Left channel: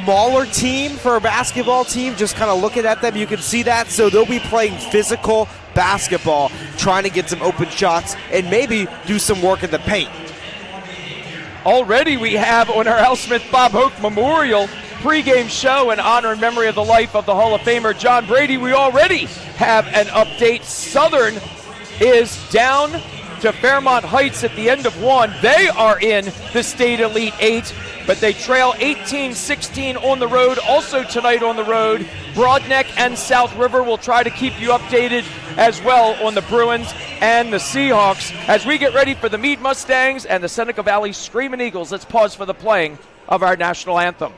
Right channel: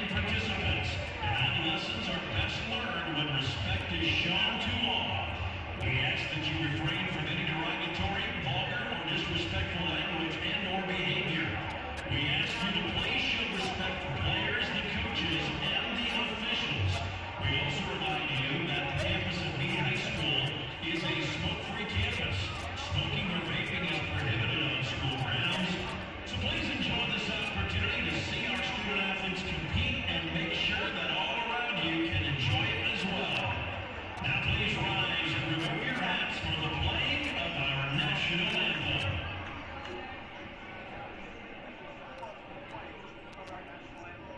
smaller team for a basketball team. Just kind of looking at them, you can see that. So they'll be playing physical basketball, trying to get some open shots and maybe do some work in the paint. Already we have on our Al Smith Bob Hoke Memorial pregame show in honor and memory of the life of the Hall of Famer John Brady. We already have an update. Southern is down to Fairmont Heights at the end of one. They are in the State Elite Eight, but they trail 18-16 on the road. Also tonight on the road, Broadneck and South River will try to keep you updated as well on the Bruins and the Seahawks as we get ready for the Meade Mustangs and the Seneca Valley Screaming Eagles. Let's pause for the playing of our national anthem.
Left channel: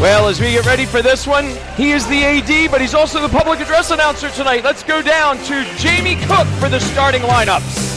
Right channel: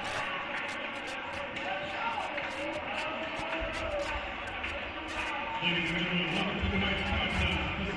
Well, as we get ready for this one, he is the AD, but he's also the public address announcer tonight. Let's go down to Jamie Cook for the starting lineups.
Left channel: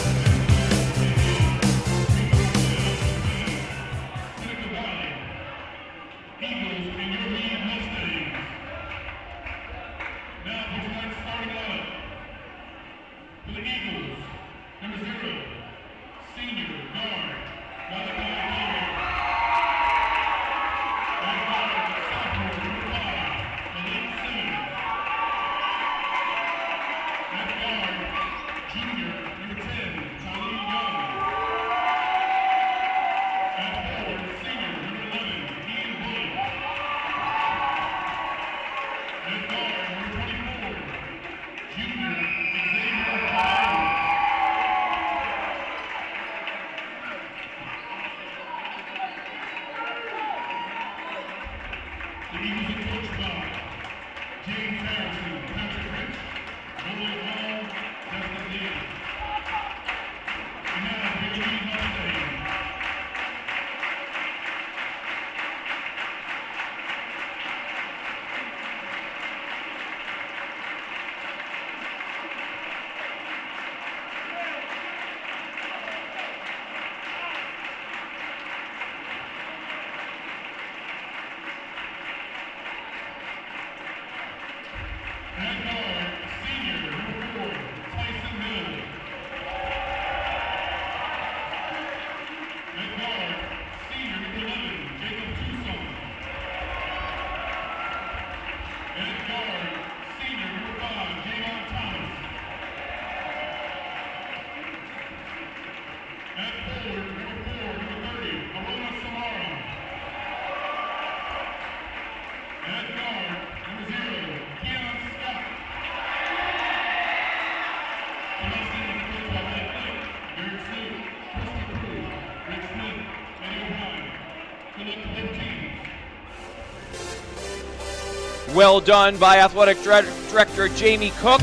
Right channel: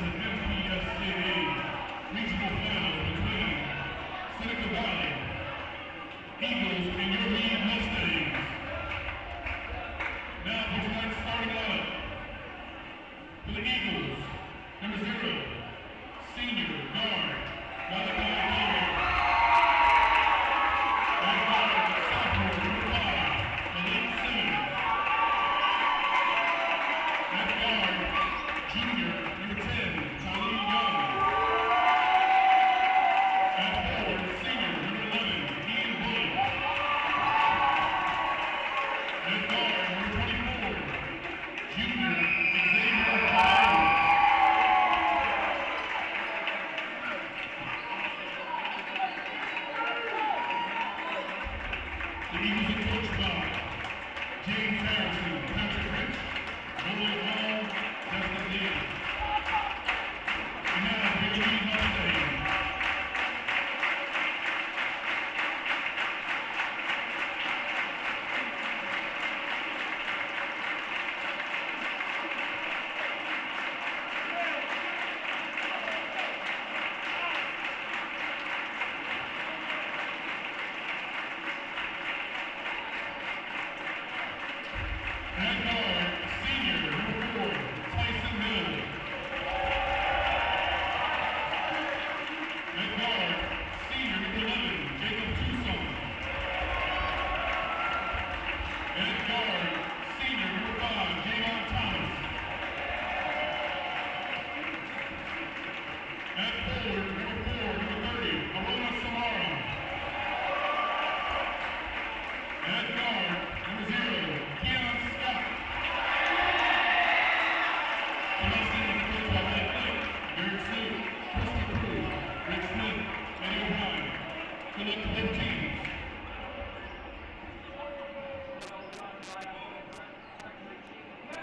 Well done by Athletic Director Jamie Cook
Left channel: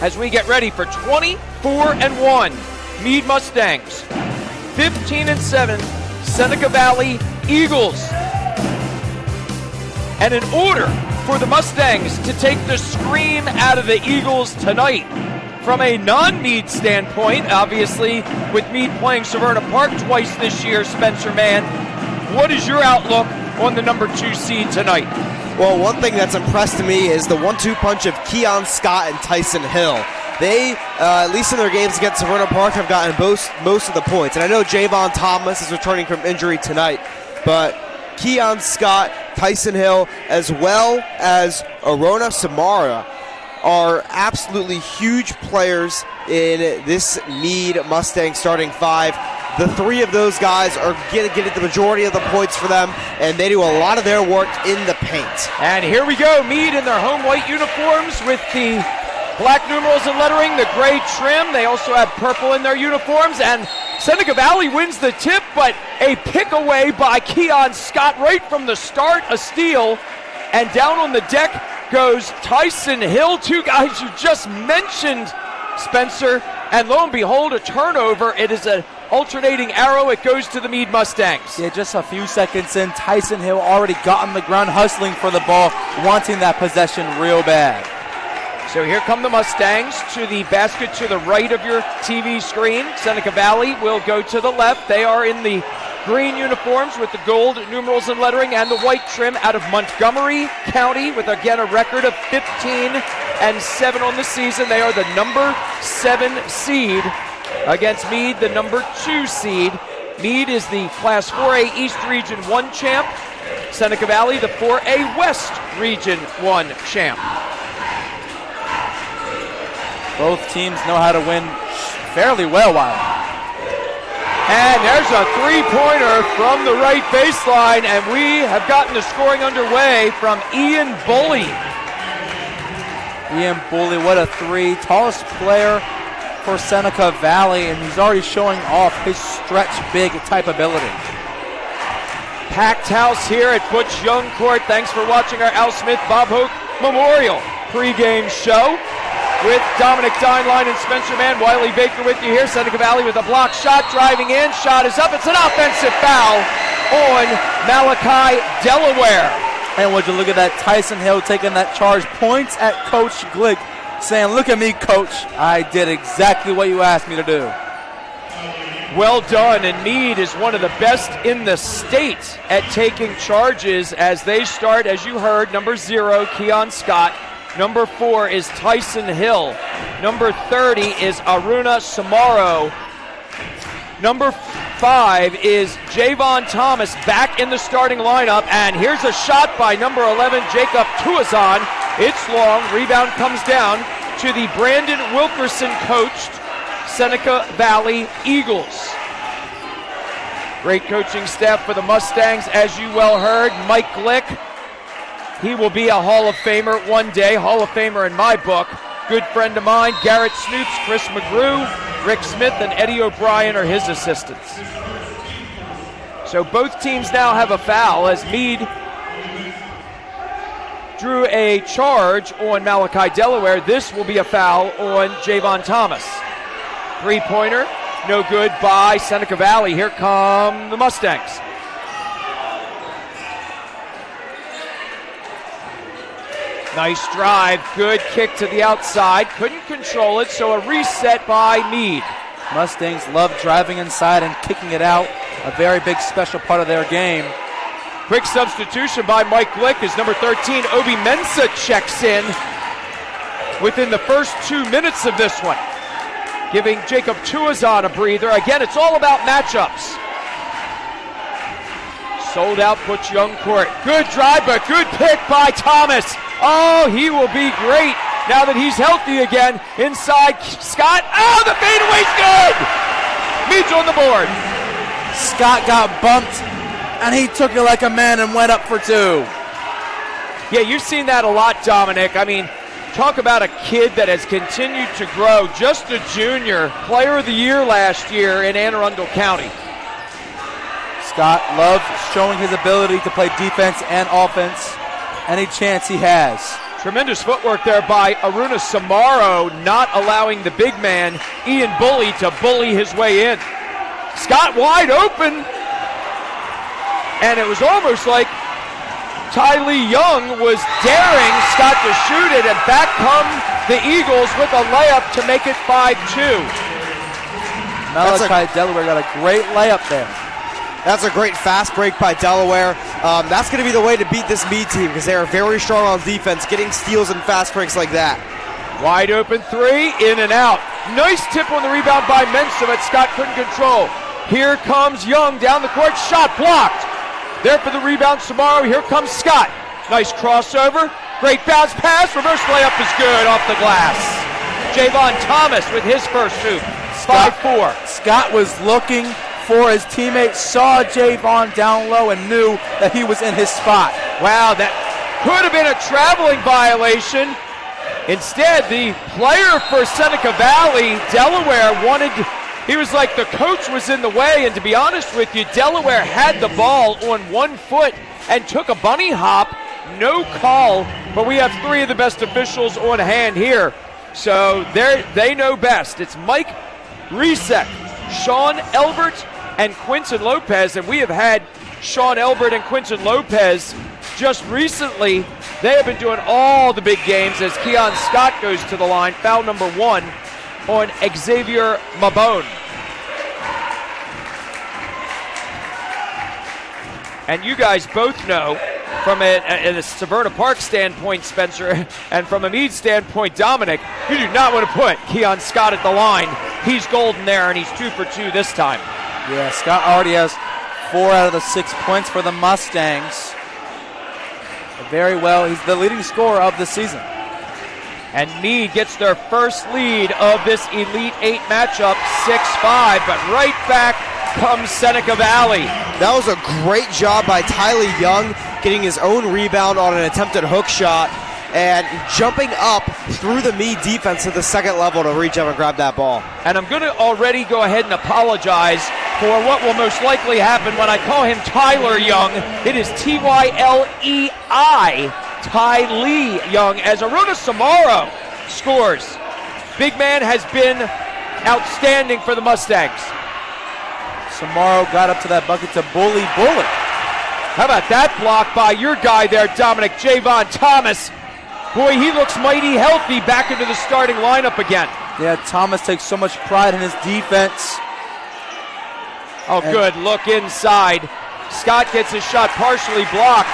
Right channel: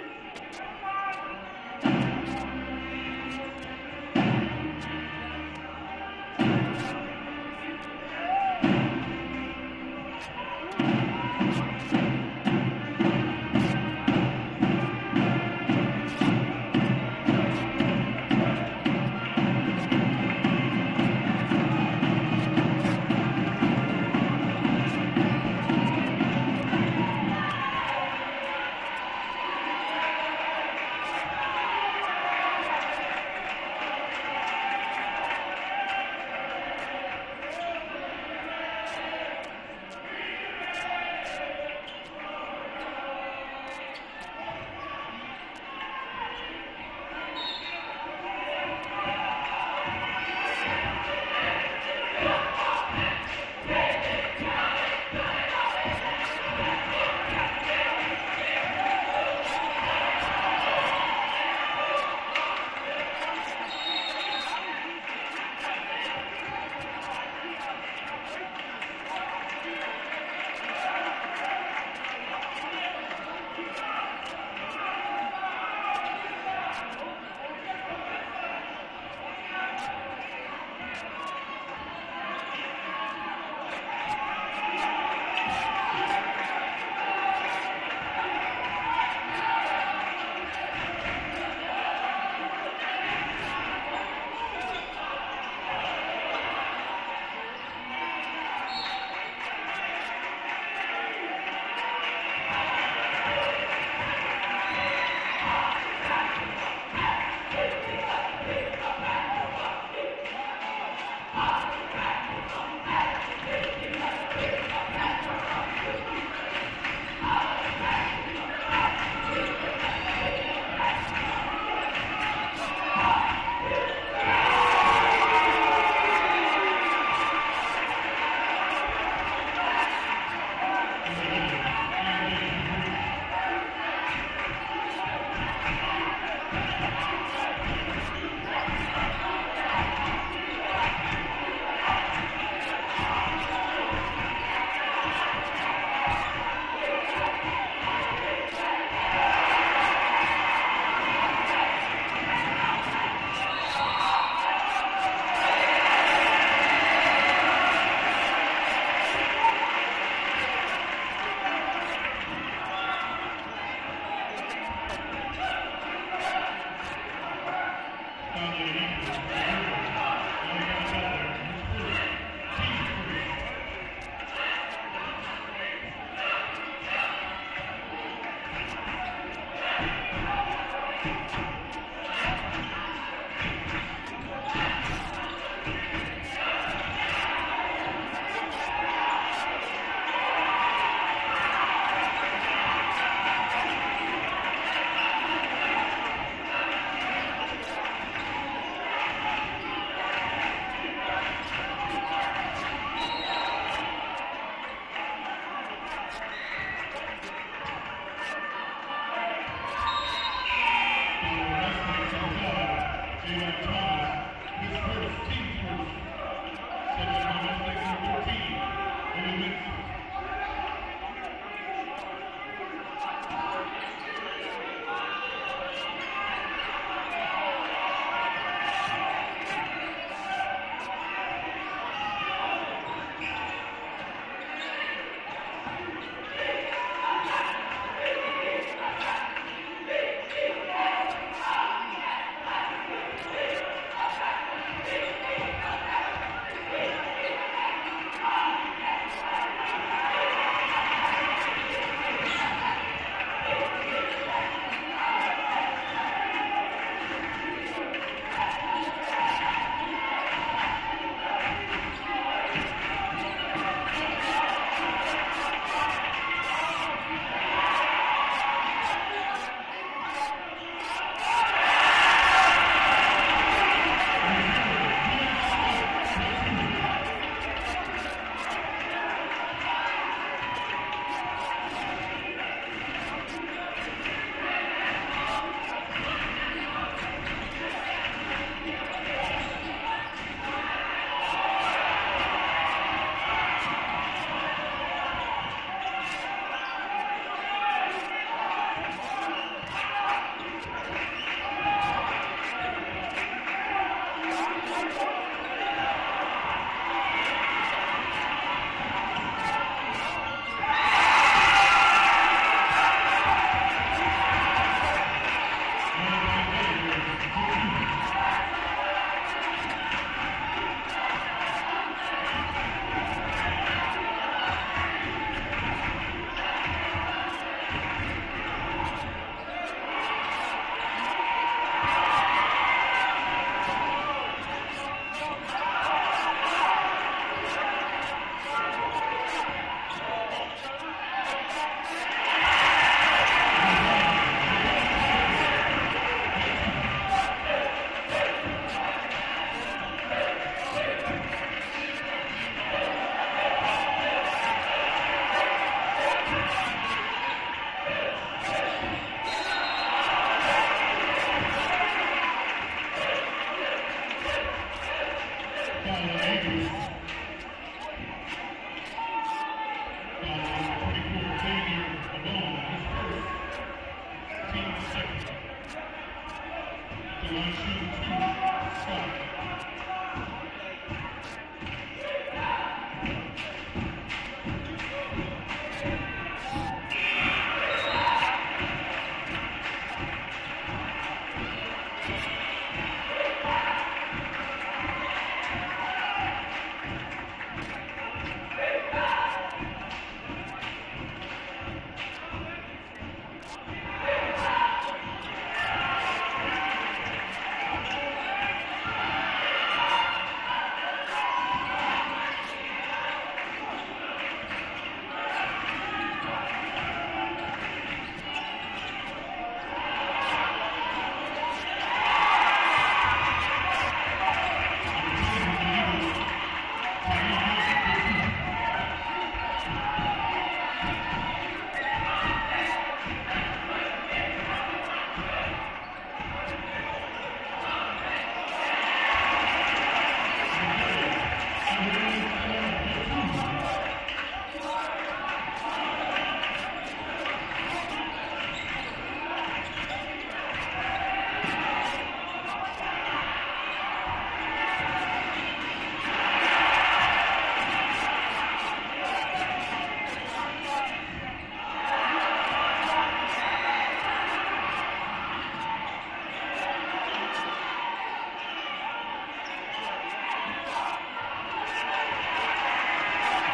as we get ready for 24-1 Meade Mustangs, 15-7 Seneca Valley Eagles. And in order for the Mustangs to take the scream out of the Eagles tonight, from a non-Meade standpoint, obviously with Meade playing Severna Park twice this year, Spencer Mann, what is your outlook on the number 2 seed tonight. Well, one thing that's impressed me is the 1-2 punch of Keon Scott and Tyson Hill. They, at least in their games against Severna Park, have gotten most of the points. And I know Javon Thomas is returning from injury tonight, but Keon Scott, Tyson Hill, as well as Arona Samara are absolutely huge players in this Meade Mustang starting 5. The 3 of those guys are getting the majority of the points for them, and they do a lot of their work in the paint. And here we go, Meade in their home white uniforms with the black numerals and lettering, the gray trim. They also have purple in their uniforms, and Seneca Valley wins the tip, but a pick away by Keon Scott right from the start, a steal, and down on the deck goes Tyson Hill, 2 guys you just mentioned, Spencer, and lo and behold, a turnover. It is an alternating arrow. It goes to the Meade Mustangs. Yeah, just a few seconds in, Tyson Hill already got on the ground, hustling for the ball, wanting that possession real bad. So here come the Mustangs to the basket to the right of your TV screen. Seneca Valley will go to the left. They are in the green uniforms with the gold numerals and lettering and the white trim out of Montgomery County with, again, a record of 15-7 on the season. They are the number 7 seed against Meade, the number 2 seed. Meade is the Class 4A East Region 1 champ. Seneca Valley, the 4A West Region 1 champ. Both teams know how to win fairly well, Wiley. And there's a 3-pointer from the right baseline, and we have gotten the scoring underway from Ian Bully. Ian Bully, what a 3. Tallest player for Seneca Valley, and he's already showing off his stretch big type ability. Packed house here at Butch Young Court. Thanks for watching our Al Smith Bob Hoke Memorial pregame show with Dominic Dineline and Spencer Mann. Wiley Baker with you here. Seneca Valley with a block shot, driving in. Shot is up. It's an offensive foul on Malachi Delaware. And would you look at that, Tyson Hill taking that charge, points at Coach Glick, saying, "Look at me, Coach. I did exactly what you asked me to do." Well done, and Meade is one of the best in the state at taking charges as they start, as you heard, number 0, Keon Scott. Number 4 is Tyson Hill. Number 30 is Aruna Samaro. Number 5 is Javon Thomas back in the starting lineup. And here's a shot by number 11, Jacob Tuazon. It's long. Rebound comes down to the Brandon Wilkerson coached Seneca Valley Eagles. Great coaching staff for the Mustangs, as you well heard. Mike Glick. He will be a Hall of Famer one day, Hall of Famer in my book. Good friend of mine, Garrett Snoops, Chris McGrew, Rick Smith, and Eddie O'Brien are his assistants. So both teams now have a foul as Meade drew a charge on Malachi Delaware. This will be a foul on Javon Thomas. 3-pointer, no good by Seneca Valley. Here come the Mustangs. Nice drive, good kick to the outside, couldn't control it, so a reset by Meade. Mustangs love driving inside and kicking it out, a very big special part of their game. Quick substitution by Mike Glick as number 13, Obi Mensah, checks in within the first 2 minutes of this one, giving Jacob Tuazon a breather. Again, it's all about matchups. Sold out Butch Young Court. Good drive, but good pick by Thomas. Oh, he will be great now that he's healthy again. Inside, Scott. Oh, the fadeaway's good! Meade's on the board. Scott got bumped, and he took it like a man and went up for 2. Yeah, you've seen that a lot, Dominic. I mean, talk about a kid that has continued to grow. Just a junior, player of the year last year in Anne Arundel County. Scott loves showing his ability to play defense and offense any chance he has. Tremendous footwork there by Aruna Samaro, not allowing the big man, Ian Bully, to bully his way in. Scott wide open, and it was almost like Ty Lee Young was daring Scott to shoot it, and back come the Eagles with a layup to make it 5-2. Malachi Delaware got a great layup there. That's a great fast break by Delaware. That's going to be the way to beat this Meade team because they are very strong on defense, getting steals and fast breaks like that. Wide open three, in and out. Nice tip on the rebound by Mensa, but Scott couldn't control. Here comes Young down the court, shot blocked. There for the rebound, Samaro. Here comes Scott. Nice crossover, great bounce pass, reverse layup is good off the glass. Javon Thomas with his first shoot, 5-4. Scott was looking for his teammate, saw Javon down low and knew that he was in his spot. Wow, that could have been a traveling violation. Instead, the player for Seneca Valley, Delaware, he was like the coach was in the way, and to be honest with you, Delaware had the ball on 1 foot and took a bunny hop, no call, but we have 3 of the best officials on hand here, so they know best. It's Mike Resek, Sean Elbert, and Quinton Lopez, and we have had Sean Elbert and Quinton Lopez just recently. They have been doing all the big games as Keon Scott goes to the line. Foul number 1 on Xavier Mabone. And you guys both know from a Severna Park standpoint, Spencer, and from a Meade standpoint, Dominic, you do not want to put Keon Scott at the line. He's golden there, and he's 2 for 2 this time. Yeah, Scott already has 4 out of the 6 points for the Mustangs. Very well, he's the leading scorer of the season. And Meade gets their first lead of this Elite 8 matchup, 6-5, but right back comes Seneca Valley. That was a great job by Tyler Young, getting his own rebound on an attempted hook shot and jumping up through the Meade defense to the second level to reach up and grab that ball. And I'm going to already go ahead and apologize for what will most likely happen when I call him Tyler Young. It is Tylei, Ty Lee Young, as Aruna Samaro scores. Big man has been outstanding for the Mustangs. Samaro got up to that bucket to bully Bullet. How about that block by your guy there, Dominic, Javon Thomas. Boy, he looks mighty healthy back into the starting lineup again. Yeah, Thomas takes so much pride in his defense. Oh, good look inside. Scott gets his shot partially blocked.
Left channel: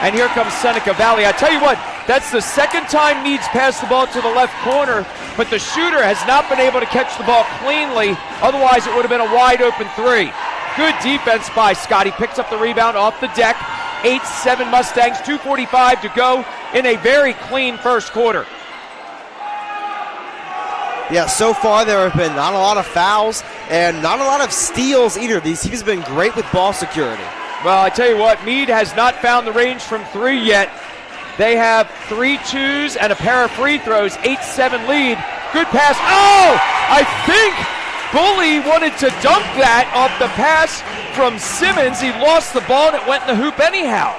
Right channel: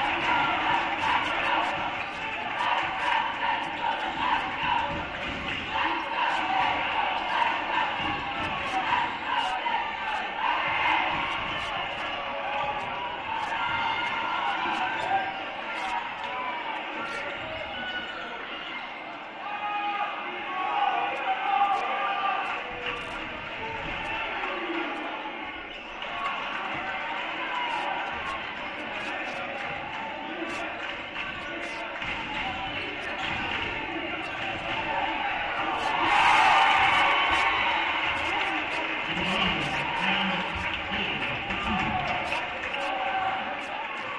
And here comes Seneca Valley. I tell you what, that's the second time Meade's passed the ball to the left corner, but the shooter has not been able to catch the ball cleanly. Otherwise, it would have been a wide open 3. Good defense by Scott. He picks up the rebound off the deck. 8-7 Mustangs, 2:45 to go in a very clean first quarter. Yeah, so far there have been not a lot of fouls and not a lot of steals either. These teams have been great with ball security. Well, I tell you what, Meade has not found the range from 3 yet. They have 3 twos and a pair of free throws, 8-7 lead. Good pass. Oh, I think Bully wanted to dunk that off the pass from Simmons. He lost the ball and it went in the hoop anyhow.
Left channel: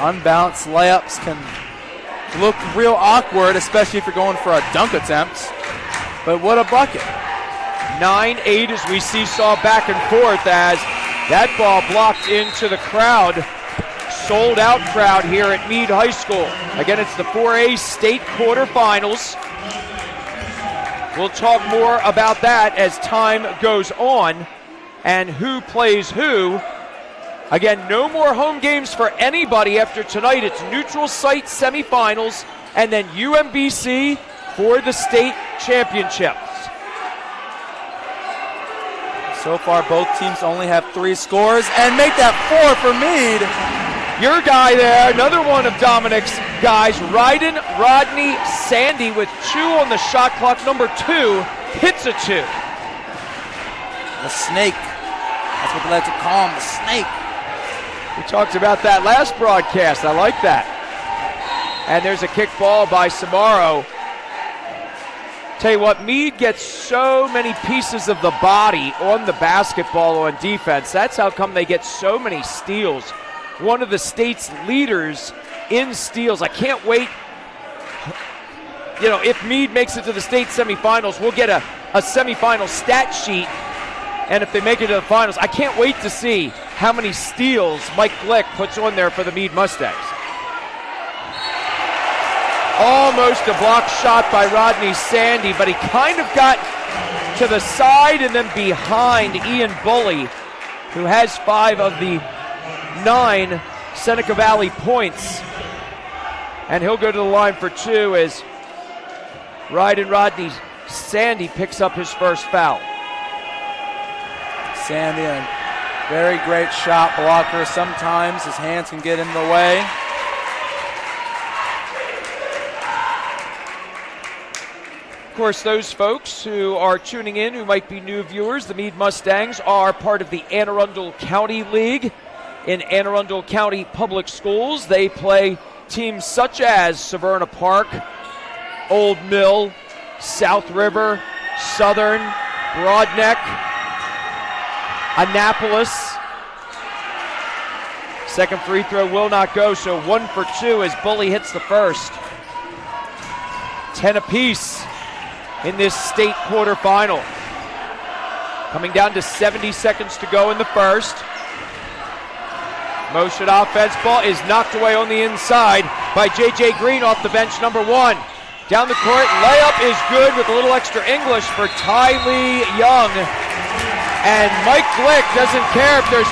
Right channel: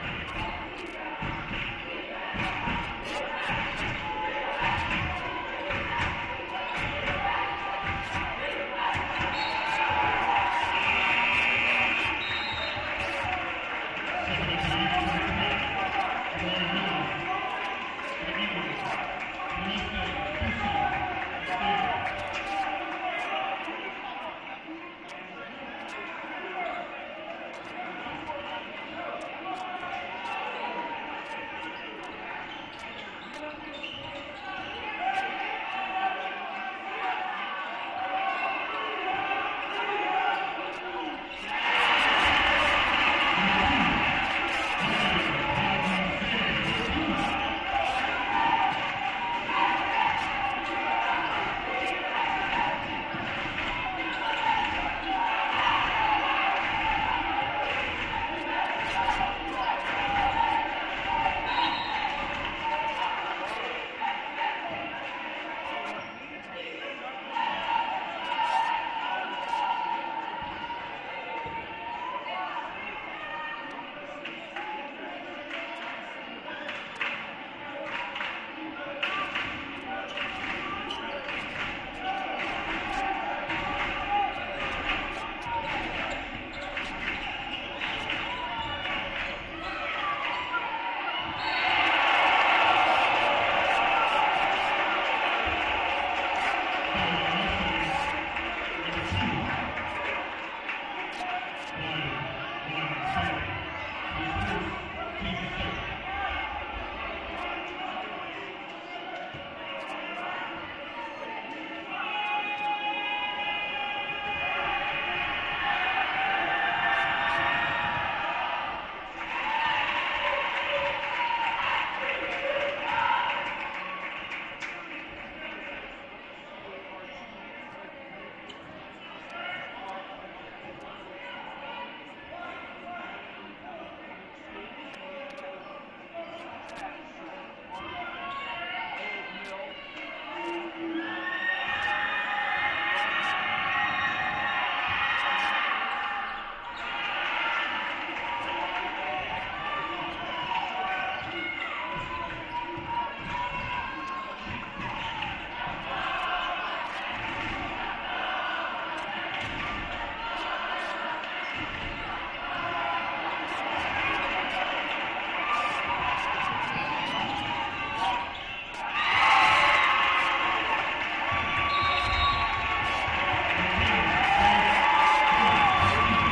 Unbalanced layups can look real awkward, especially if you're going for a dunk attempt. But what a bucket. 9-8 as we seesaw back and forth as that ball blocked into the crowd. Sold out crowd here at Meade High School. Again, it's the 4A state quarterfinals. We'll talk more about that as time goes on and who plays who. Again, no more home games for anybody after tonight. It's neutral site semifinals and then UMBC for the state championships. So far, both teams only have 3 scores and make that 4 for Meade. Your guy there, another one of Dominic's guys, Rodney Sandy with 2 on the shot clock. Number 2 hits a 2. The snake. That's what they like to call him, the snake. We talked about that last broadcast. I like that. And there's a kick ball by Samaro. Tell you what, Meade gets so many pieces of the body on the basketball on defense. That's how come they get so many steals. One of the state's leaders in steals. I can't wait. You know, if Meade makes it to the state semifinals, we'll get a semifinal stat sheet. And if they make it to the finals, I can't wait to see how many steals Mike Glick puts on there for the Meade Mustangs. Almost a block shot by Rodney Sandy, but he kind of got to the side and then behind Ian Bully. who has 5 of the 9 Seneca Valley points. And he'll go to the line for 2 as Rodney Sandy picks up his first foul. Sandy, a very great shot blocker. Sometimes his hands can get in the way. Of course, those folks who are tuning in who might be new viewers, the Meade Mustangs are part of the Anne Arundel County League in Anne Arundel County Public Schools. They play teams such as Severna Park, Old Mill, South River, Southern, Broadneck, Annapolis. Second free throw will not go, so 1 for 2 as Bully hits the first. 10 apiece in this state quarterfinal. Coming down to 70 seconds to go in the first. Motion offense ball is knocked away on the inside by J.J. Green off the bench, number 1. Down the court, layup is good with a little extra English for Ty Lee Young. And Mike Glick doesn't care if there's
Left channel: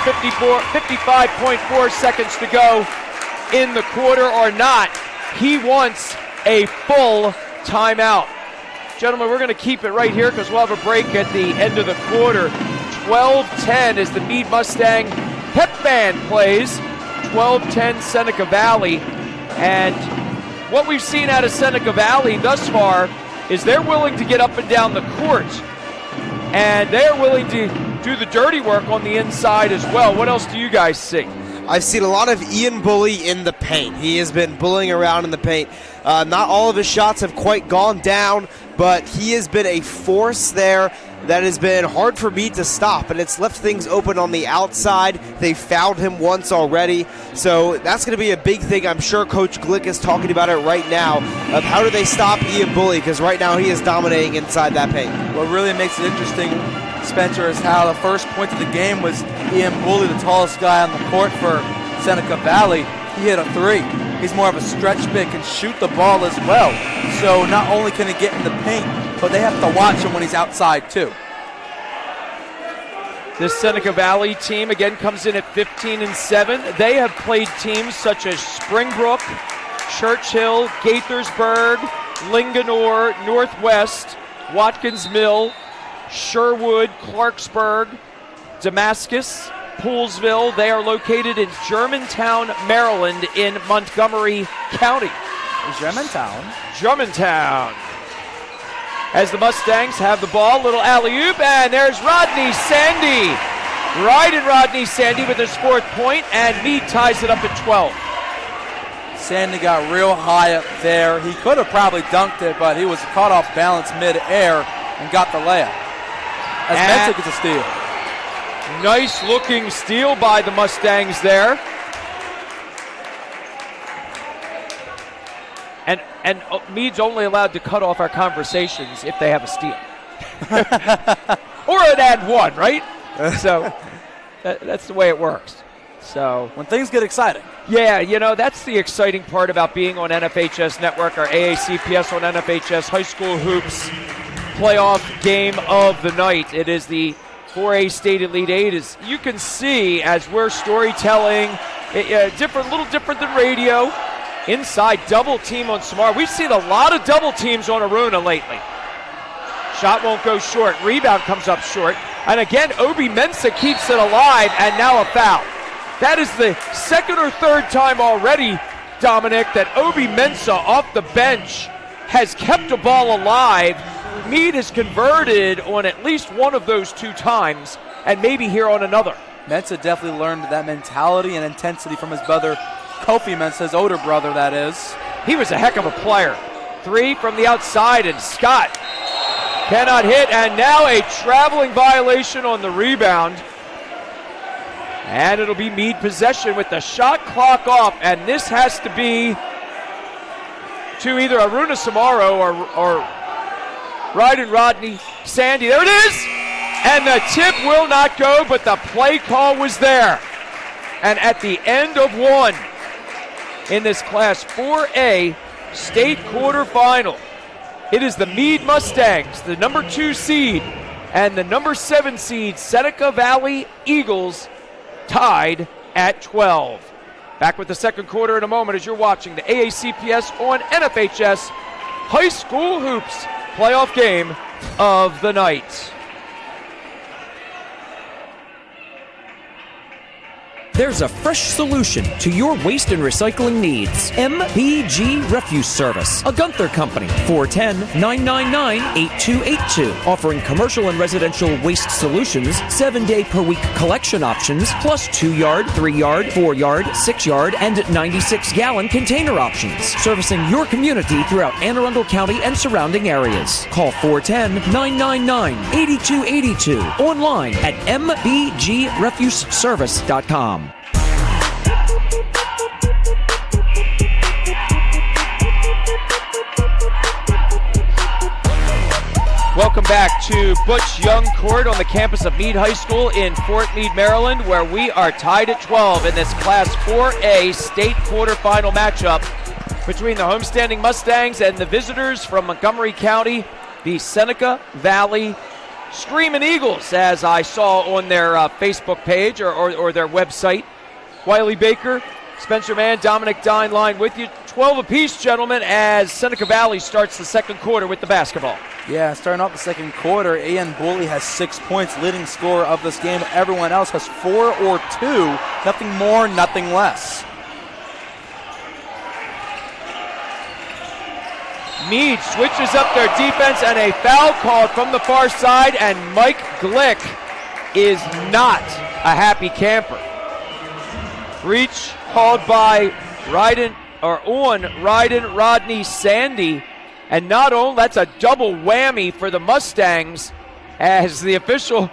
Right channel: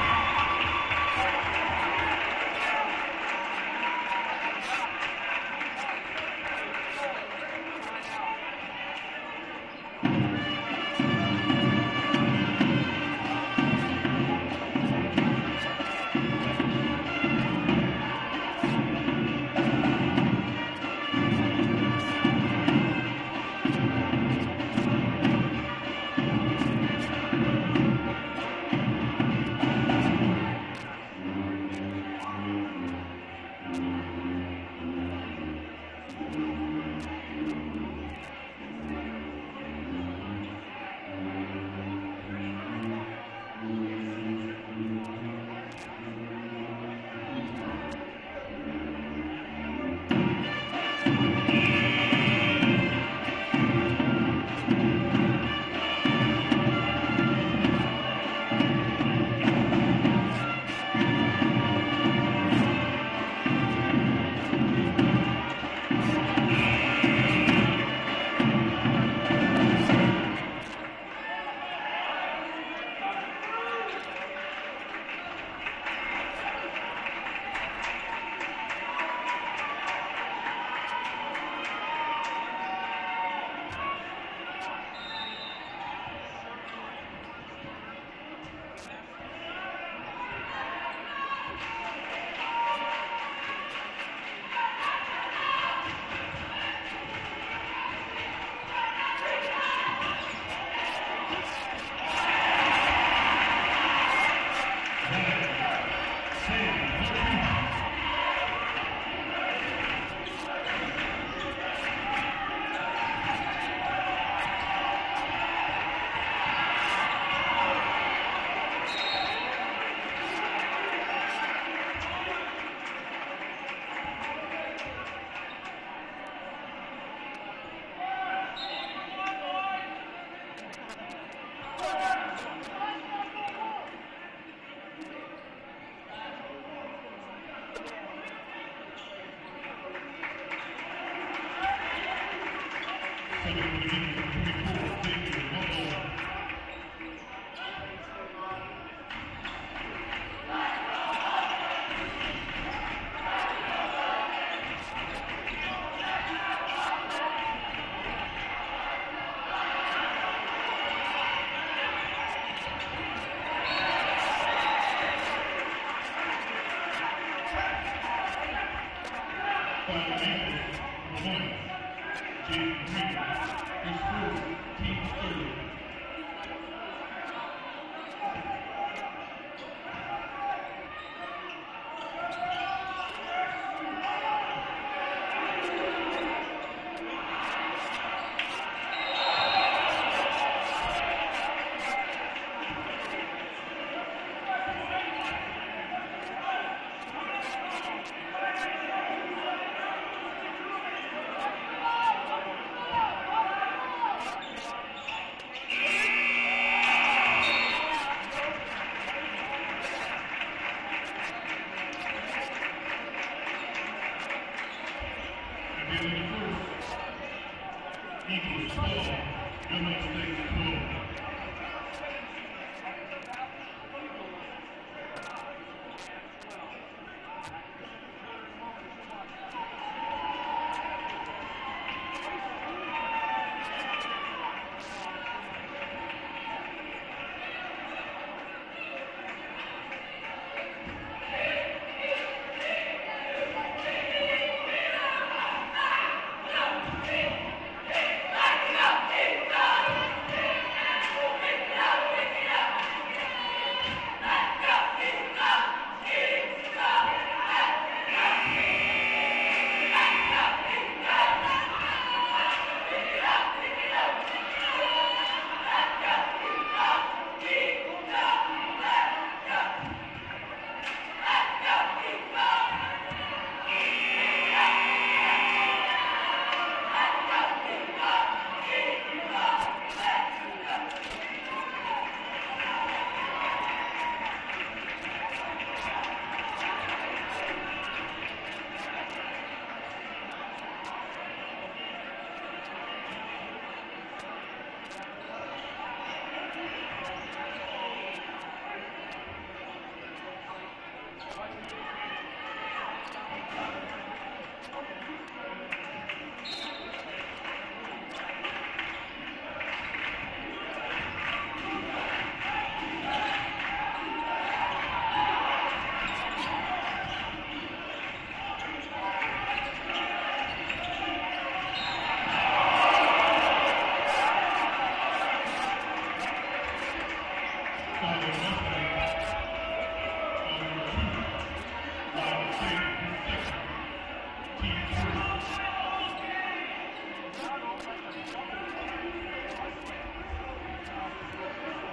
55.4 seconds to go in the quarter or not. He wants a full timeout. Gentlemen, we're going to keep it right here because we'll have a break at the end of the quarter. 12-10 as the Meade Mustang pep band plays. 12-10 Seneca Valley. And what we've seen out of Seneca Valley thus far is they're willing to get up and down the court. And they're willing to do the dirty work on the inside as well. What else do you guys see? I've seen a lot of Ian Bully in the paint. He has been bullying around in the paint. Not all of his shots have quite gone down, but he has been a force there that has been hard for me to stop, and it's left things open on the outside. They fouled him once already, so that's going to be a big thing. I'm sure Coach Glick is talking about it right now of how do they stop Ian Bully, because right now he is dominating inside that paint. What really makes it interesting, Spencer, is how the first point of the game was Ian Bully, the tallest guy on the court for Seneca Valley. He hit a 3. He's more of a stretch big, can shoot the ball as well. So not only can he get in the paint, but they have to watch him when he's outside too. This Seneca Valley team again comes in at 15-7. They have played teams such as Springbrook, Churchill, Gaithersburg, Linganore, Northwest, Watkins Mill, Sherwood, Clarksburg, Damascus, Poolsville. They are located in Germantown, Maryland in Montgomery County. Germantown. As the Mustangs have the ball, little alley-oop, and there's Rodney Sandy. Rodney Sandy with his 4th point, and Meade ties it up at 12. Sandy got real high up there. He could have probably dunked it, but he was caught off balance mid-air and got the layup. As Mensa gets a steal. Nice looking steal by the Mustangs there. And Meade's only allowed to cut off our conversations if they have a steal. Or an and one, right? So that's the way it works. So when things get exciting. Yeah, you know, that's the exciting part about being on NFHS Network, our AACPS on NFHS High School Hoops playoff game of the night. It is the 4A State Elite 8. As you can see, as we're storytelling, a little different than radio. Inside double team on Samar. We've seen a lot of double teams on Aruna lately. Shot won't go short. Rebound comes up short. And again, Obi Mensah keeps it alive, and now a foul. That is the 2nd or 3rd time already, Dominic, that Obi Mensah off the bench has kept the ball alive. Meade has converted on at least one of those 2 times, and maybe here on another. Mensah definitely learned that mentality and intensity from his brother, Kofi Mensah, his older brother, that is. He was a heck of a player. 3 from the outside, and Scott cannot hit, and now a traveling violation on the rebound. And it'll be Meade possession with the shot clock off, and this has to be to either Aruna Samaro or Rodney Sandy. There it is! And the tip will not go, but the play call was there. And at the end of 1 in this Class 4A state quarterfinal, it is the Meade Mustangs, the number 2 seed, and the number 7 seed Seneca Valley Eagles tied at 12. Back with the second quarter in a moment as you're watching the AACPS on NFHS High School Hoops playoff game of the night. There's a fresh solution to your waste and recycling needs. MBG Refuse Service, a Gunther company. 410-999-8282. Offering commercial and residential waste solutions, 7-day-per-week collection options, plus 2-yard, 3-yard, 4-yard, 6-yard, and 96-gallon container options. Servicing your community throughout Anne Arundel County and surrounding areas. Call 410-999-8282. Online at mbgrefuseservice.com. Welcome back to Butch Young Court on the campus of Meade High School in Fort Meade, Maryland, where we are tied at 12 in this Class 4A state quarterfinal matchup between the homestanding Mustangs and the visitors from Montgomery County, the Seneca Valley Screamin' Eagles, as I saw on their Facebook page or their website. Wiley Baker, Spencer Mann, Dominic Dine line with you. 12 apiece, gentlemen, as Seneca Valley starts the second quarter with the basketball. Yeah, starting off the second quarter, Ian Bully has 6 points, leading scorer of this game. Everyone else has 4 or 2, nothing more, nothing less. Meade switches up their defense and a foul called from the far side, and Mike Glick is not a happy camper. Reach called by Rodney Sandy, and not only that's a double whammy for the Mustangs as the official,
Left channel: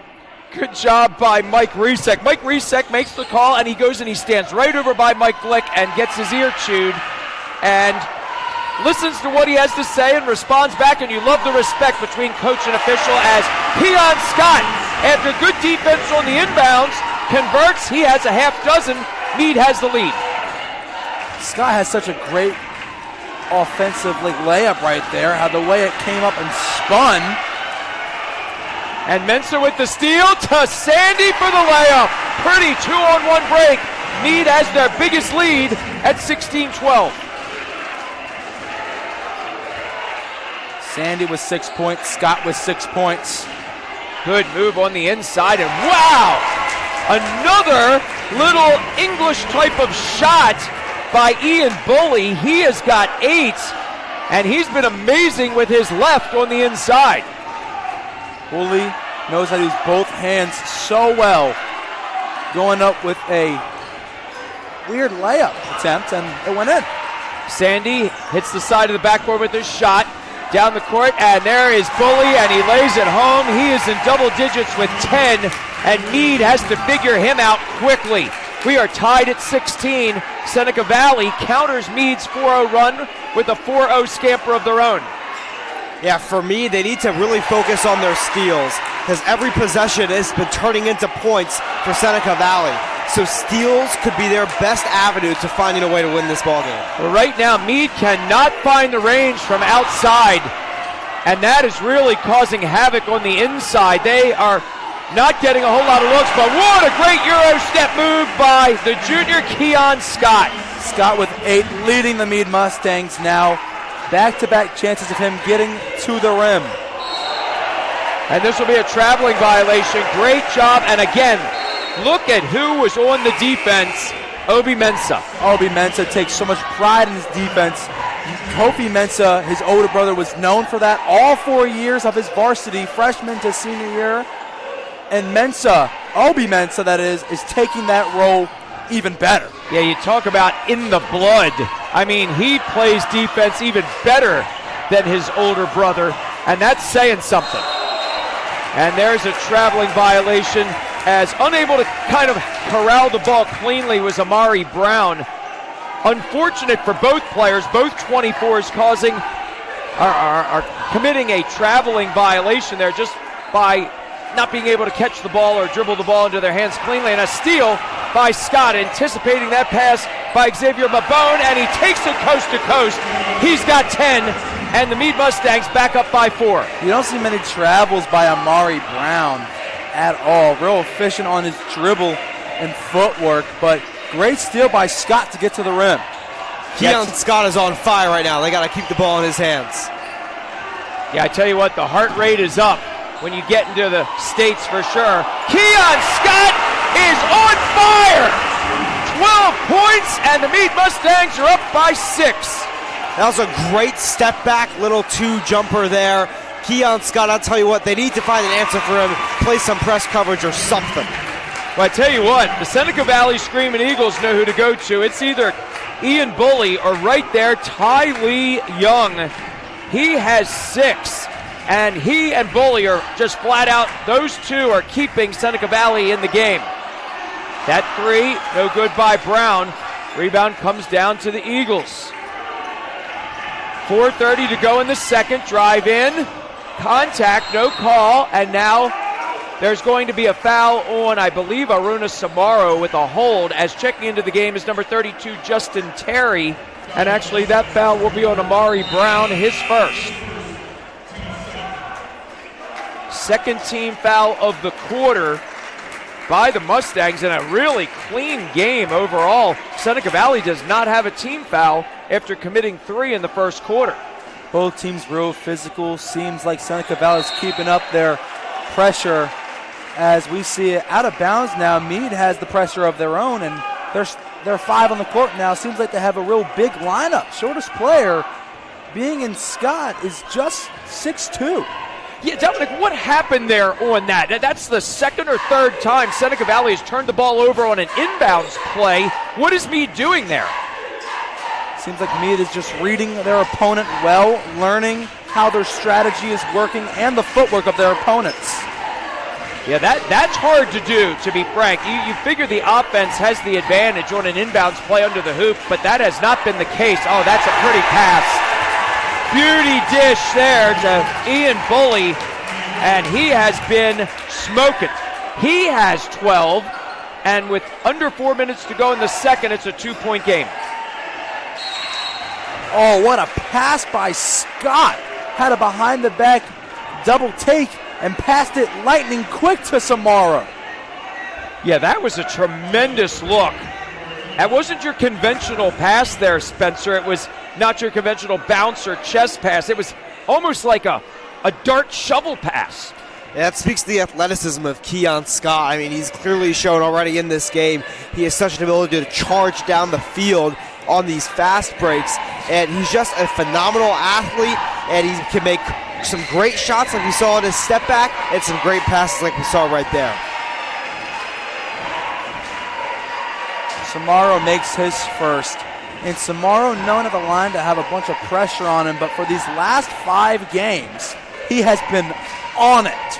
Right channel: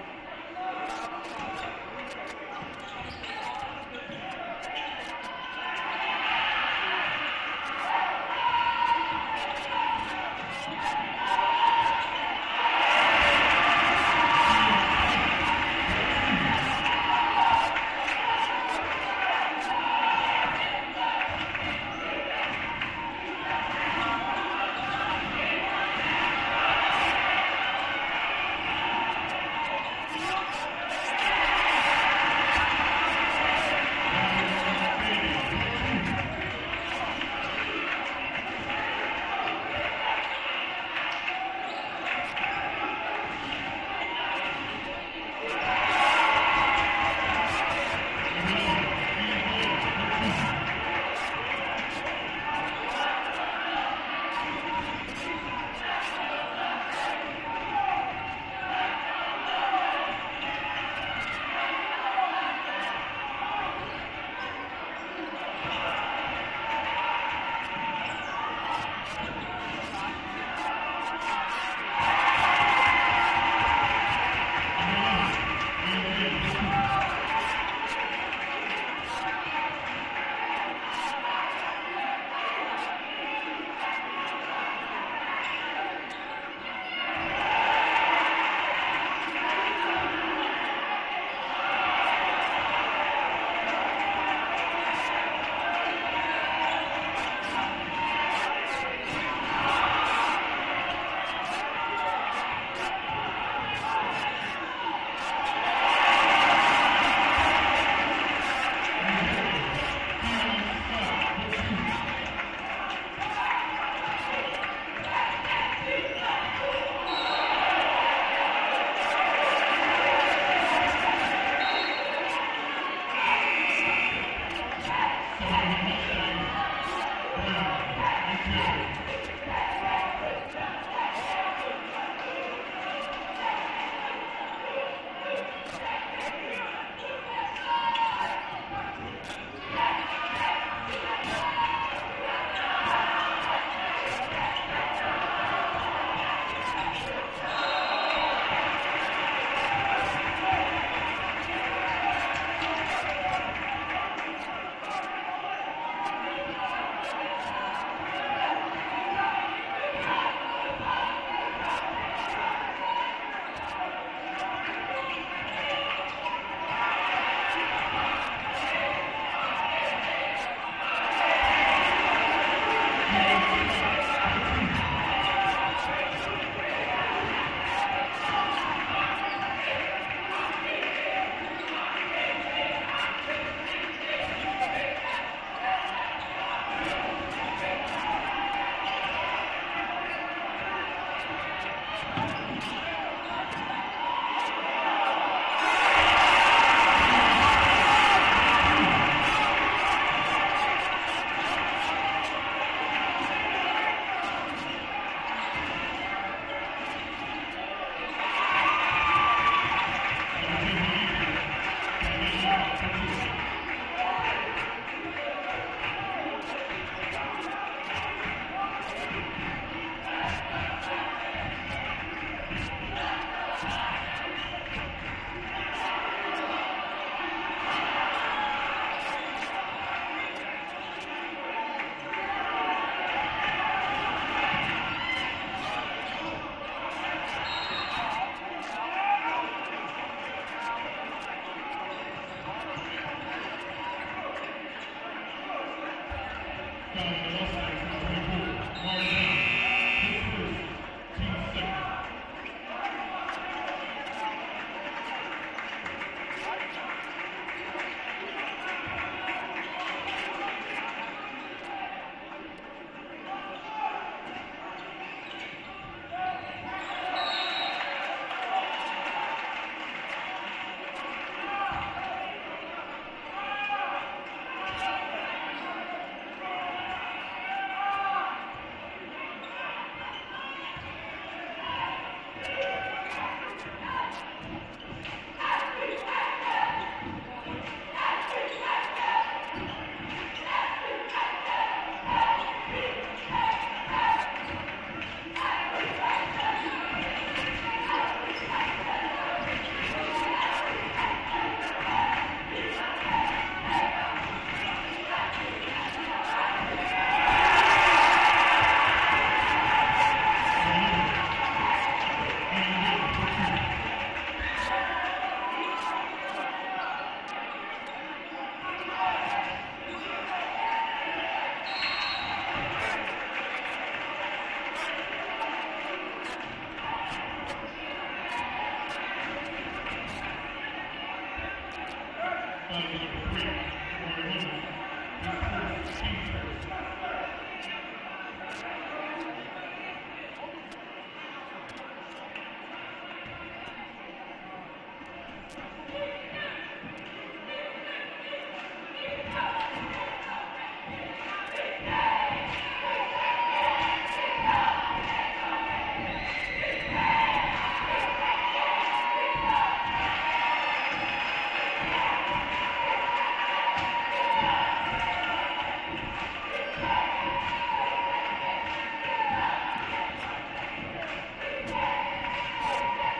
good job by Mike Resek. Mike Resek makes the call, and he goes and he stands right over by Mike Glick and gets his ear chewed and listens to what he has to say and responds back, and you love the respect between coach and official as Keon Scott, after good defense on the inbounds, converts. He has a half dozen. Meade has the lead. Scott has such a great offensive layup right there, how the way it came up and spun. And Mensa with the steal to Sandy for the layup. Pretty 2-on-1 break. Meade has their biggest lead at 16-12. Sandy with 6 points, Scott with 6 points. Good move on the inside, and wow! Another little English type of shot by Ian Bully. He has got 8, and he's been amazing with his left on the inside. Bully knows how to use both hands so well. Going up with a weird layup attempt, and it went in. Sandy hits the side of the backboard with his shot. Down the court, and there is Bully, and he lays it home. He is in double digits with 10, and Meade has to figure him out quickly. We are tied at 16. Seneca Valley counters Meade's 4-0 run with a 4-0 scamper of their own. Yeah, for me, they need to really focus on their steals, because every possession has been turning into points for Seneca Valley. So steals could be their best avenue to finding a way to win this ballgame. Well, right now, Meade cannot find the range from outside, and that is really causing havoc on the inside. They are not getting a whole lot of looks, but what a great Euro step move by the junior Keon Scott. Scott with 8, leading the Meade Mustangs now. Back-to-back chances of him getting to the rim. And this will be a traveling violation. Great job, and again, look at who was on the defense. Obi Mensah. Obi Mensah takes so much pride in his defense. Kofi Mensah, his older brother, was known for that all 4 years of his varsity, freshman to senior year. And Mensah, Obi Mensah that is taking that role even better. Yeah, you talk about in the blood. I mean, he plays defense even better than his older brother, and that's saying something. And there's a traveling violation, as unable to kind of corral the ball cleanly was Amari Brown. Unfortunate for both players, both 24s are committing a traveling violation there just by not being able to catch the ball or dribble the ball into their hands cleanly. And a steal by Scott, anticipating that pass by Xavier Mabone, and he takes it coast to coast. He's got 10. and the Meade Mustangs back up by 4. You don't see many travels by Amari Brown at all. Real efficient on his dribble and footwork, but great steal by Scott to get to the rim. Keon Scott is on fire right now. They got to keep the ball in his hands. Yeah, I tell you what, the heart rate is up when you get into the States for sure. Keon Scott is on fire! 12 points, and the Meade Mustangs are up by 6. That was a great step back, little 2 jumper there. Keon Scott, I'll tell you what, they need to find an answer for him, play some press coverage or something. Well, I tell you what, the Seneca Valley Screaming Eagles know who to go to. It's either Ian Bully or right there, Ty Lee Young. He has 6, and he and Bully are just flat out, those 2 are keeping Seneca Valley in the game. That 3, no good by Brown. Rebound comes down to the Eagles. 4:30 to go in the second, drive in, contact, no call, and now there's going to be a foul on, I believe, Aruna Samaro with a hold, as checking into the game is number 32, Justin Terry. And actually that foul will be on Amari Brown, his first. Second team foul of the quarter by the Mustangs, and a really clean game overall. Seneca Valley does not have a team foul after committing 3 in the first quarter. Both teams real physical. Seems like Seneca Valley is keeping up their pressure. As we see it out of bounds now, Meade has the pressure of their own, and they're 5 on the court now. Seems like they have a real big lineup. Shortest player being in Scott is just 6'2". Yeah, Dominic, what happened there on that? That's the second or third time Seneca Valley has turned the ball over on an inbounds play. What is Meade doing there? Seems like Meade is just reading their opponent well, learning how their strategy is working and the footwork of their opponents. Yeah, that's hard to do, to be frank. You figure the offense has the advantage on an inbounds play under the hoop, but that has not been the case. Oh, that's a pretty pass. Beauty dish there to Ian Bully, and he has been smoking. He has 12, and with under 4 minutes to go in the second, it's a 2-point game. Oh, what a pass by Scott. Had a behind-the-back double take and passed it lightning quick to Samara. Yeah, that was a tremendous look. That wasn't your conventional pass there, Spencer. It was not your conventional bounce or chest pass. It was almost like a dart shovel pass. Yeah, that speaks to the athleticism of Keon Scott. I mean, he's clearly shown already in this game he has such an ability to charge down the field on these fast breaks, and he's just a phenomenal athlete, and he can make some great shots like we saw in his step back, and some great passes like we saw right there. Samaro makes his first, and Samaro known at the line to have a bunch of pressure on him, but for these last 5 games, he has been on it.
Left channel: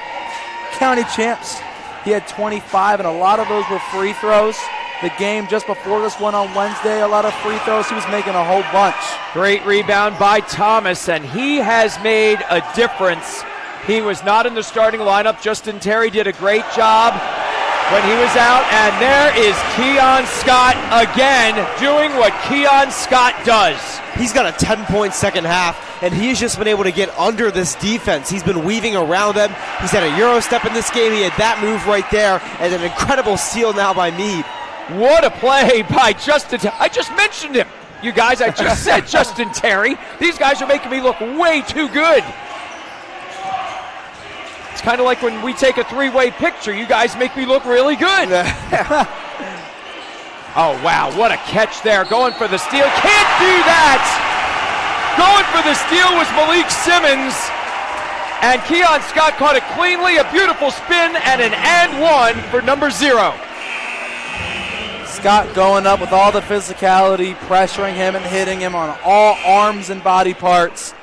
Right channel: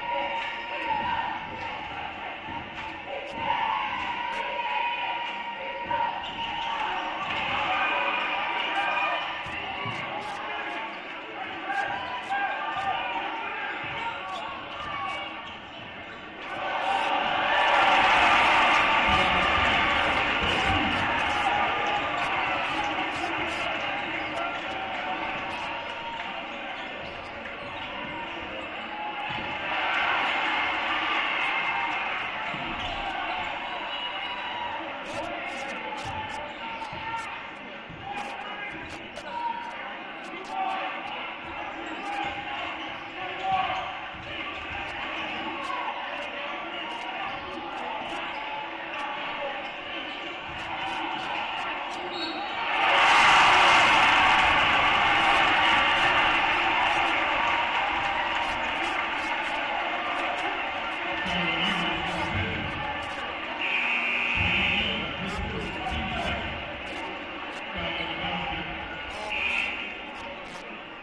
County champs, he had 25, and a lot of those were free throws. The game just before this one on Wednesday, a lot of free throws. He was making a whole bunch. Great rebound by Thomas, and he has made a difference. He was not in the starting lineup. Justin Terry did a great job when he was out, and there is Keon Scott again doing what Keon Scott does. He's got a 10-point second half, and he's just been able to get under this defense. He's been weaving around them. He's had a Euro step in this game. He had that move right there, and an incredible steal now by Meade. What a play by Justin Terry. I just mentioned him. You guys, I just said Justin Terry. These guys are making me look way too good. It's kind of like when we take a 3-way picture. You guys make me look really good. Oh, wow, what a catch there. Going for the steal. Can't do that. Going for the steal was Malik Simmons. And Keon Scott caught it cleanly. A beautiful spin and an and one for number 0. Scott going up with all the physicality, pressuring him and hitting him on all arms and body parts.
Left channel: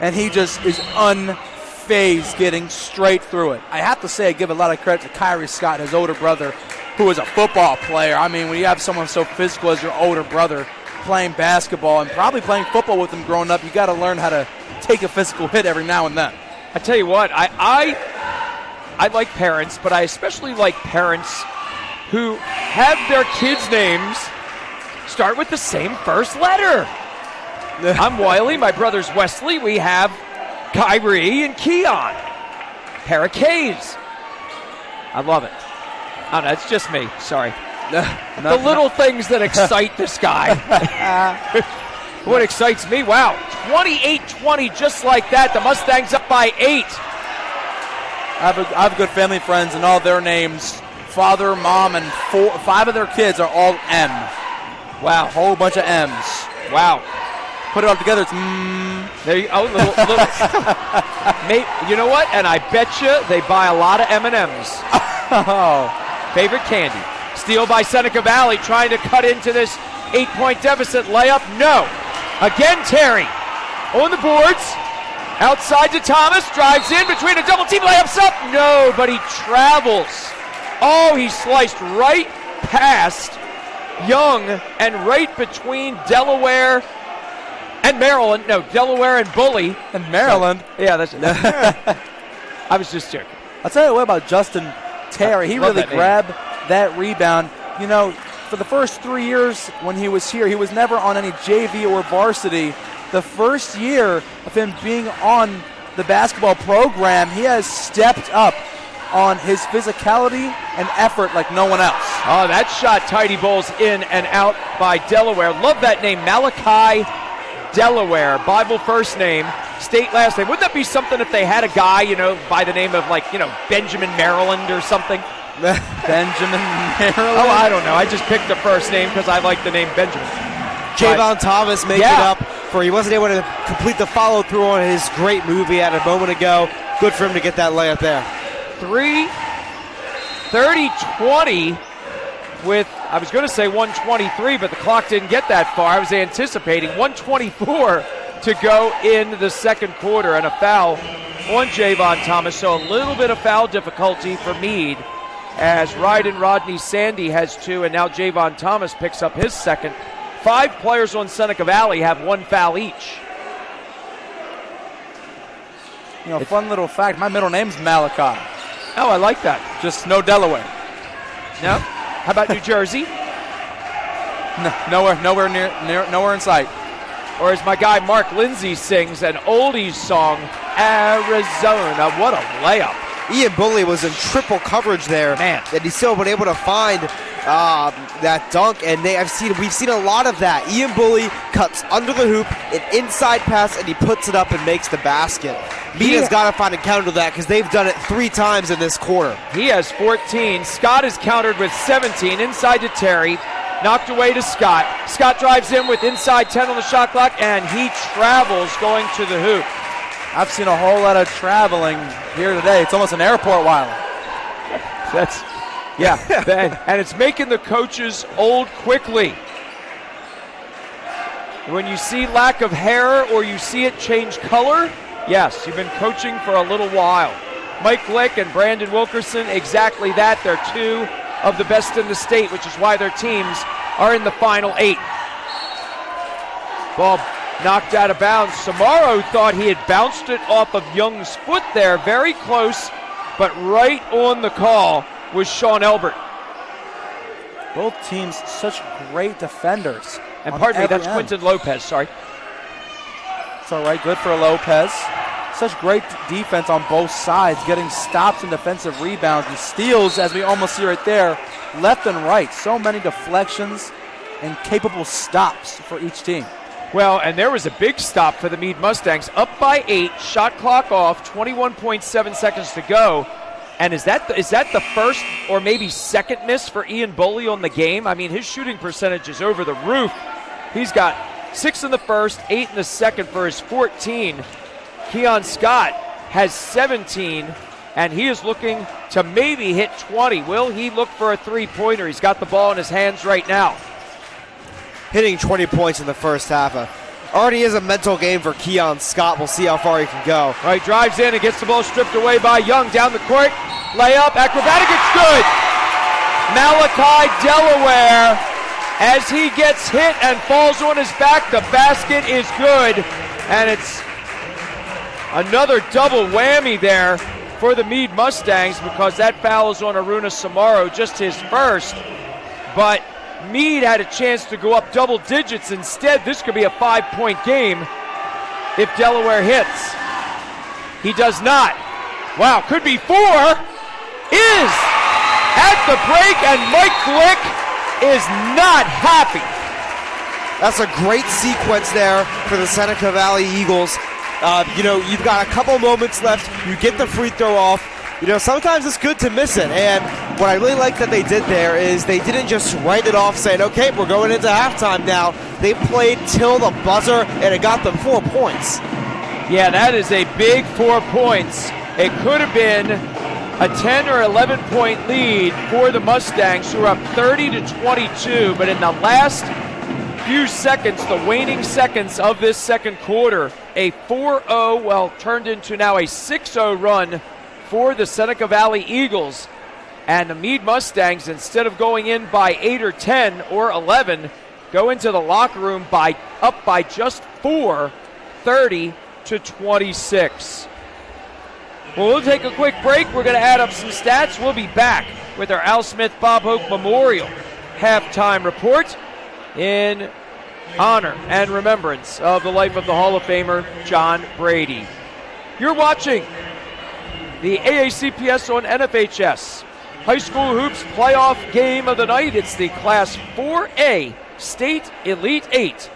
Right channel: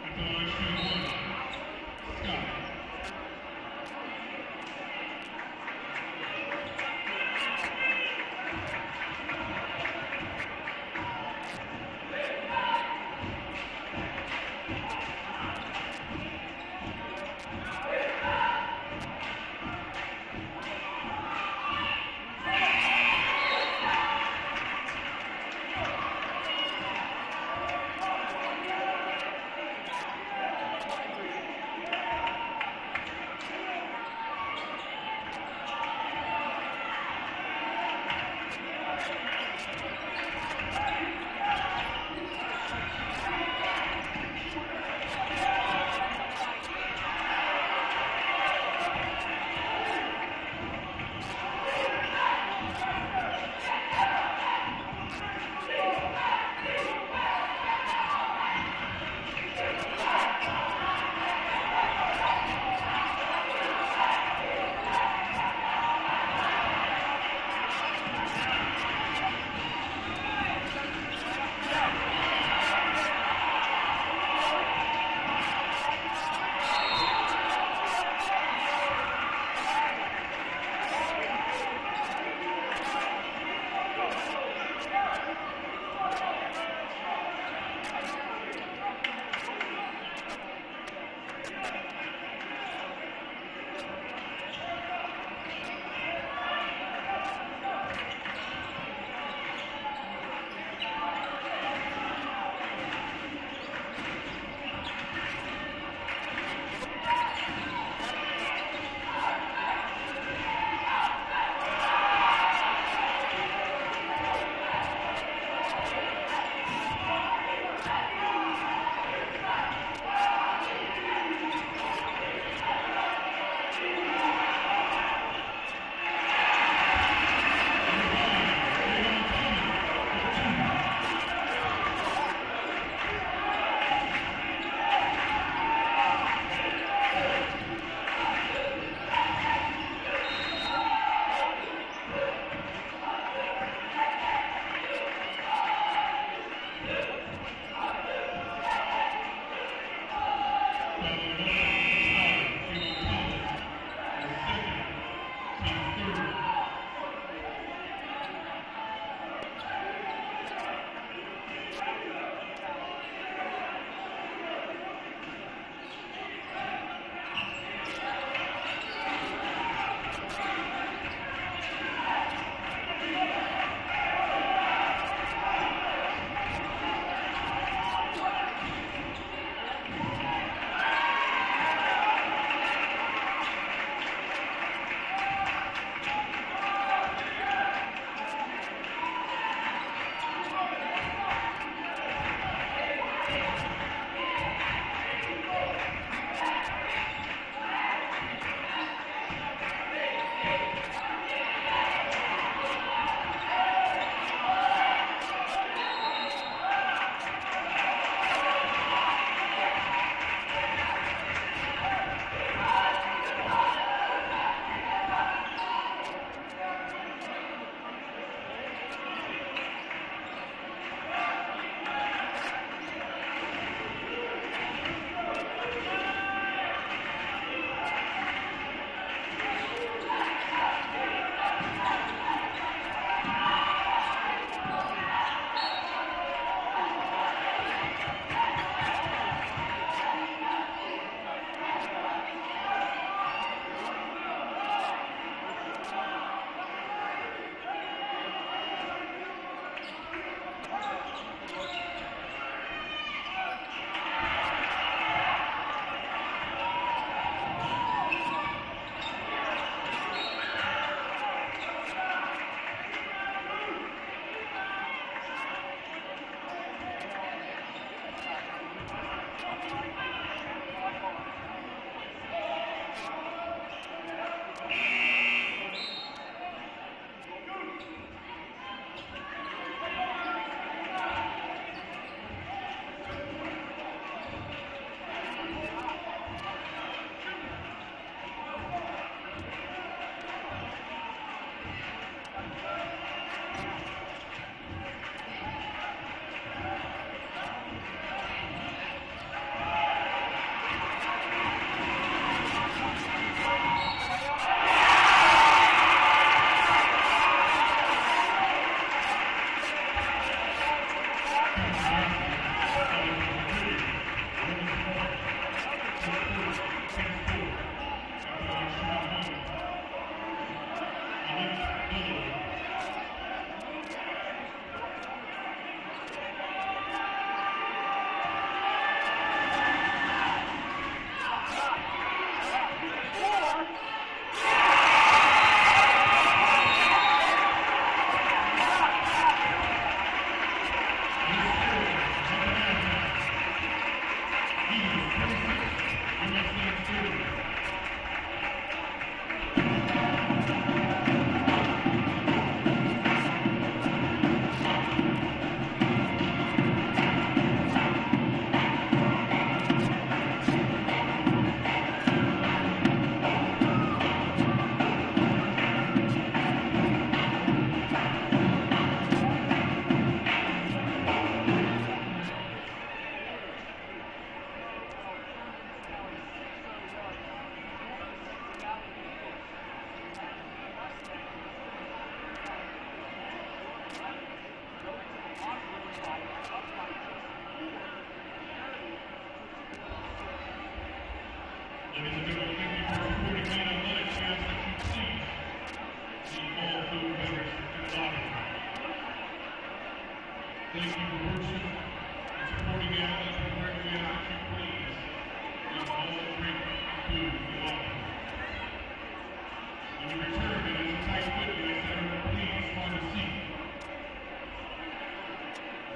And he just is unfazed, getting straight through it. I have to say, I give a lot of credit to Kyrie Scott, his older brother, who is a football player. I mean, when you have someone so physical as your older brother playing basketball and probably playing football with him growing up, you got to learn how to take a physical hit every now and then. I tell you what, I like parents, but I especially like parents who have their kids' names start with the same first letter. I'm Wiley. My brother's Wesley. We have Kyrie and Keon. Pair of K's. I love it. Oh, no, it's just me. Sorry. The little things that excite this guy. What excites me? Wow. 28-20, just like that. The Mustangs up by 8. I have good family friends, and all their names, father, mom, and 5 of their kids are all M. Wow, whole bunch of M's. Wow. Put it all together, it's There you, little mate, you know what? And I bet you they buy a lot of M&Ms. Oh. Favorite candy. Steal by Seneca Valley, trying to cut into this 8-point deficit. Layup, no. Again, Terry on the boards. Outside to Thomas, drives in between a double team, layups up. No, but he travels. Oh, he sliced right past Young and right between Delaware and Maryland. No, Delaware and Bully. And Maryland. So, yeah, that's I was just joking. I'll tell you what about Justin Terry. He really grabbed that rebound. You know, for the first 3 years when he was here, he was never on any JV or varsity. The first year of him being on the basketball program, he has stepped up on his physicality and effort like no one else. Oh, that shot tidy bowls in and out by Delaware. Love that name, Malachi Delaware. Bible first name, state last name. Wouldn't that be something if they had a guy, you know, by the name of, like, you know, Benjamin Maryland or something? Benjamin Maryland? Oh, I don't know. I just picked the first name because I like the name Benjamin. Javon Thomas making up for he wasn't able to complete the follow-through on his great move he had a moment ago. Good for him to get that layup there. 30-20 with, I was going to say 123, but the clock didn't get that far. I was anticipating 124 to go in the second quarter, and a foul on Javon Thomas. So a little bit of foul difficulty for Meade as Ryden Rodney Sandy has 2, and now Javon Thomas picks up his second. 5 players on Seneca Valley have 1 foul each. You know, fun little fact, my middle name's Malachi. Oh, I like that. Just no Delaware. No? How about New Jersey? Nowhere in sight. Or as my guy Mark Lindsay sings, an oldies song, Arizona. What a layup. Ian Bully was in triple coverage there, Man. and he's still been able to find that dunk, and we've seen a lot of that. Ian Bully cuts under the hoop, an inside pass, and he puts it up and makes the basket. Meade has got to find a counter to that because they've done it 3 times in this quarter. He has 14. Scott is countered with 17. Inside to Terry. Knocked away to Scott. Scott drives in with inside 10 on the shot clock, and he travels going to the hoop. I've seen a whole lot of traveling here today. It's almost an airport while. Yeah, and it's making the coaches old quickly. When you see lack of hair or you see it change color, yes, you've been coaching for a little while. Mike Glick and Brandon Wilkerson, exactly that. They're 2 of the best in the state, which is why their teams are in the final 8. Ball knocked out of bounds. Samaro thought he had bounced it off of Young's foot there. Very close, but right on the call was Sean Elbert. Both teams such great defenders. And pardon me, that's Quinton Lopez, sorry. It's all right, good for Lopez. Such great defense on both sides, getting stops and defensive rebounds and steals, as we almost see right there, left and right. So many deflections and capable stops for each team. Well, and there was a big stop for the Meade Mustangs. Up by 8, shot clock off, 21.7 seconds to go. And is that the first or maybe second miss for Ian Bully on the game? I mean, his shooting percentage is over the roof. He's got 6 in the first, 8 in the second for his 14. Keon Scott has 17, and he is looking to maybe hit 20. Will he look for a three-pointer? He's got the ball in his hands right now. Hitting 20 points in the first half. Already is a mental game for Keon Scott. We'll see how far he can go. Right, drives in and gets the ball stripped away by Young. Down the court, layup, acrobatic, it's good. Malachi Delaware, as he gets hit and falls on his back, the basket is good. And it's another double whammy there for the Meade Mustangs because that foul is on Aruna Samaro, just his first. But Meade had a chance to go up double digits. Instead, this could be a 5-point game if Delaware hits. He does not. Wow, could be 4. Is at the break, and Mike Glick is not happy. That's a great sequence there for the Seneca Valley Eagles. You've got a couple moments left. You get the free throw off. Sometimes it's good to miss it. And what I really like that they did there is they didn't just write it off saying, okay, we're going into halftime now. They played till the buzzer, and it got them 4 points. Yeah, that is a big 4 points. It could have been a 10 or 11-point lead for the Mustangs, who are up 30-22. But in the last few seconds, the waning seconds of this second quarter, a 4-0, turned into now a 6-0 run for the Seneca Valley Eagles. And the Meade Mustangs, instead of going in by 8 or 10 or 11, go into the locker room up by just 4, 30-26. Well, we'll take a quick break. We're going to add up some stats. We'll be back with our Al Smith Bob Hope Memorial halftime report in honor and remembrance of the life of the Hall of Famer John Brady. You're watching the AACPS on NFHS. High School Hoops playoff game of the night. It's the Class 4A State Elite 8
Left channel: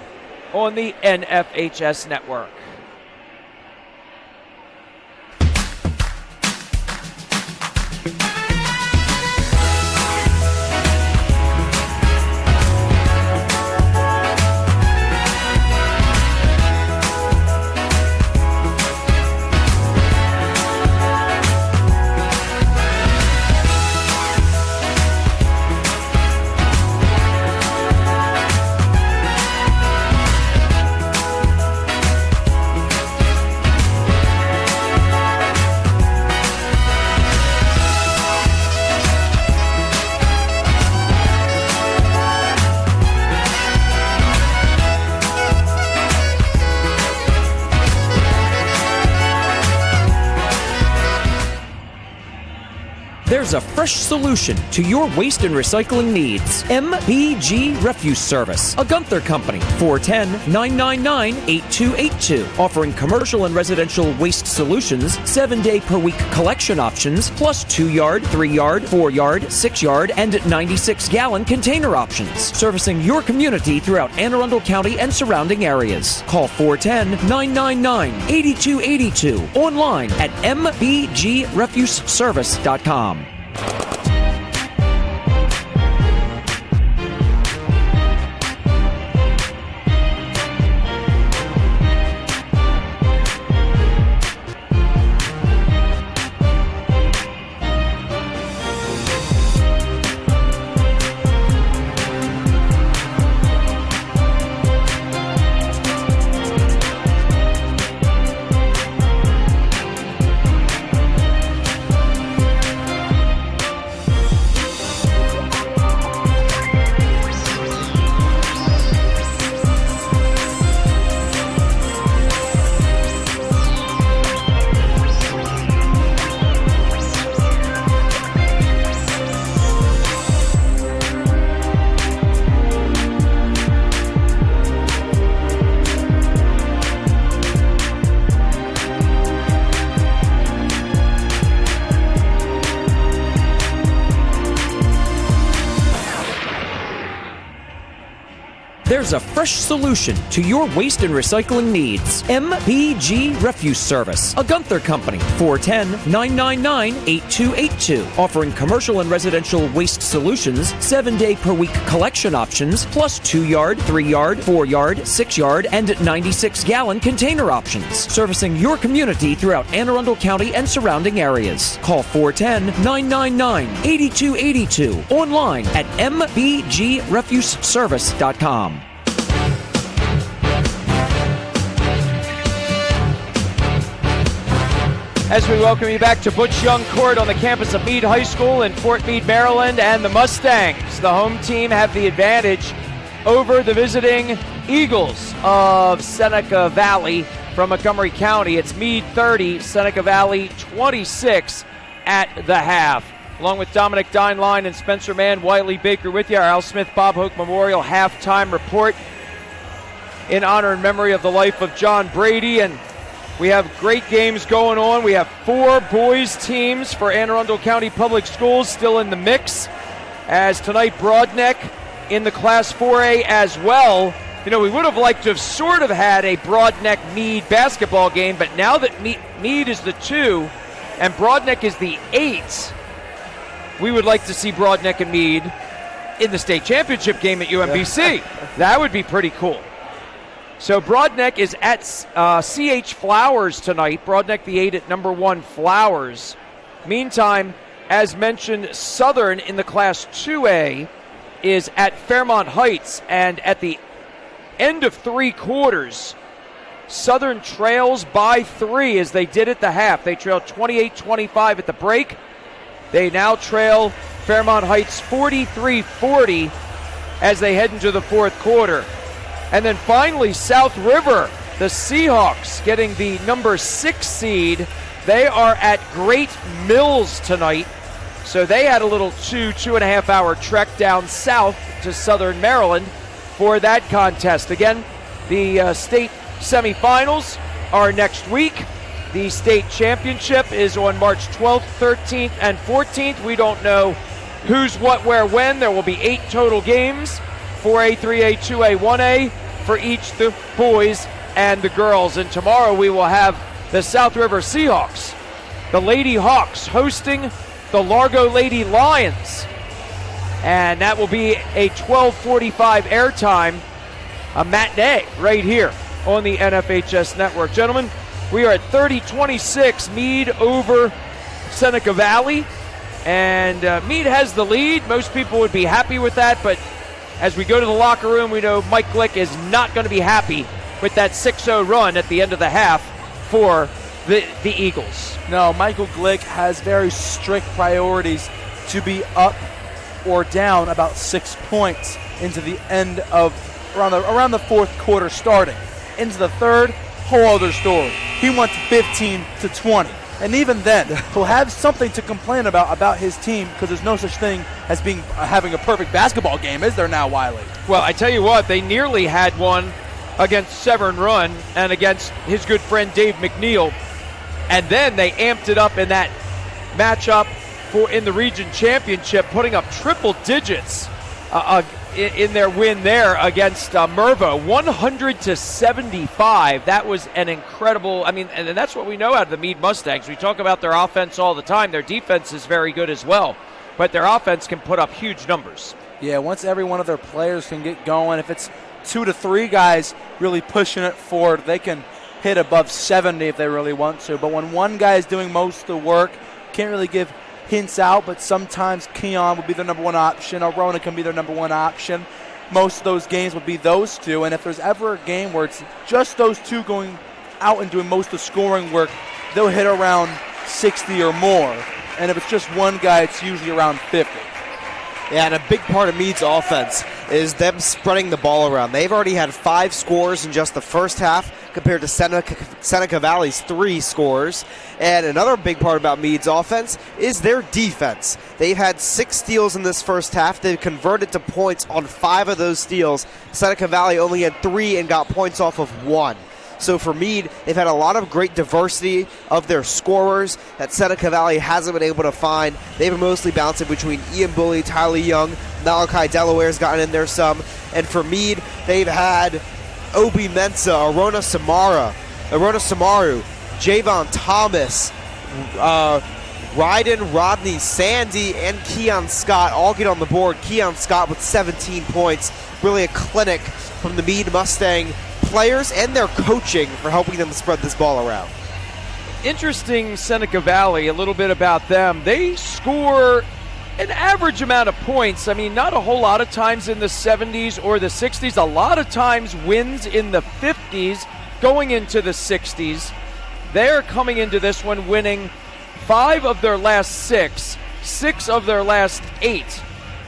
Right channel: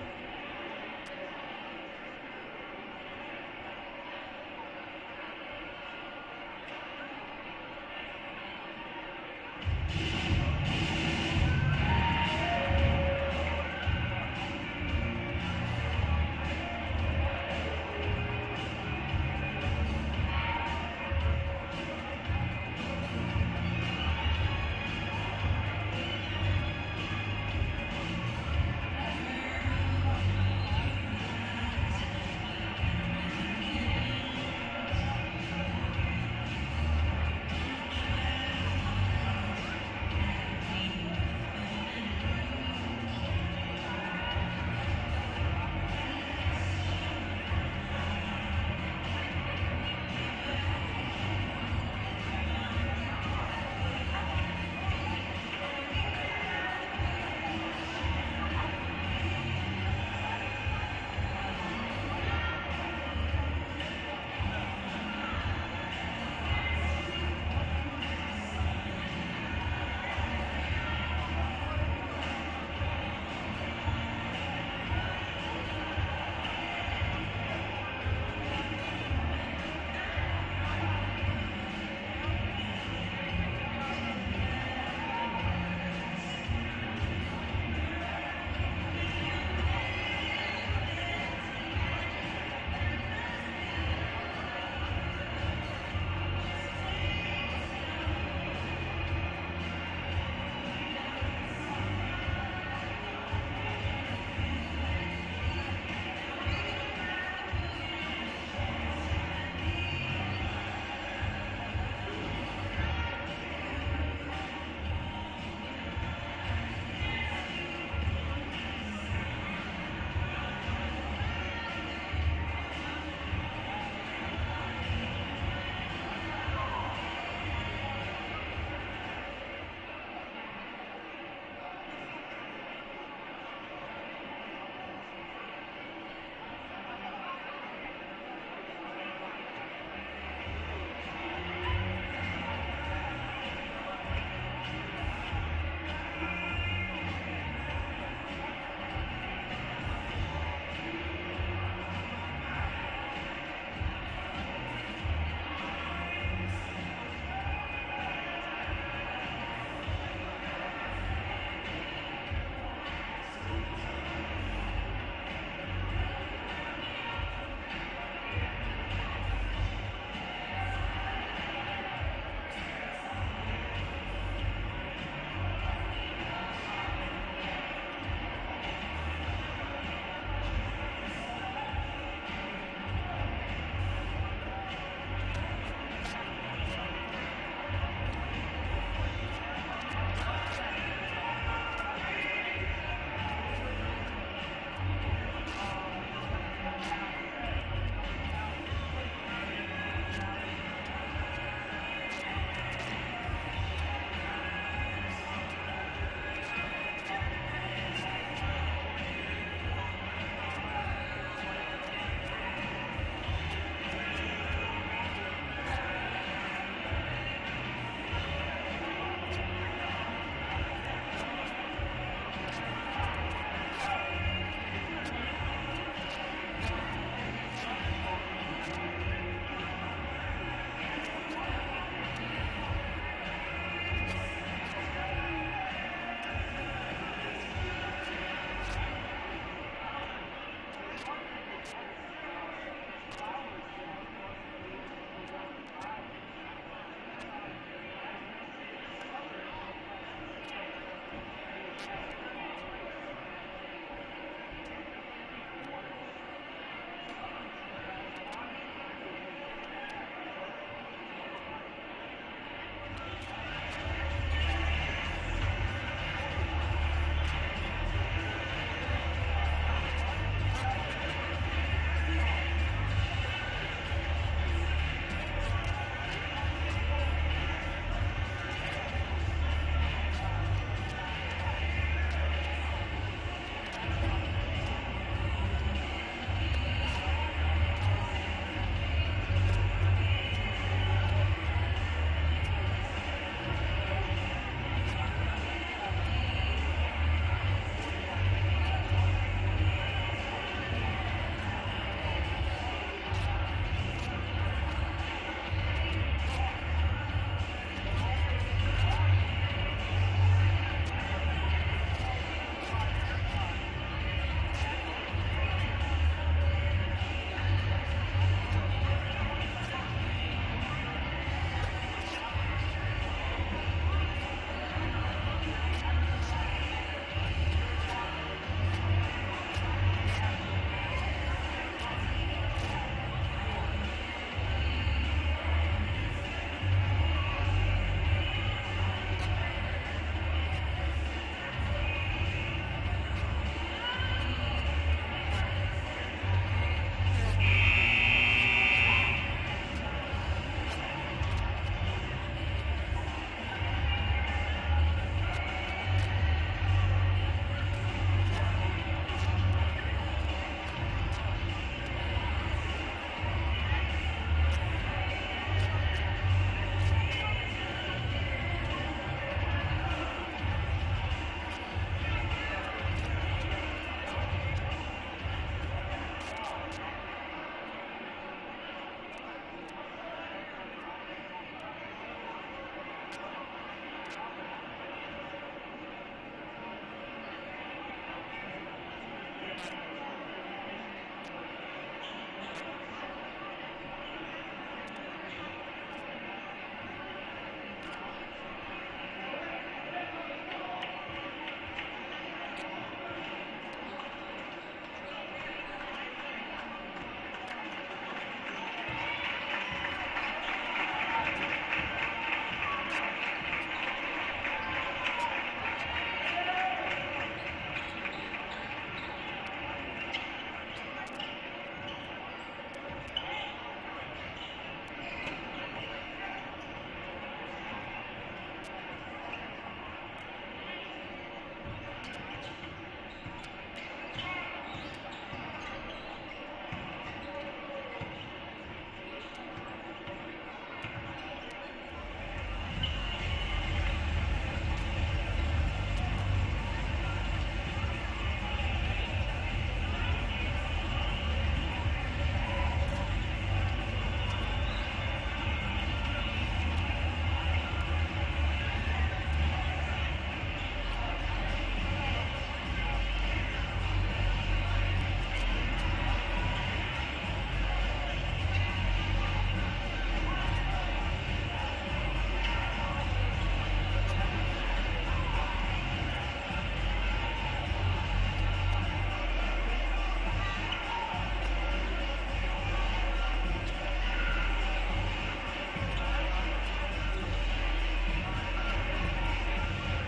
on the NFHS network. There's a fresh solution to your waste and recycling needs. MBG Refuse Service, a Gunther company, 410-999-8282, offering commercial and residential waste solutions, 7-day-per-week collection options, plus 2-yard, 3-yard, 4-yard, 6-yard, and 96-gallon container options, servicing your community throughout Anne Arundel County and surrounding areas. Call 410-999-8282, online at mbgrefuseservice.com. There's a fresh solution to your waste and recycling needs. MBG Refuse Service, a Gunther company, 410-999-8282, offering commercial and residential waste solutions, 7-day-per-week collection options, plus 2-yard, 3-yard, 4-yard, 6-yard, and 96-gallon container options, servicing your community throughout Anne Arundel County and surrounding areas. Call 410-999-8282, online at mbgrefuseservice.com. As we welcome you back to Butch Young Court on the campus of Meade High School in Fort Meade, Maryland, and the Mustangs, the home team, have the advantage over the visiting Eagles of Seneca Valley from Montgomery County. It's Meade 30, Seneca Valley 26 at the half. along with Dominic Dineline and Spencer Mann, Wiley Baker with you. Our Al Smith Bob Hoke Memorial halftime report in honor and memory of the life of John Brady. And we have great games going on. We have 4 boys teams for Anne Arundel County Public Schools still in the mix, as tonight Broadneck in the Class 4A as well. You know, we would have liked to have sort of had a Broadneck Meade basketball game, but now that Meade is the 2 and Broadneck is the 8, we would like to see Broadneck and Meade in the state championship game at UMBC. That would be pretty cool. So Broadneck is at CH Flowers tonight. Broadneck the 8 at number 1 Flowers. Meantime, as mentioned, Southern in the Class 2A is at Fairmont Heights, and at the end of 3 quarters, Southern trails by 3 as they did at the half. They trailed 28-25 at the break. They now trail Fairmont Heights 43-40 as they head into the 4th quarter. And then finally, South River, the Seahawks, getting the number 6 seed. They are at Great Mills tonight. So they had a little 2.5 hour trek down south to Southern Maryland for that contest. Again, the state semifinals are next week. The state championship is on March 12th, 13th, and 14th. We don't know who's, what, where, when. There will be 8 total games, 4A, 3A, 2A, 1A for each the boys and the girls. And tomorrow we will have the South River Seahawks, the Lady Hawks, hosting the Largo Lady Lions. And that will be a 12:45 airtime, a matinee right here on the NFHS network. Gentlemen, we are at 30-26, Meade over Seneca Valley. And Meade has the lead. Most people would be happy with that, but as we go to the locker room, we know Mike Glick is not going to be happy with that 6-0 run at the end of the half for the Eagles. No, Michael Glick has very strict priorities to be up or down about 6 points into the end of around the 4th quarter starting. Into the 3rd, whole other story. He wants 15-20. And even then, he'll have something to complain about his team, because there's no such thing as having a perfect basketball game, is there now, Wiley? Well, I tell you what, they nearly had one against Severn Run and against his good friend Dave McNeil. And then they amped it up in that matchup in the region championship, putting up triple digits in their win there against Mervo, 100-75. That was an incredible, and that's what we know out of the Meade Mustangs. We talk about their offense all the time. Their defense is very good as well, but their offense can put up huge numbers. Yeah, once every one of their players can get going, if it's 2 to 3 guys really pushing it forward, they can hit above 70 if they really want to. But when one guy is doing most of the work, can't really give hints out, but sometimes Keon will be their number 1 option, or Rona can be their number 1 option. Most of those games will be those 2, and if there's ever a game where it's just those 2 going out and doing most of the scoring work, they'll hit around 60 or more. And if it's just one guy, it's usually around 50. Yeah, and a big part of Meade's offense is them spreading the ball around. They've already had 5 scores in just the first half compared to Seneca Valley's 3 scores. And another big part about Meade's offense is their defense. They've had 6 steals in this first half. They've converted to points on 5 of those steals. Seneca Valley only had 3 and got points off of 1. So for Meade, they've had a lot of great diversity of their scorers that Seneca Valley hasn't been able to find. They've been mostly bouncing between Ian Bully, Tyler Young, Malachi Delaware's gotten in there some. And for Meade, they've had Obi Mensa, Arona Samaru, Javon Thomas, Ryden, Rodney, Sandy, and Keon Scott all get on the board. Keon Scott with 17 points. Really a clinic from the Meade Mustang players and their coaching for helping them spread this ball around. Interesting, Seneca Valley, a little bit about them. They score an average amount of points. Not a whole lot of times in the 70s or the 60s. A lot of times wins in the 50s, going into the 60s. They're coming into this one winning 5 of their last 6, 6 of their last 8.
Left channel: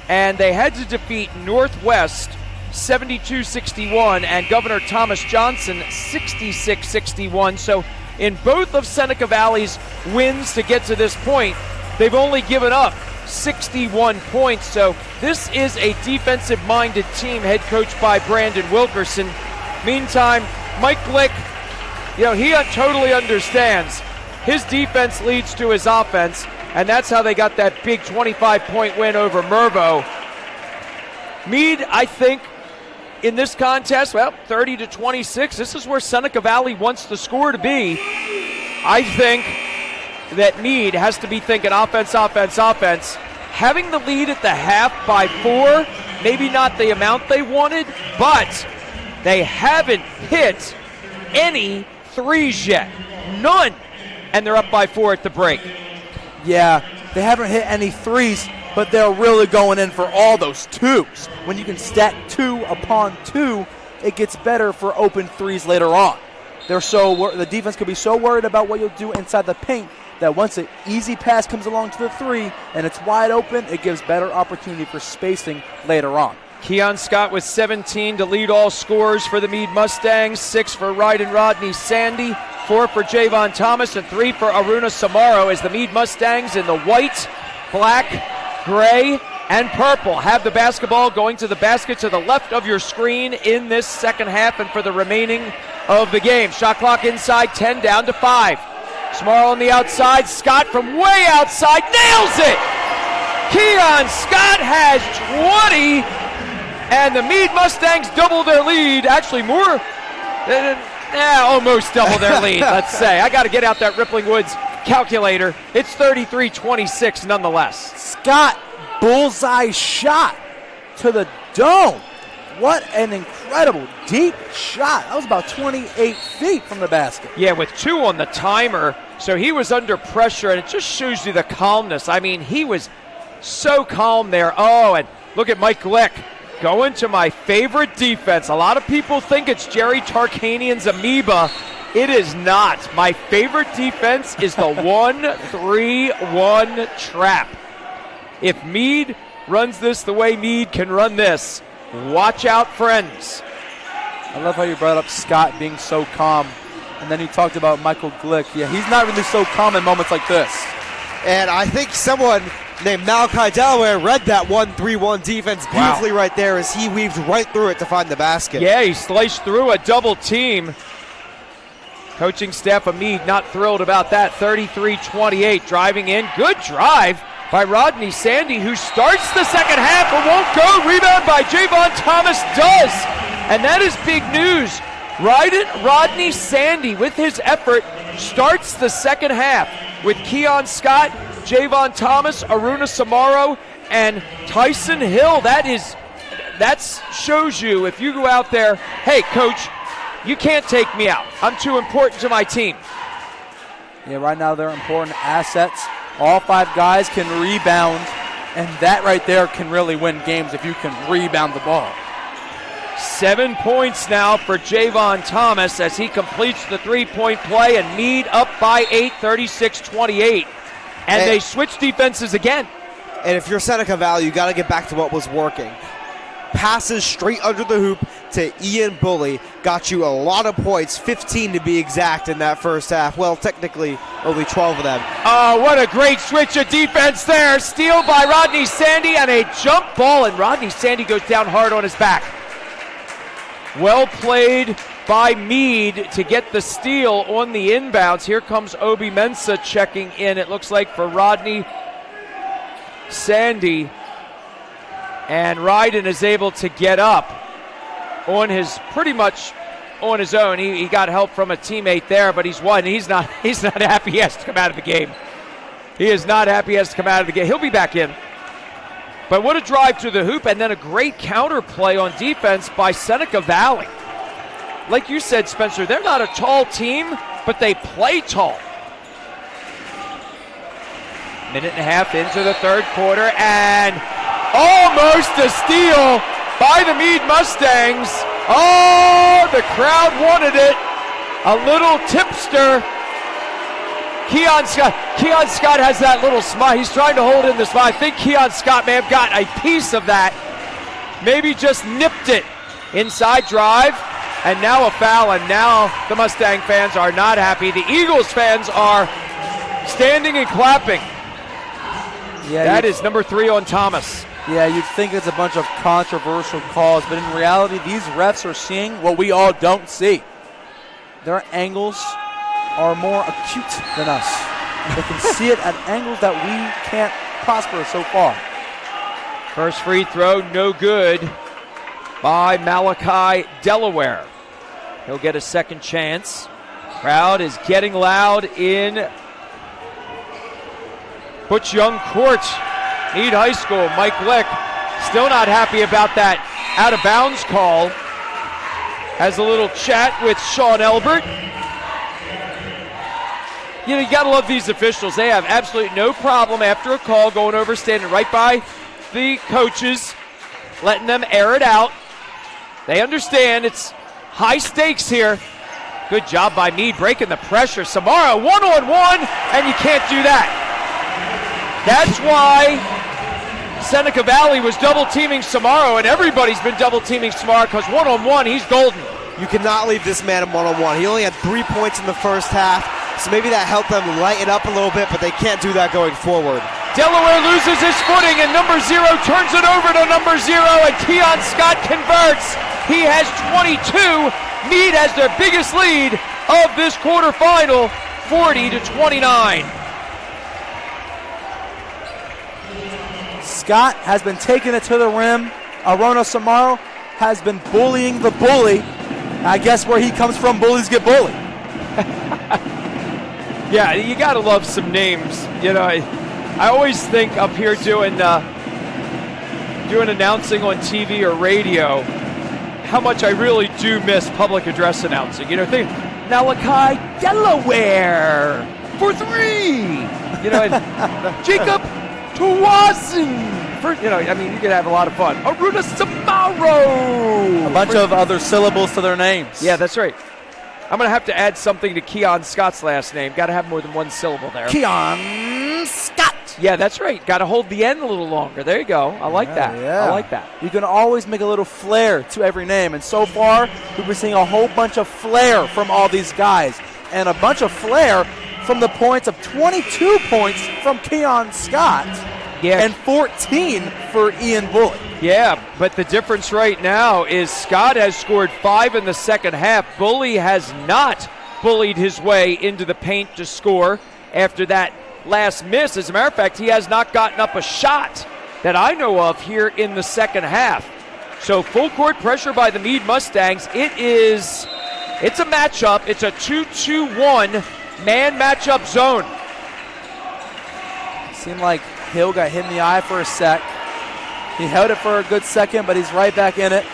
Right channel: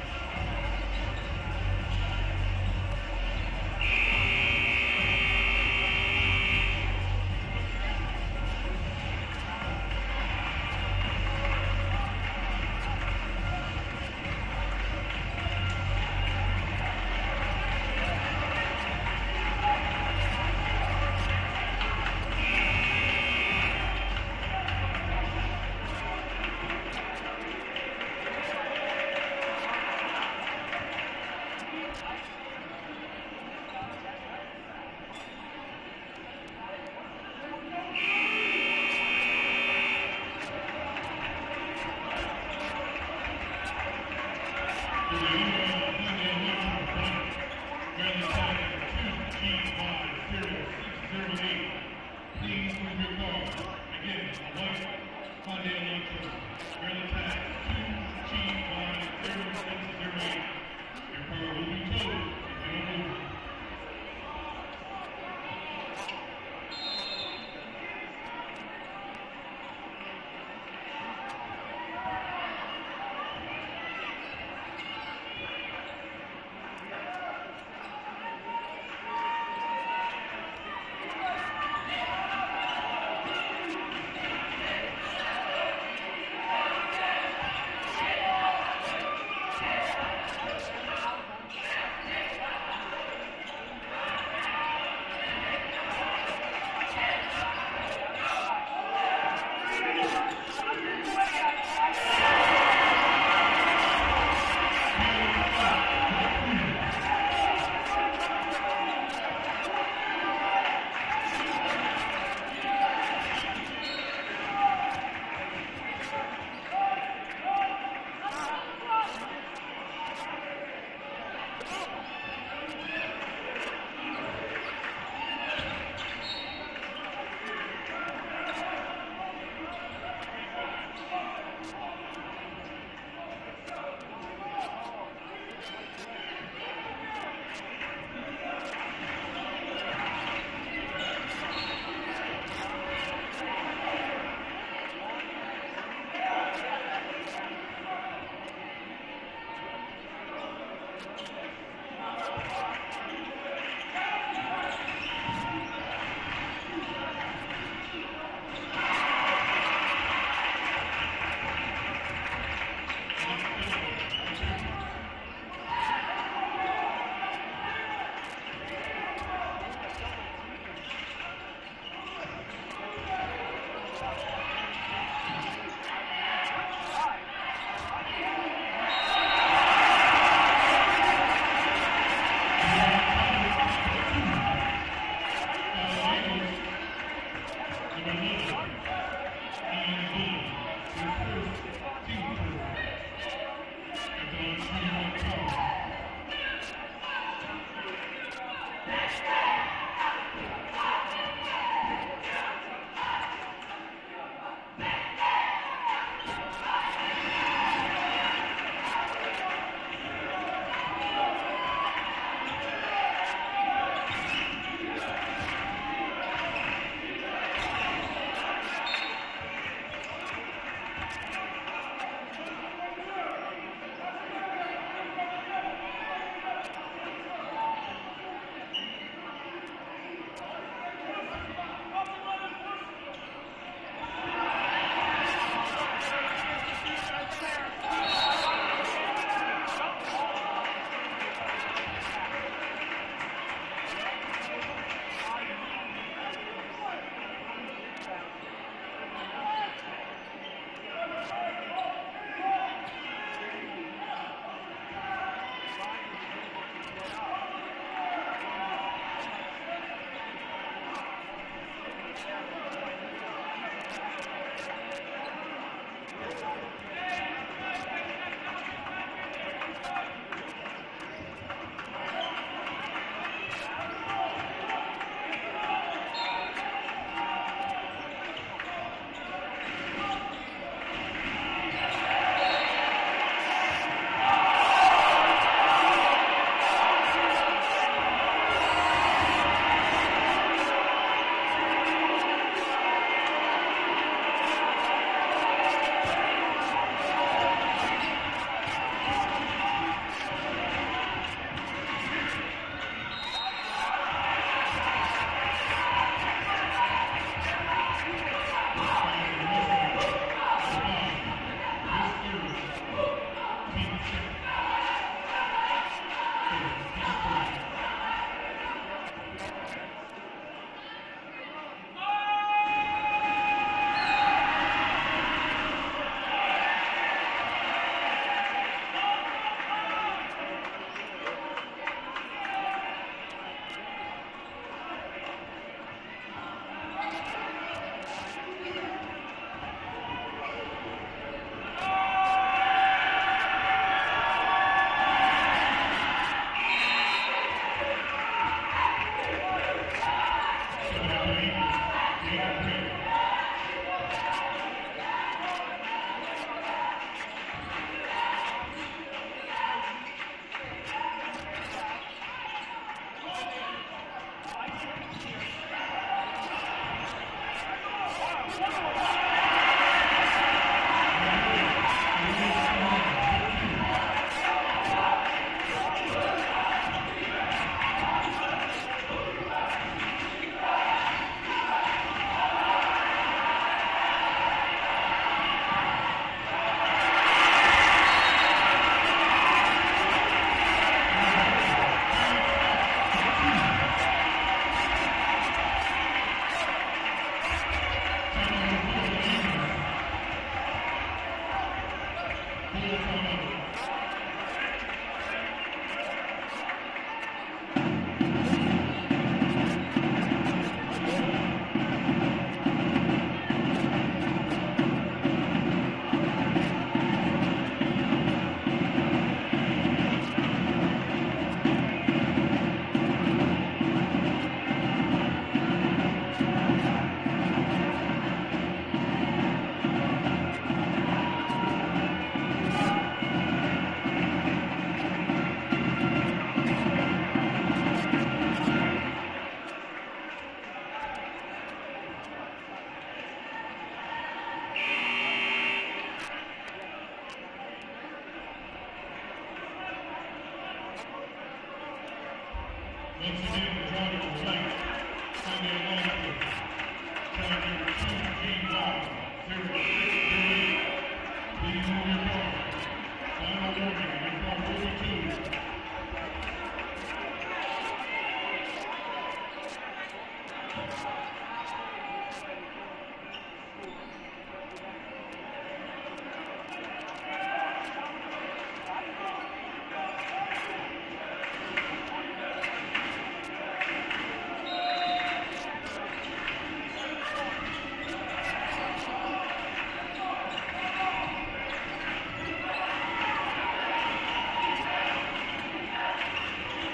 And they had to defeat Northwest 72-61 and Governor Thomas Johnson 66-61. So in both of Seneca Valley's wins to get to this point, they've only given up 61 points. So this is a defensive-minded team, head coached by Brandon Wilkerson. Meantime, Mike Glick, he totally understands. His defense leads to his offense, and that's how they got that big 25-point win over Mervo. Meade, I think, in this contest, 30-26, this is where Seneca Valley wants the score to be. I think that Meade has to be thinking offense, offense, offense. Having the lead at the half by 4, maybe not the amount they wanted, but they haven't hit any threes yet. None. And they're up by 4 at the break. Yeah, they haven't hit any threes, but they're really going in for all those twos. When you can stack 2 upon 2, it gets better for open threes later on. The defense could be so worried about what you'll do inside the paint that once an easy pass comes along to the 3 and it's wide open, it gives better opportunity for spacing later on. Keon Scott with 17 to lead all scorers for the Meade Mustangs, 6 for Ryden Rodney Sandy, 4 for Javon Thomas, and 3 for Aruna Samaro as the Meade Mustangs in the white, black, gray, and purple have the basketball going to the basket to the left of your screen in this second half and for the remaining of the game. Shot clock inside, 10 down to 5. Samaro on the outside, Scott from way outside, nails it! Keon Scott has 20, and the Meade Mustangs double their lead. Actually, more than almost double their lead, let's say. I got to get out that Rippling Woods calculator. It's 33-26 nonetheless. Scott, bullseye shot to the dome. What an incredible deep shot. That was about 28 feet from the basket. Yeah, with 2 on the timer, so he was under pressure, and it just shows you the calmness. I mean, he was so calm there. Oh, and look at Mike Glick. Going to my favorite defense. A lot of people think it's Jerry Tarkanian's amoeba. It is not. My favorite defense is the 1-3-1 trap. If Meade runs this the way Meade can run this, watch out, friends. I love how you brought up Scott being so calm. And then you talked about Michael Glick. Yeah, he's not really so calm in moments like this. And I think someone named Malachi Delaware read that 1-3-1 defense beautifully right there as he weaved right through it to find the basket. Yeah, he sliced through a double team. Coaching staff of Meade not thrilled about that. 33-28, driving in. Good drive by Rodney Sandy, who starts the second half but won't go. Rebound by Javon Thomas does. And that is big news. Rodney Sandy, with his effort, starts the second half with Keon Scott, Javon Thomas, Aruna Samaro, and Tyson Hill. That shows you, if you go out there, hey, coach, you can't take me out. I'm too important to my team. Yeah, right now they're important assets. All 5 guys can rebound, and that right there can really win games if you can rebound the ball. 7 points now for Javon Thomas as he completes the 3-point play, and Meade up by 8, 36-28. And they switch defenses again. And if you're Seneca Valley, you got to get back to what was working. Passes straight under the hoop to Ian Bully got you a lot of points, 15 to be exact in that first half. Well, technically, only 12 of them. Oh, what a great switch of defense there. Steal by Rodney Sandy and a jump ball, and Rodney Sandy goes down hard on his back. Well played by Meade to get the steal on the inbounds. Here comes Obi Mensah checking in, it looks like, for Rodney Sandy. And Ryden is able to get up pretty much on his own. He got help from a teammate there, but he's not happy he has to come out of the game. He is not happy he has to come out of the game. He'll be back in. But what a drive to the hoop, and then a great counter play on defense by Seneca Valley. Like you said, Spencer, they're not a tall team, but they play tall. Minute and a half into the third quarter, and almost a steal by the Meade Mustangs. Oh, the crowd wanted it. A little tipster. Keon Scott has that little smile. He's trying to hold in the smile. I think Keon Scott may have gotten a piece of that. Maybe just nipped it. Inside drive, and now a foul, and now the Mustang fans are not happy. The Eagles fans are standing and clapping. Yeah, That is number 3 on Thomas. Yeah, you'd think it's a bunch of controversial calls, but in reality, these refs are seeing what we all don't see. Their angles are more acute than us. They can see it at angles that we can't prosper so far. First free throw, no good by Malachi Delaware. He'll get a second chance. Crowd is getting loud in Butch Young Court, Meade High School. Mike Lick still not happy about that out of bounds call. Has a little chat with Sean Elbert. You know, you gotta love these officials. They have absolutely no problem after a call going over, standing right by the coaches, letting them air it out. They understand it's high stakes here. Good job by Meade breaking the pressure. Samara one-on-one, and you can't do that. That's why Seneca Valley was double-teaming Samaro, and everybody's been double-teaming Samaro because one-on-one, he's golden. You cannot leave this man in one-on-one. He only had 3 points in the first half, so maybe that helped them lighten up a little bit, but they can't do that going forward. Delaware loses his footing, and number 0 turns it over to number 0, and Keon Scott converts. He has 22. Meade has their biggest lead of this quarterfinal, 40-29. Scott has been taking it to the rim. Arona Samaro has been bullying the bully. I guess where he comes from, bullies get bullied. Yeah, you gotta love some names. You know, I always think up here doing announcing on TV or radio, how much I really do miss public address announcing. You know, think Malachi Delaware for 3. You know, and Jacob Tawasi for, you know, I mean, you could have a lot of fun. Aruna Samaro. A bunch of other syllables to their names. Yeah, that's right. I'm going to have to add something to Keon Scott's last name. Got to have more than one syllable there. Keon Scott. Yeah, that's right. Got to hold the N a little longer. There you go. I like that. Yeah. I like that. You can always make a little flair to every name. And so far, we've been seeing a whole bunch of flair from all these guys. And a bunch of flair from the points of 22 points from Keon Scott. Yeah. And 14 for Ian Bullock. Yeah, but the difference right now is Scott has scored 5 in the second half. Bully has not bullied his way into the paint to score after that last miss. As a matter of fact, he has not gotten up a shot that I know of here in the second half. So full court pressure by the Meade Mustangs. It's a matchup. It's a 2-2-1 man matchup zone. Seemed like Hill got hit in the eye for a sec. He held it for a good second, but he's right back in it.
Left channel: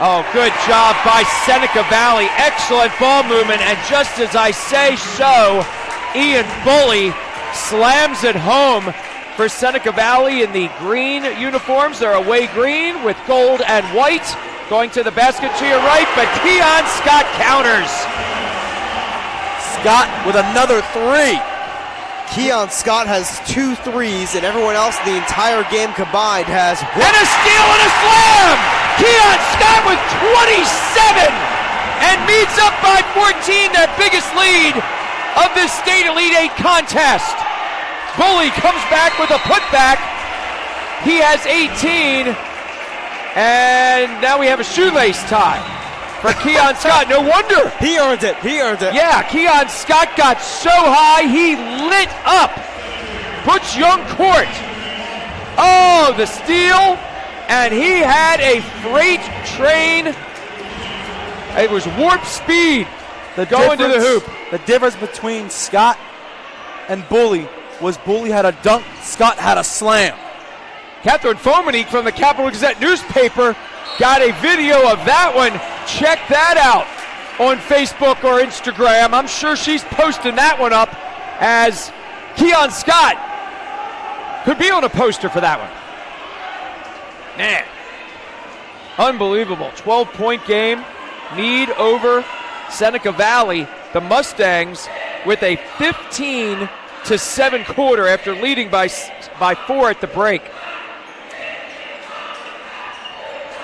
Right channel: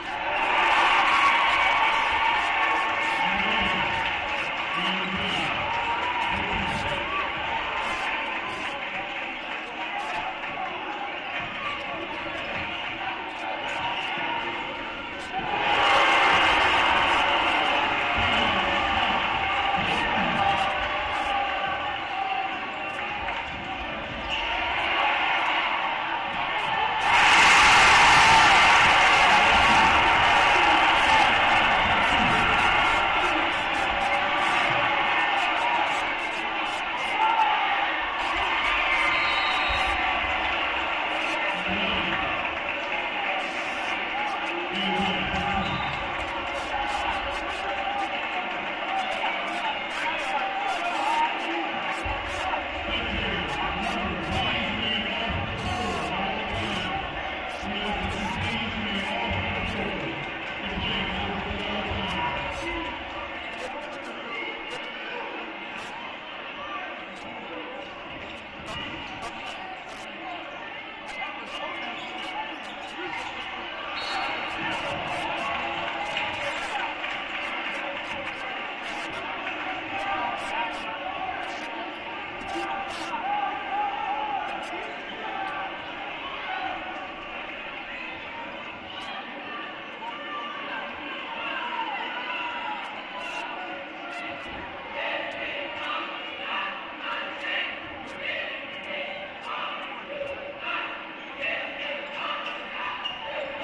Oh, good job by Seneca Valley. Excellent ball movement, and just as I say so, Ian Bully slams it home for Seneca Valley in the green uniforms. They're away green with gold and white. Going to the basket to your right, but Keon Scott counters. Scott with another 3. Keon Scott has 2 threes, and everyone else in the entire game combined has And a steal and a slam! Keon Scott with 27! And Meade's up by 14, their biggest lead of this State Elite 8 contest. Bully comes back with a putback. He has 18. And now we have a shoelace tie for Keon Scott. No wonder. he earned it. He earned it. Yeah, Keon Scott got so high, he lit up Butch Young Court. Oh, the steal. And he had a freight train. It was warp speed going to the hoop. The difference between Scott and Bully was Bully had a dunk, Scott had a slam. Catherine Fomenique from the Capital Gazette newspaper got a video of that one. Check that out on Facebook or Instagram. I'm sure she's posting that one up, as Keon Scott could be on a poster for that one. Man, unbelievable. 12-point game. Meade over Seneca Valley. The Mustangs with a 15-7 quarter after leading by 4 at the break.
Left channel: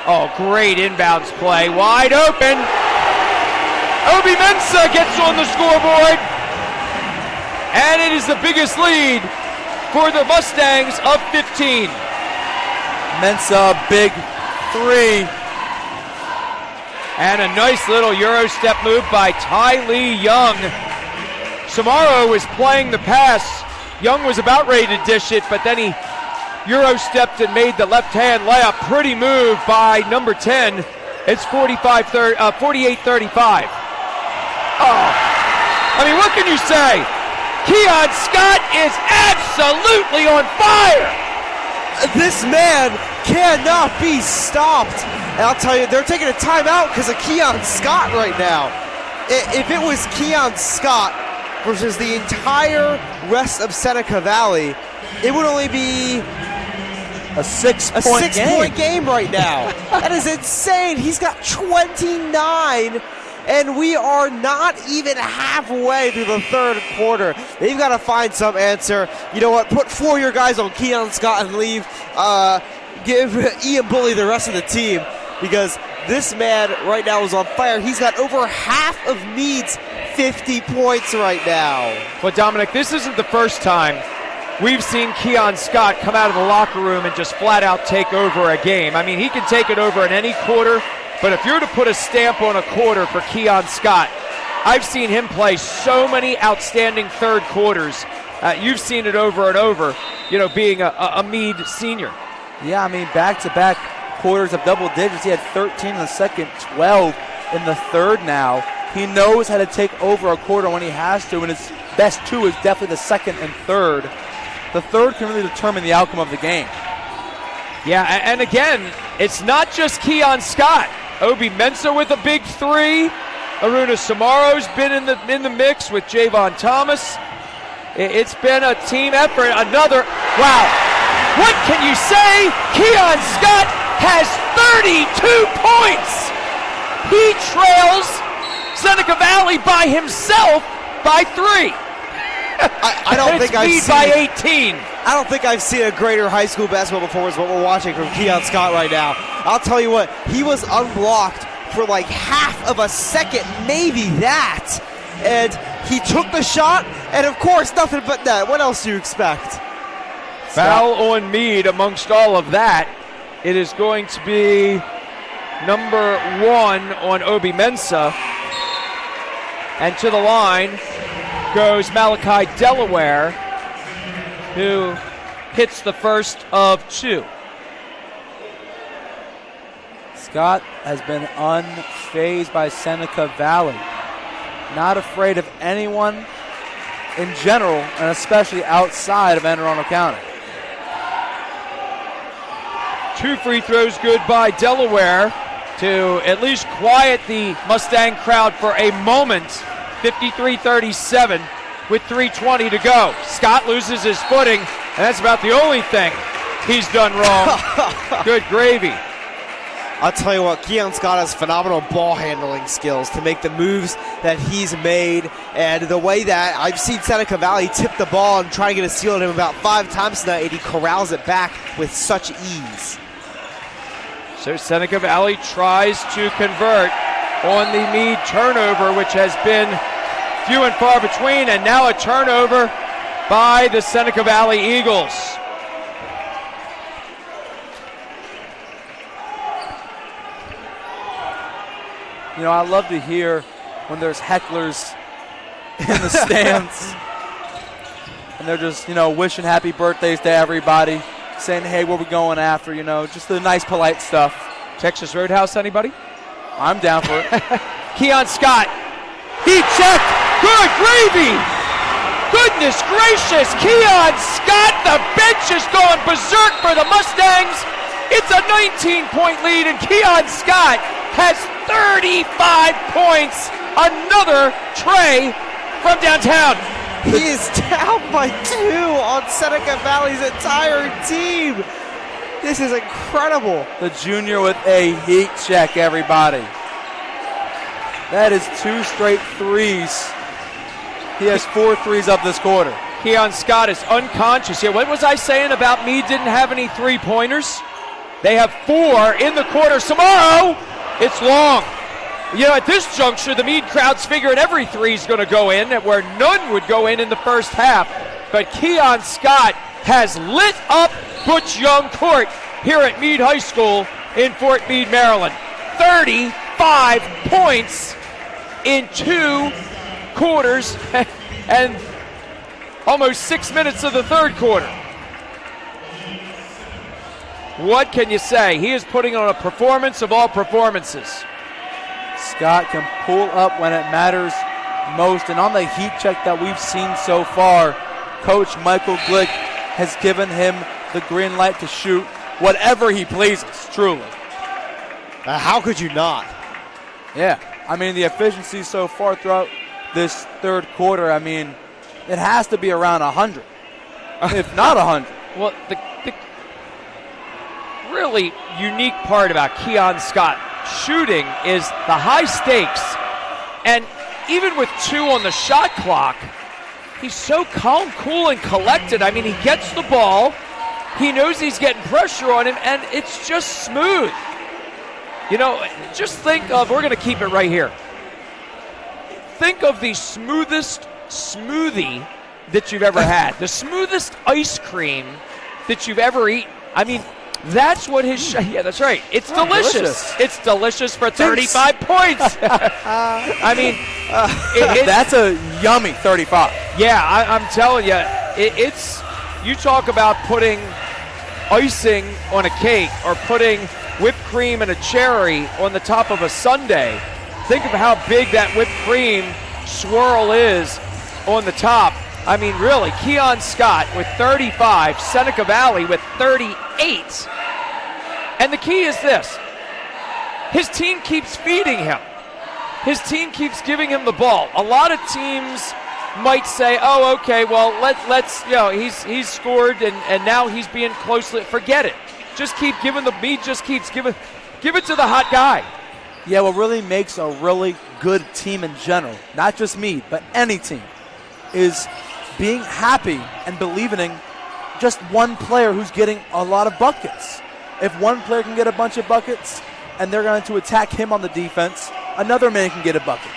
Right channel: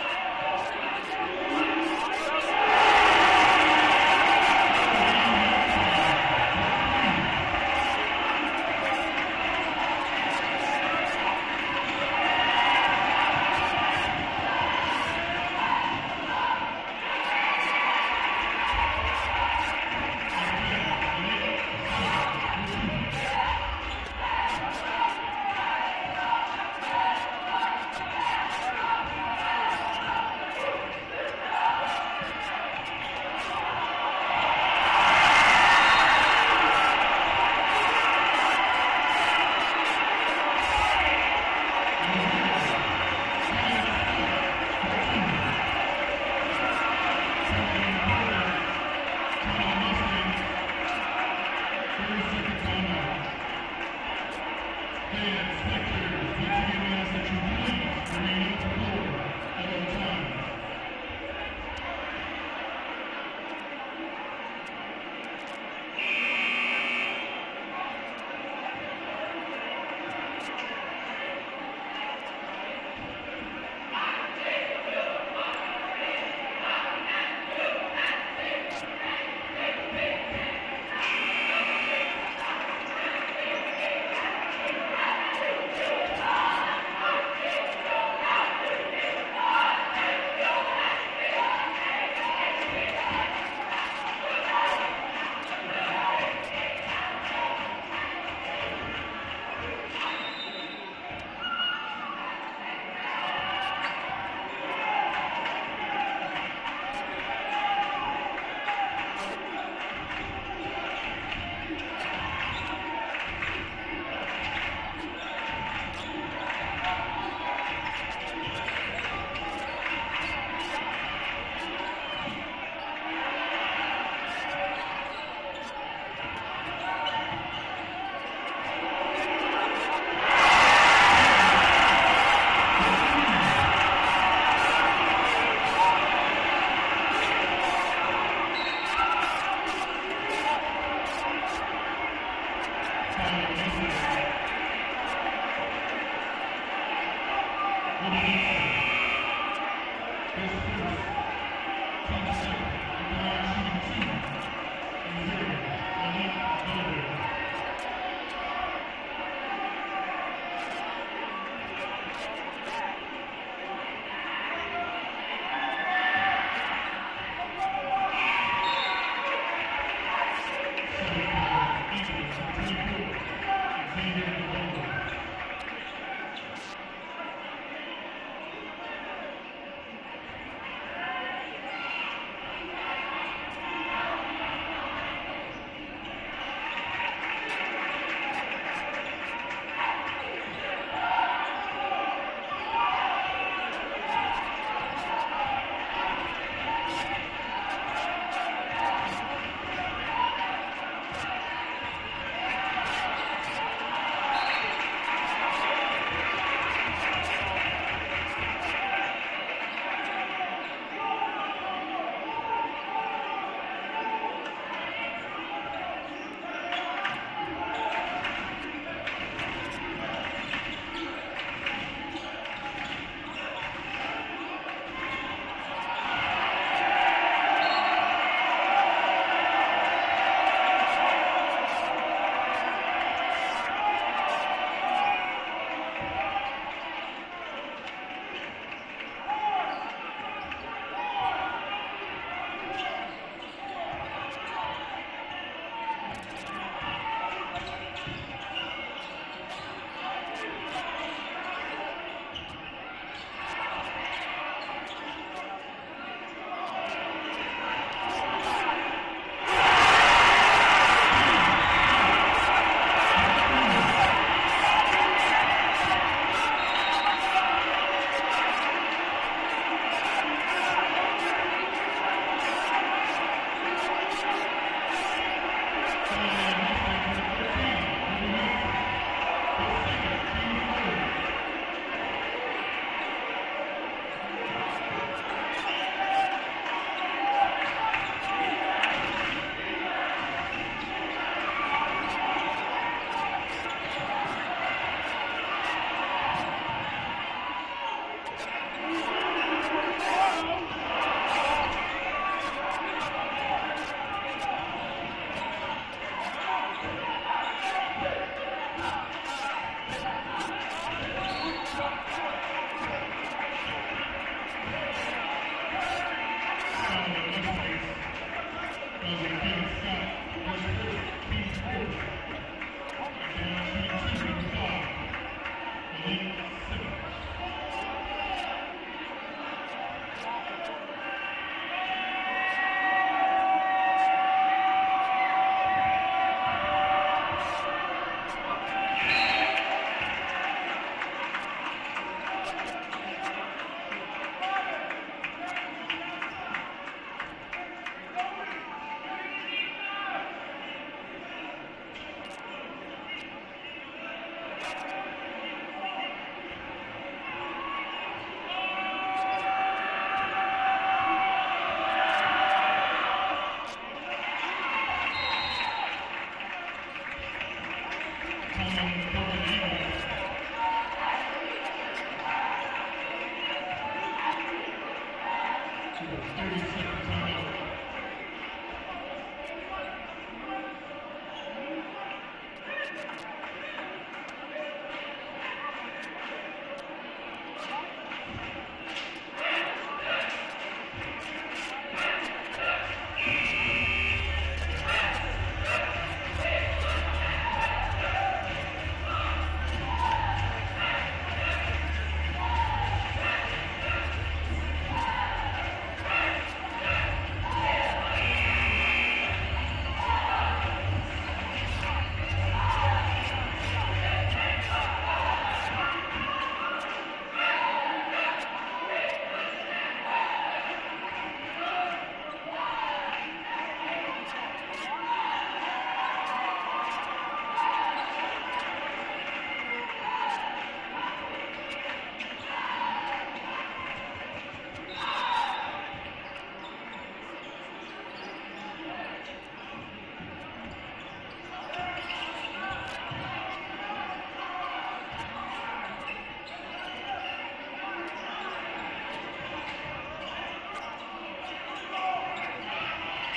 Oh, great inbounds play. Wide open. Obi Mensah gets on the scoreboard. And it is the biggest lead for the Mustangs of 15. Mensa, big three. And a nice little Euro step move by Ty Lee Young. Samaro was playing the pass. Young was about ready to dish it, but then he Euro stepped and made the left-hand layup. Pretty move by number 10. It's 48-35. I mean, what can you say? Keon Scott is absolutely on fire. This man cannot be stopped. And I'll tell you, they're taking a timeout because of Keon Scott right now. If it was Keon Scott versus the entire rest of Seneca Valley, it would only be A six-point game right now. That is insane. He's got 29, and we are not even halfway through the third quarter. They've got to find some answer. You know what? Put 4 of your guys on Keon Scott and leave. Give Ian Bully the rest of the team, because this man right now is on fire. He's got over half of Meade's 50 points right now. But Dominic, this isn't the first time we've seen Keon Scott come out of the locker room and just flat out take over a game. I mean, he can take it over in any quarter, but if you're to put a stamp on a quarter for Keon Scott, I've seen him play so many outstanding third quarters. You've seen it over and over, you know, being a Meade senior. Yeah, I mean, back-to-back quarters of double digits. He had 13 in the second, 12 in the third now. He knows how to take over a quarter when he has to, and his best two is definitely the second and third. The third can really determine the outcome of the game. Yeah, and again, it's not just Keon Scott. Obi Mensah with a big three. Aruna Samaro's been in the mix with Javon Thomas. It's been a team effort. Another, wow. What can you say? Keon Scott has 32 points. He trails Seneca Valley by himself by 3. I don't think I've Meade seen by 18. I don't think I've seen a greater high school basketball performance than what we're watching from Keon Scott right now. I'll tell you what, he was unblocked for like half of a second, maybe that. And he took the shot, and of course, nothing but that. What else do you expect? Foul on Meade amongst all of that. It is going to be number 1 on Obi Mensah. And to the line goes Malachi Delaware, who hits the first of 2. Scott has been unfazed by Seneca Valley. Not afraid of anyone in general, and especially outside of Anne Arundel County. 2 free throws good by Delaware to at least quiet the Mustang crowd for a moment. 53-37 with 3:20 to go. Scott loses his footing, and that's about the only thing he's done wrong. Good gravy. I'll tell you what, Keon Scott has phenomenal ball handling skills to make the moves that he's made, and the way that I've seen Seneca Valley tip the ball and try to get a steal on him about 5 times tonight, and he corrals it back with such ease. So Seneca Valley tries to convert on the Meade turnover, which has been few and far between, and now a turnover by the Seneca Valley Eagles. You know, I love to hear when there's hecklers in the stands and they're just, you know, wishing happy birthdays to everybody, saying, hey, what we going after, you know, just the nice, polite stuff. Texas Roadhouse, anybody? I'm down for it. Keon Scott, heat check, good gravy. Goodness gracious, Keon Scott, the bench is going berserk for the Mustangs. It's a 19-point lead, and Keon Scott has 35 points. Another tray from downtown. He is down by 2 on Seneca Valley's entire team. This is incredible. The junior with a heat check, everybody. That is 2 straight threes. He has 4 threes up this quarter. Keon Scott is unconscious here. What was I saying about Meade didn't have any three-pointers? They have 4 in the quarter. Samaro, it's long. You know, at this juncture, the Meade crowd's figuring every three's going to go in, where none would go in the first half. But Keon Scott has lit up Butch Young Court here at Meade High School in Fort Meade, Maryland. 35 points in 2 quarters and almost 6 minutes of the third quarter. What can you say? He is putting on a performance of all performances. Scott can pull up when it matters most, and on the heat check that we've seen so far, Coach Michael Glick has given him the green light to shoot whatever he pleases, truly. How could you not? Yeah, I mean, the efficiency so far throughout this third quarter, I mean, it has to be around 100, if not 100. Well, the really unique part about Keon Scott shooting is the high stakes. And even with 2 on the shot clock, he's so calm, cool, and collected. I mean, he gets the ball, he knows he's getting pressure on him, and it's just smooth. You know, just think of, we're going to keep it right here. Think of the smoothest smoothie that you've ever had. The smoothest ice cream that you've ever eaten. I mean, that's what his yeah, that's right. It's delicious. It's delicious for 35 points. I mean, that's a yummy 35. Yeah, I'm telling you, it's, you talk about putting icing on a cake or putting whipped cream and a cherry on the top of a sundae. Think of how big that whipped cream swirl is on the top. I mean, really, Keon Scott with 35, Seneca Valley with 38. And the key is this. His team keeps feeding him. His team keeps giving him the ball. A lot of teams might say, oh, okay, well, let's, you know, he's scored and now he's being closely, forget it. Just keep giving the beat, just keeps give it to the hot guy. Yeah, what really makes a really good team in general, not just me, but any team, is being happy and believing in just one player who's getting a lot of buckets. If one player can get a bunch of buckets and they're going to attack him on the defense, another man can get a bucket.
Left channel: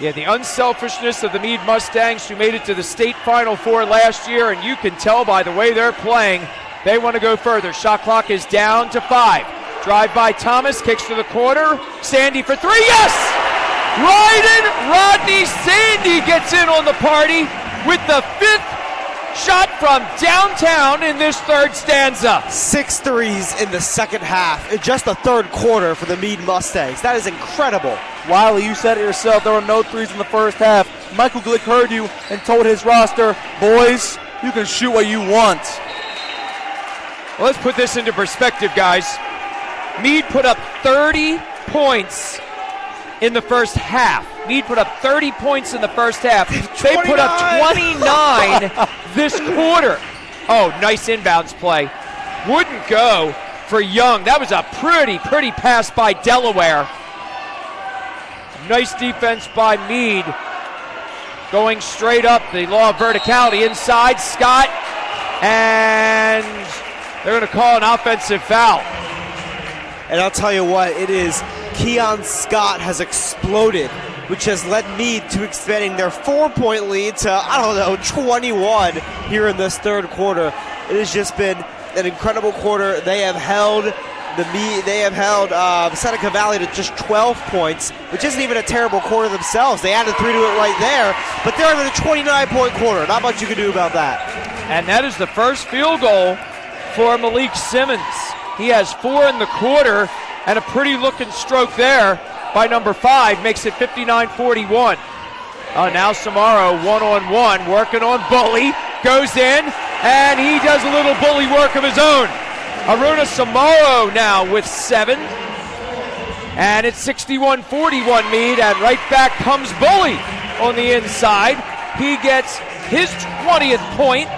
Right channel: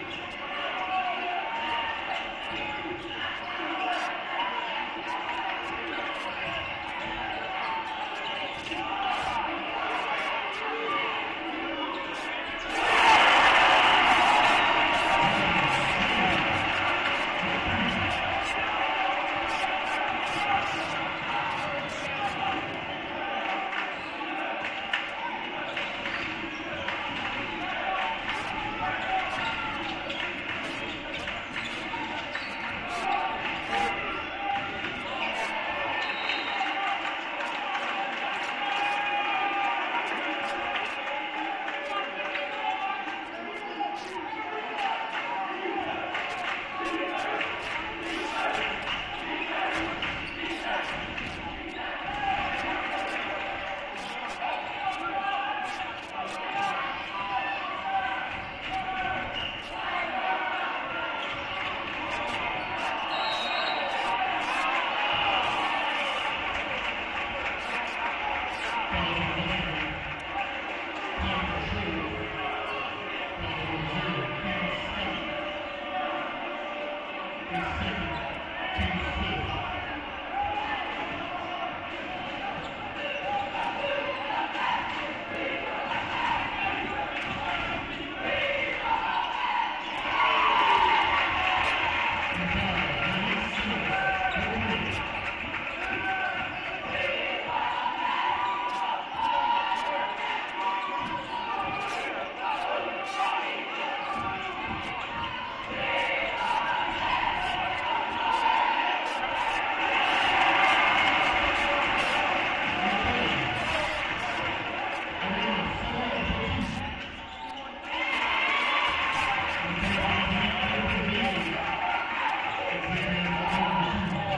Yeah, the unselfishness of the Meade Mustangs, who made it to the state Final Four last year, and you can tell by the way they're playing, they want to go further. Shot clock is down to 5. Drive by Thomas, kicks to the corner. Sandy for 3, yes! Ryden Rodney Sandy gets in on the party with the 5th shot from downtown in this third stanza. 6 threes in the second half in just the third quarter for the Meade Mustangs. That is incredible. Wiley, you said it yourself, there were no threes in the first half. Michael Glick heard you and told his roster, boys, you can shoot what you want. Well, let's put this into perspective, guys. Meade put up 30 points in the first half. Meade put up 30 points in the first half. They put up 29 this quarter. Oh, nice inbounds play. Wouldn't go for Young. That was a pretty pass by Delaware. Nice defense by Meade. Going straight up, the law of verticality inside. Scott, and they're going to call an offensive foul. And I'll tell you what, it is Keon Scott has exploded, which has led Meade to expanding their 4-point lead to, 21 here in this third quarter. It has just been an incredible quarter. They have held Seneca Valley to just 12 points, which isn't even a terrible quarter themselves. They added 3 to it right there, but they're in a 29-point quarter. Not much you can do about that. And that is the first field goal for Malik Simmons. He has 4 in the quarter, and a pretty looking stroke there by number 5 makes it 59-41. Now Samaro one-on-one, working on Bully, goes in, and he does a little bully work of his own. Aruna Samaro now with 7, and it's 61-41 Meade, and right back comes Bully on the inside. He gets his 20th point,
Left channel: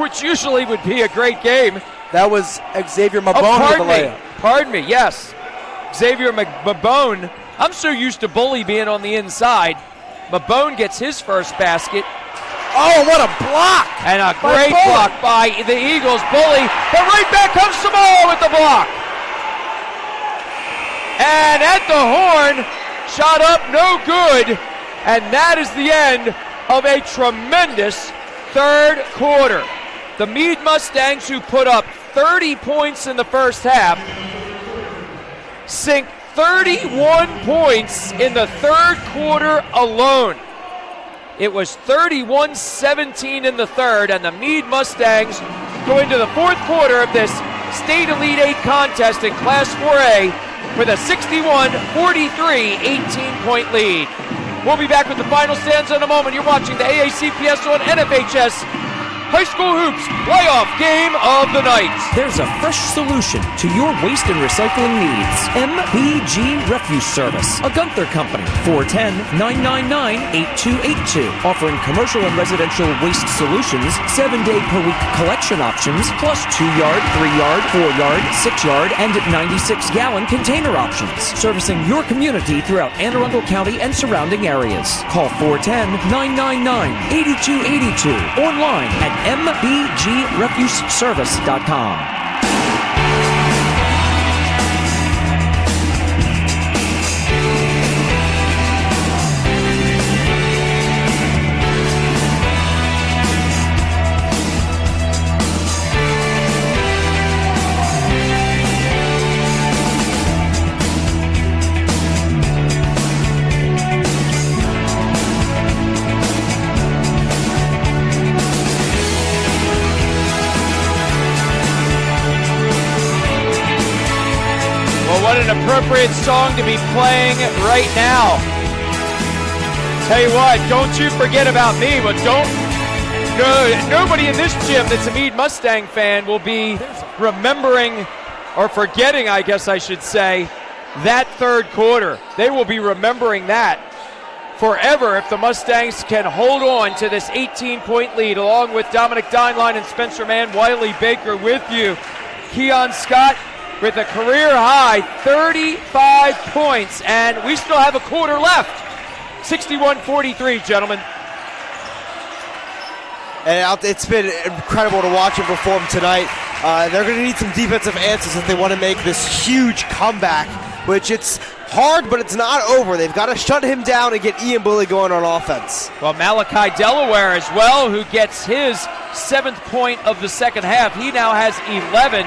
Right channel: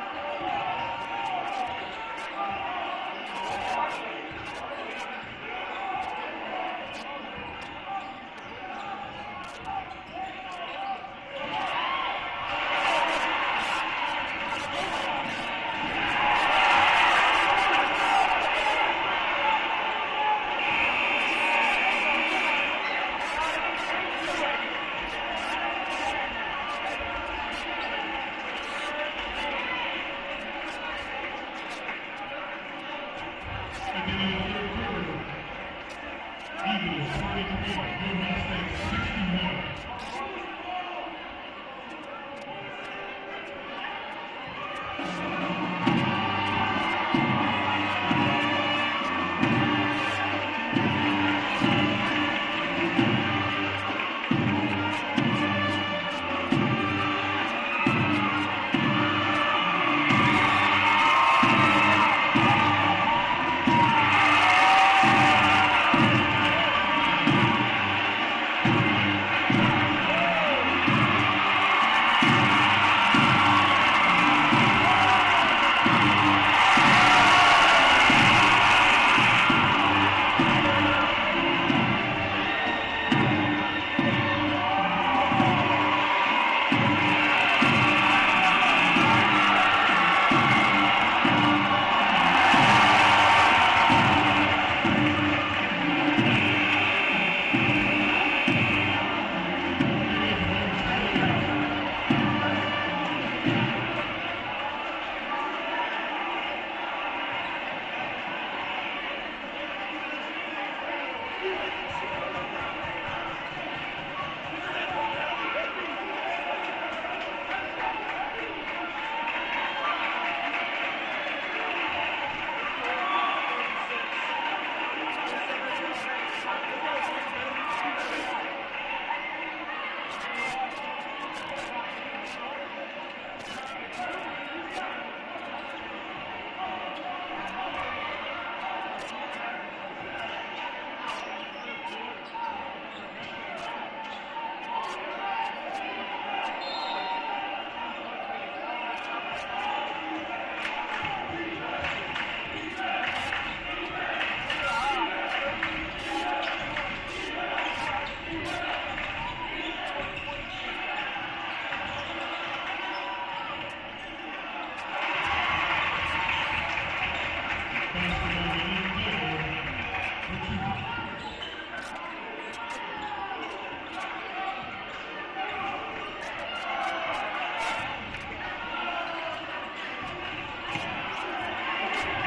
which usually would be a great game. That was Xavier Mabone. Pardon me, yes. Xavier Mabone. I'm so used to Bully being on the inside. Mabone gets his first basket. Oh, what a block! And a great block by the Eagles. Bully, but right back comes Samaro with the block. And at the horn, shot up, no good. And that is the end of a tremendous third quarter. The Meade Mustangs, who put up 30 points in the first half, sink 31 points in the third quarter alone. It was 31-17 in the third, and the Meade Mustangs go into the fourth quarter of this State Elite 8 contest in Class 4A with a 61-43 18-point lead. We'll be back with the final stands in a moment. You're watching the AACPS on NFHS High School Hoops Playoff Game of the Night. There's a fresh solution to your waste and recycling needs. MBG Refuse Service, a Gunther company. 410-999-8282. Offering commercial and residential waste solutions, 7-day per week collection options, plus 2-yard, 3-yard, 4-yard, 6-yard, and 96-gallon container options. Servicing your community throughout Anne Arundel County and surrounding areas. Call 410-999-8282. Online at mbgrefuseservice.com. What an appropriate song to be playing right now. Tell you what, don't you forget about me, but nobody in this gym that's a Meade Mustang fan will be remembering, or forgetting, I guess I should say, that third quarter. They will be remembering that forever if the Mustangs can hold on to this 18-point lead, along with Dominic Dineline and Spencer Mann, Wiley Baker with you. Keon Scott with a career-high 35 points, and we still have a quarter left. 61-43, gentlemen. And it's been incredible to watch him perform tonight. They're going to need some defensive answers if they want to make this huge comeback, which it's hard, but it's not over. They've got to shut him down and get Ian Bully going on offense. Well, Malachi Delaware as well, who gets his 7th point of the second half. He now has 11.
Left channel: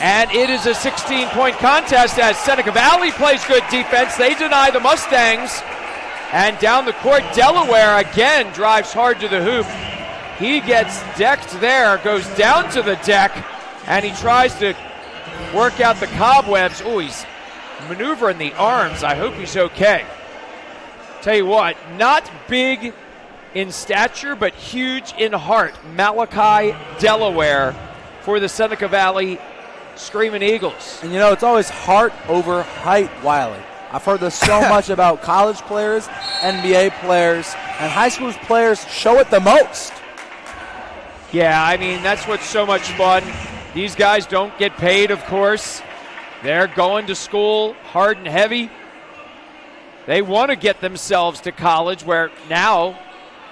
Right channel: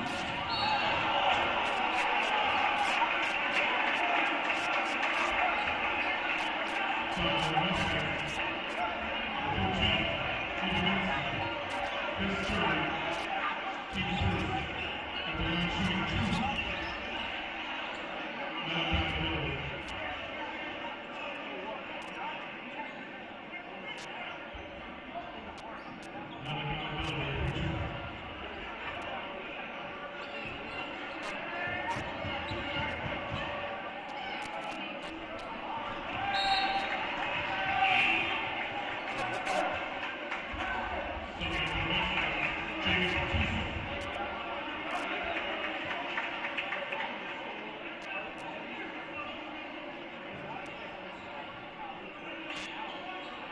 And it is a 16-point contest as Seneca Valley plays good defense. They deny the Mustangs. And down the court, Delaware again drives hard to the hoop. He gets decked there, goes down to the deck, and he tries to work out the cobwebs. Oh, he's maneuvering the arms. I hope he's okay. Tell you what, not big in stature, but huge in heart. Malachi Delaware for the Seneca Valley Screaming Eagles. And you know, it's always heart over height, Wiley. I've heard this so much about college players, NBA players, and high school players show it the most. Yeah, I mean, that's what's so much fun. These guys don't get paid, of course. They're going to school hard and heavy. They want to get themselves to college, where now,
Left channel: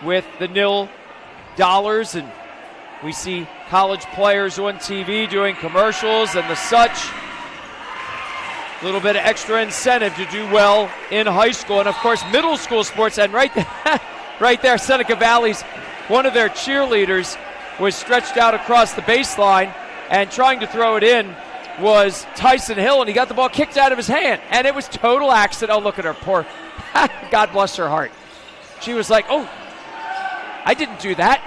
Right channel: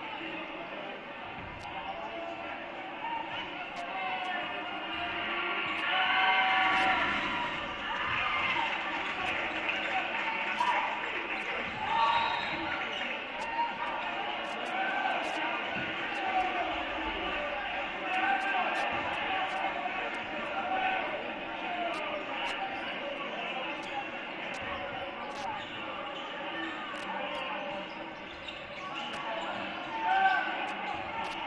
with the nil dollars, and we see college players on TV doing commercials and the such. A little bit of extra incentive to do well in high school, and of course middle school sports. And right there, Seneca Valley's one of their cheerleaders was stretched out across the baseline, and trying to throw it in was Tyson Hill, and he got the ball kicked out of his hand, and it was total accident. Oh, look at her, poor, God bless her heart. She was like, oh, I didn't do that.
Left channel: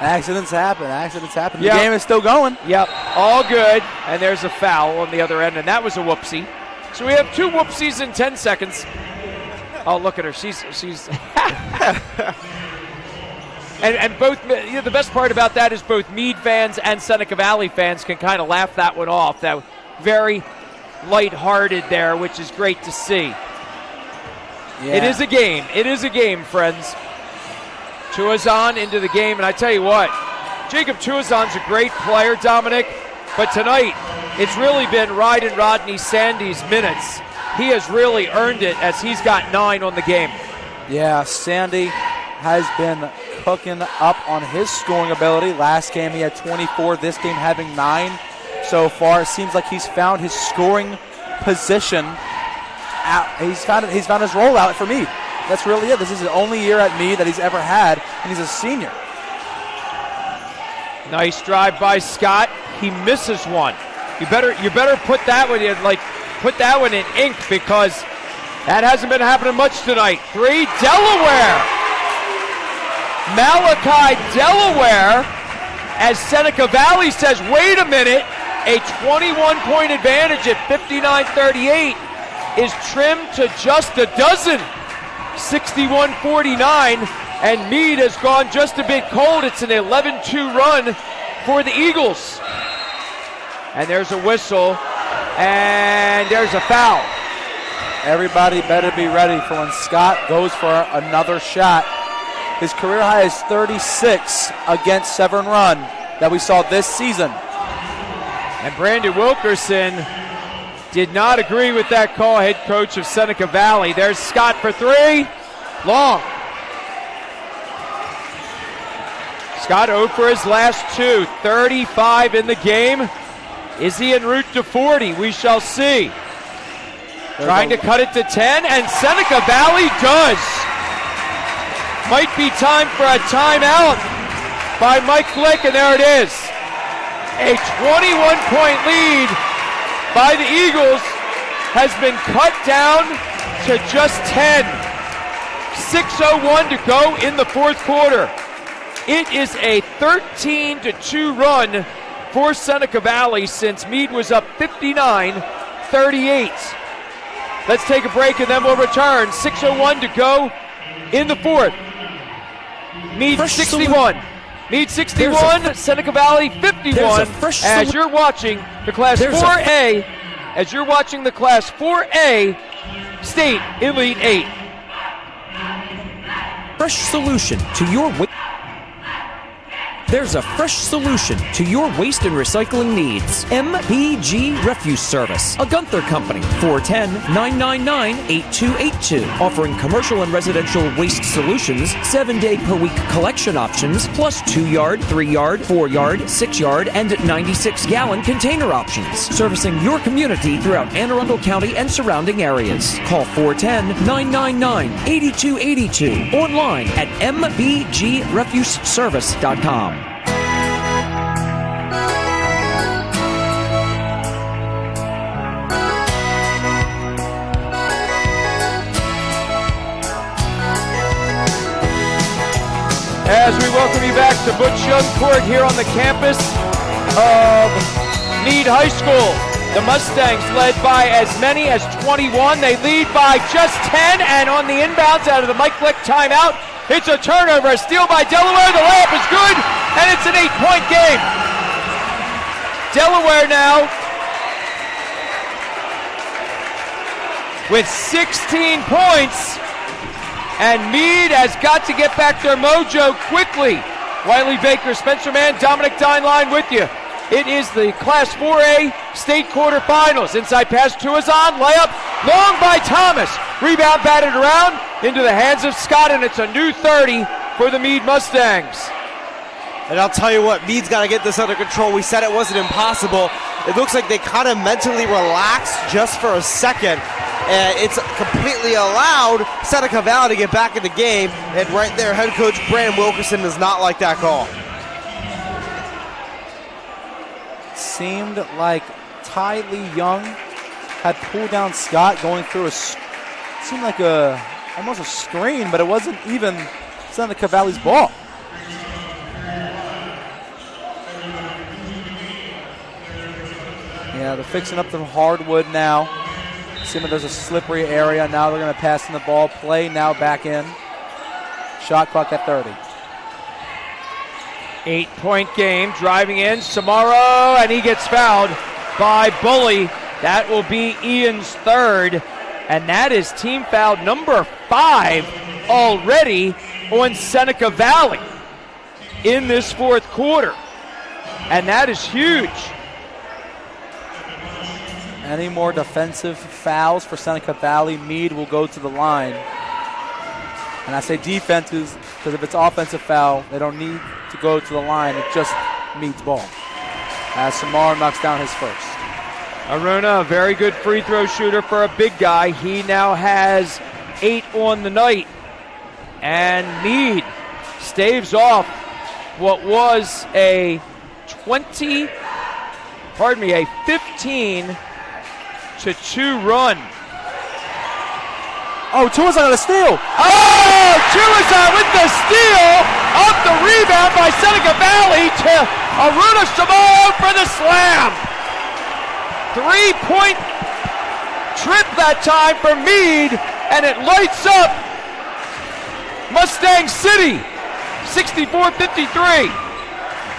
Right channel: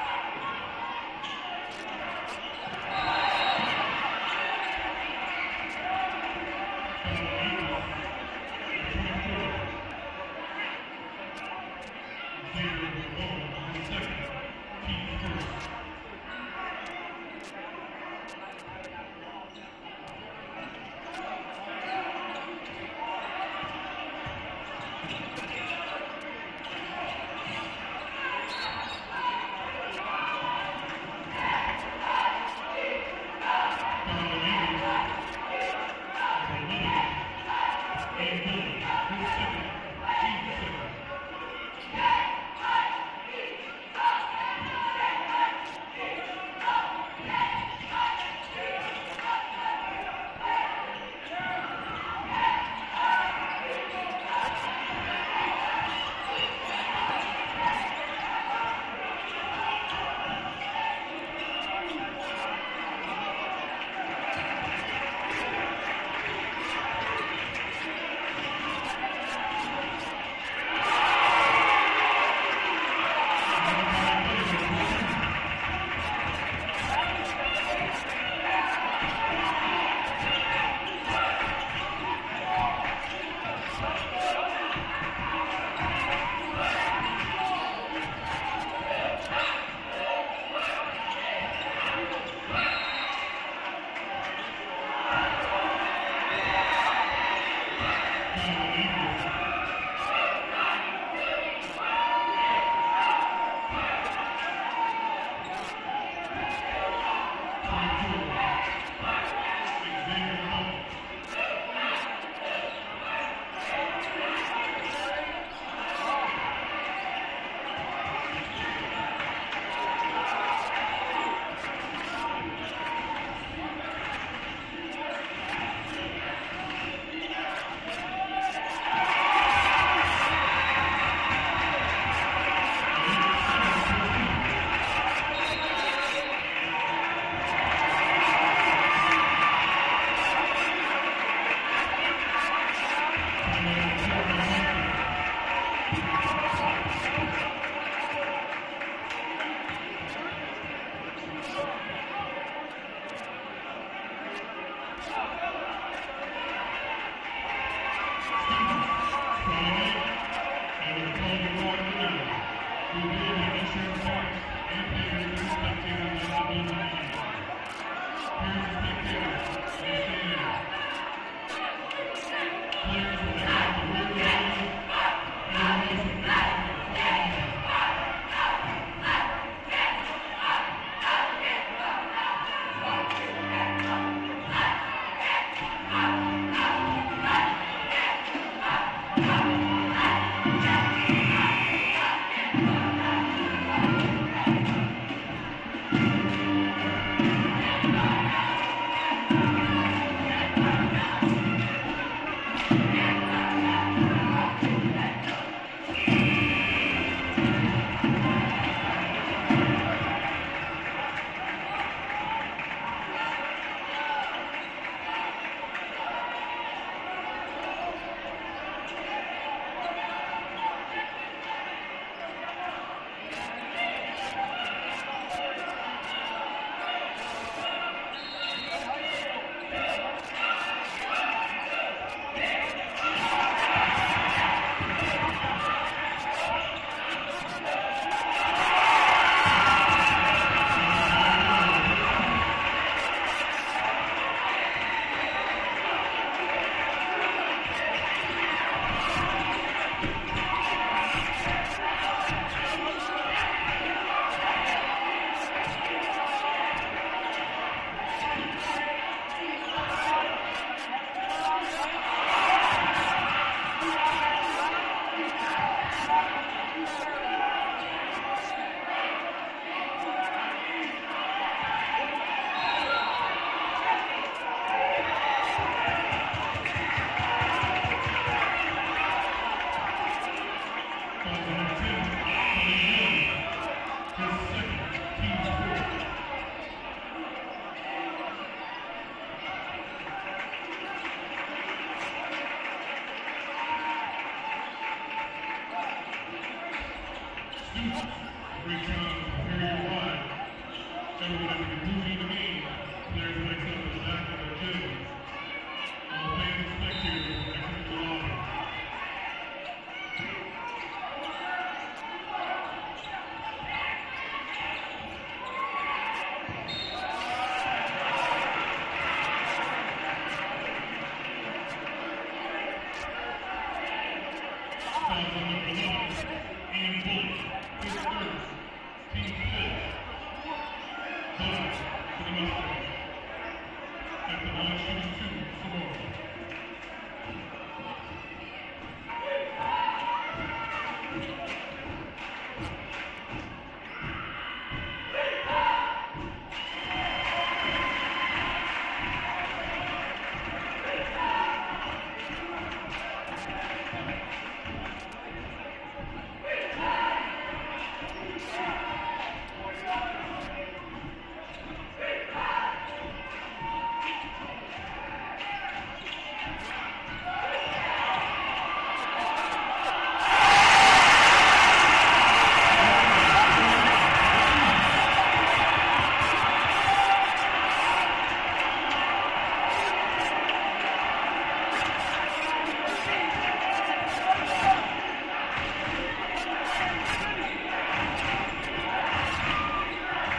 Accidents happen. Yep. The game is still going. Yep, all good. And there's a foul on the other end, and that was a whoopsie. So we have 2 whoopsies in 10 seconds. Oh, look at her. She's and both, you know, the best part about that is both Meade fans and Seneca Valley fans can kind of laugh that one off. That was very lighthearted there, which is great to see. Yeah. It is a game. It is a game, friends. Tuazon into the game, and I tell you what, Jacob Tuazon's a great player, Dominic, but tonight it's really been Ryden Rodney Sandy's minutes. He has really earned it as he's got 9 on the game. Yeah, Sandy has been cooking up on his scoring ability. Last game he had 24, this game having 9 so far. It seems like he's found his scoring position. He's found his rollout for me. That's really it. This is the only year at Meade that he's ever had, and he's a senior. Nice drive by Scott. He misses one. You better put that one in, put that one in ink, because that hasn't been happening much tonight. 3, Delaware. Malachi Delaware, as Seneca Valley says, wait a minute, a 21-point advantage at 59-38 is trimmed to just a dozen. 61-49, and Meade has gone just a bit cold. It's an 11-2 run for the Eagles. And there's a whistle, and there's a foul. Everybody better be ready for when Scott goes for another shot. His career high is 36 against Severn Run that we saw this season. And Brandon Wilkerson did not agree with that call, head coach of Seneca Valley. There's Scott for 3. Long. Scott 0 for his last 2. 35 in the game. Is he en route to 40? We shall see. Trying to cut it to 10, and Seneca Valley does. Might be time for a timeout by Mike Glick, and there it is. A 21-point lead by the Eagles has been cut down to just 10. 6:01 to go in the fourth quarter. It is a 13-2 run for Seneca Valley since Meade was up 59-38. Let's take a break and then we'll return. 6:01 to go in the fourth. Meade 61. Meade 61, Seneca Valley 51. As you're watching the Class 4A, State Elite 8. Fresh solution to your There's a fresh solution to your waste and recycling needs. MPG Refuse Service, a Gunther company. 410-999-8282. Offering commercial and residential waste solutions, 7-day-per-week collection options, plus 2-yard, 3-yard, 4-yard, 6-yard, and 96-gallon container options. Servicing your community throughout Anne Arundel County and surrounding areas. Call 410-999-8282. Online at mbgrefuseservice.com. As we welcome you back to Butch Young Court here on the campus of Meade High School. The Mustangs led by as many as 21. They lead by just 10, and on the inbounds out of the Mike Glick timeout, it's a turnover, a steal by Delaware. The layup is good, and it's an 8-point game. Delaware now with 16 points. And Meade has got to get back their mojo quickly. Wiley Baker, Spencer Mann, Dominic Dineline with you. It is the Class 4A state quarterfinals. Inside pass to Azan, layup, long by Thomas. Rebound batted around into the hands of Scott, and it's a new 30 for the Meade Mustangs. And I'll tell you what, Meade's got to get this under control. We said it wasn't impossible. It looks like they kind of mentally relaxed just for a second. And it's completely allowed Seneca Valley to get back in the game. And right there, head coach Brandon Wilkerson does not like that call. Seemed like Ty Lee Young had pulled down Scott going through seemed like almost a screen, but it wasn't even Seneca Valley's ball. Yeah, they're fixing up the hardwood now. Seeing there's a slippery area. Now they're going to pass in the ball. Play now back in. Shot clock at 30. 8-point game, driving in, Samaro, and he gets fouled by Bully. That will be Ian's third, and that is team foul number 5 already on Seneca Valley in this fourth quarter, and that is huge. Any more defensive fouls for Seneca Valley, Meade will go to the line. And I say defenses because if it's offensive foul, they don't need to go to the line. It just Meade's ball. As Samar knocks down his first. Aruna, a very good free throw shooter for a big guy. He now has 8 on the night. And Meade staves off what was a 15-2 run. Oh, Tua's on a steal. Oh, Tuazon with the steal, off the rebound by Seneca Valley to Aruna Samaro for the slam. 3-point trip that time for Meade, and it lights up Mustang City, 64-53.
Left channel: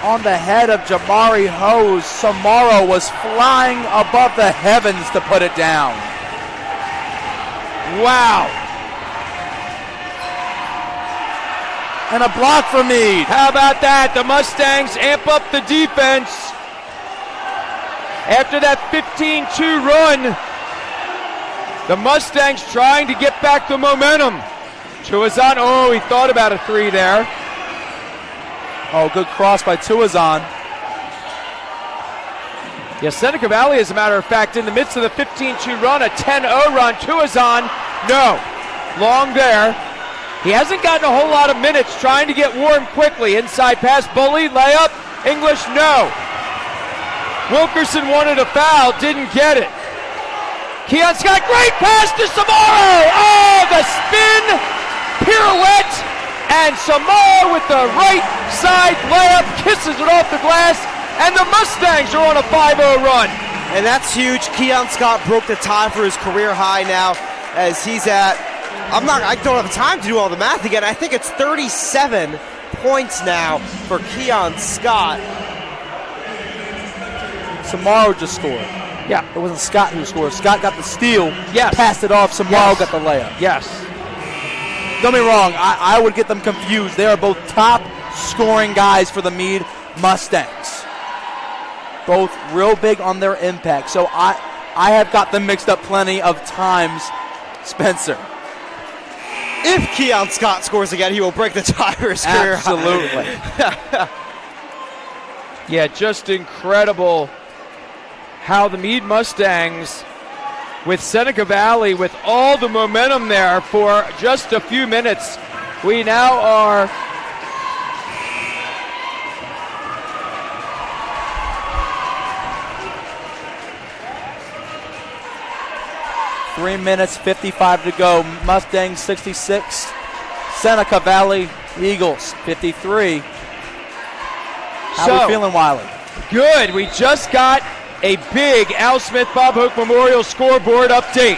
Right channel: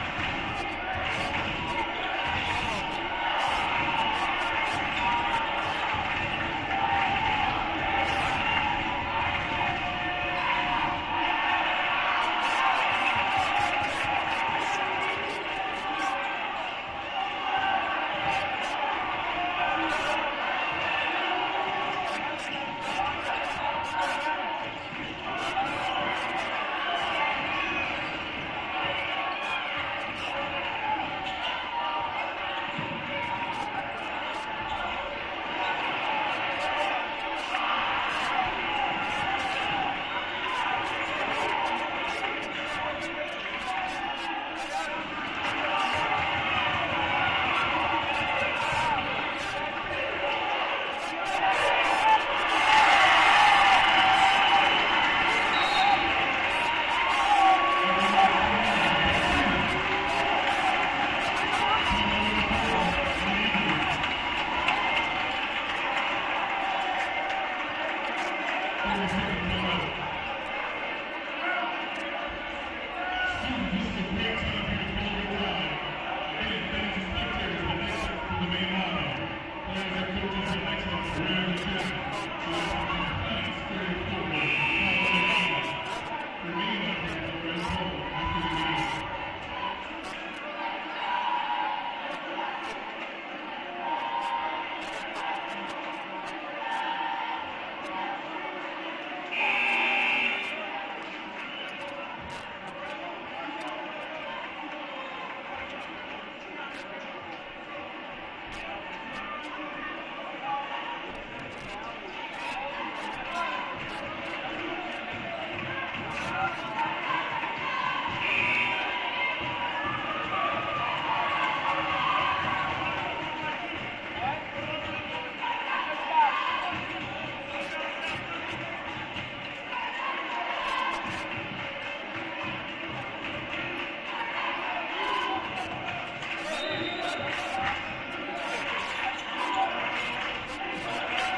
On the head of Jamari Hose, Samaro was flying above the heavens to put it down. Wow. And a block for Meade. How about that? The Mustangs amp up the defense. After that 15-2 run, the Mustangs trying to get back the momentum. Tuazon, oh, he thought about a three there. Oh, good cross by Tuazon. Yeah, Seneca Valley, as a matter of fact, in the midst of the 15-2 run, a 10-0 run. Tuazon, no, long there. He hasn't gotten a whole lot of minutes, trying to get warm quickly. Inside pass, Bully, layup, English, no. Wilkerson wanted a foul, didn't get it. Keon Scott, great pass to Samaro. Oh, the spin, pirouette, and Samaro with the right side layup, kisses it off the glass, and the Mustangs are on a 5-0 run. And that's huge. Keon Scott broke the tie for his career high now, as he's at, I don't have time to do all the math again. I think it's 37 points now for Keon Scott. Samaro just scored. Yeah. It wasn't Scott who scored. Scott got the steal, Yes. passed it off, Samaro got the layup. Yes. Don't be wrong, I would get them confused. They are both top scoring guys for the Meade Mustangs. Both real big on their impact. So I have got them mixed up plenty of times, Spencer. If Keon Scott scores again, he will break the tie for his career high. Absolutely. Yeah, just incredible how the Meade Mustangs, with Seneca Valley, with all the momentum there for just a few minutes. We now are Three minutes, 55 to go. Mustangs 66. Seneca Valley Eagles 53. How So- we feeling, Wiley? good. We just got a big Al Smith Bob Hoke Memorial scoreboard update.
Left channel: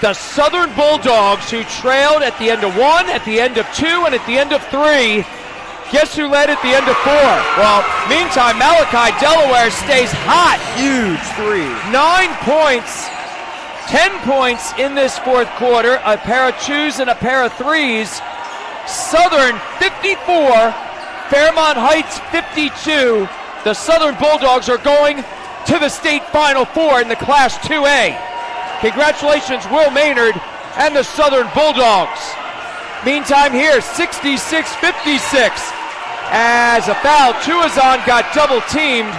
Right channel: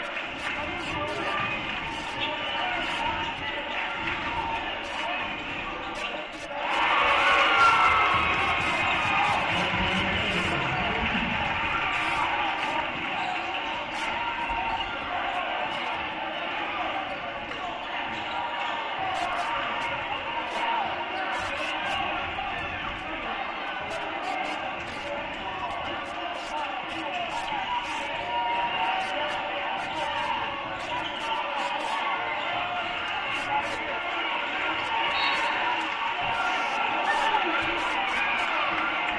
The Southern Bulldogs, who trailed at the end of 1, at the end of 2, and at the end of 3, guess who led at the end of 4? Well, meantime, Malachi, Delaware stays hot. Huge three. 9 points, 10 points in this fourth quarter, a pair of 2s and a pair of 3s. Southern 54, Fairmont Heights 52. The Southern Bulldogs are going to the state Final Four in the Class 2A. Congratulations, Will Maynard and the Southern Bulldogs. Meantime here, 66-56. As a foul, Tuazon got double teamed.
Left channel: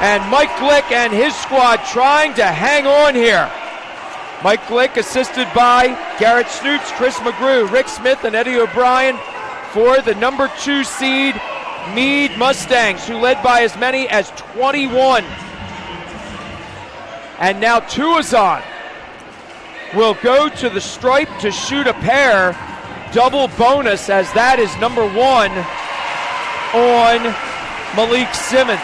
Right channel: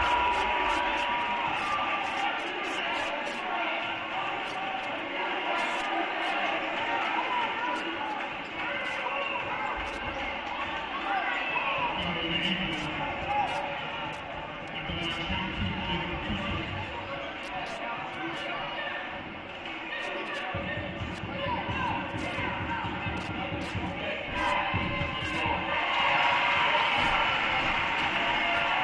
And Mike Glick and his squad trying to hang on here. Mike Glick assisted by Garrett Snoots, Chris McGrew, Rick Smith, and Eddie O'Brien for the number 2 seed Meade Mustangs, who led by as many as 21. And now Tuazon will go to the stripe to shoot a pair. Double bonus, as that is number 1 on Malik Simmons.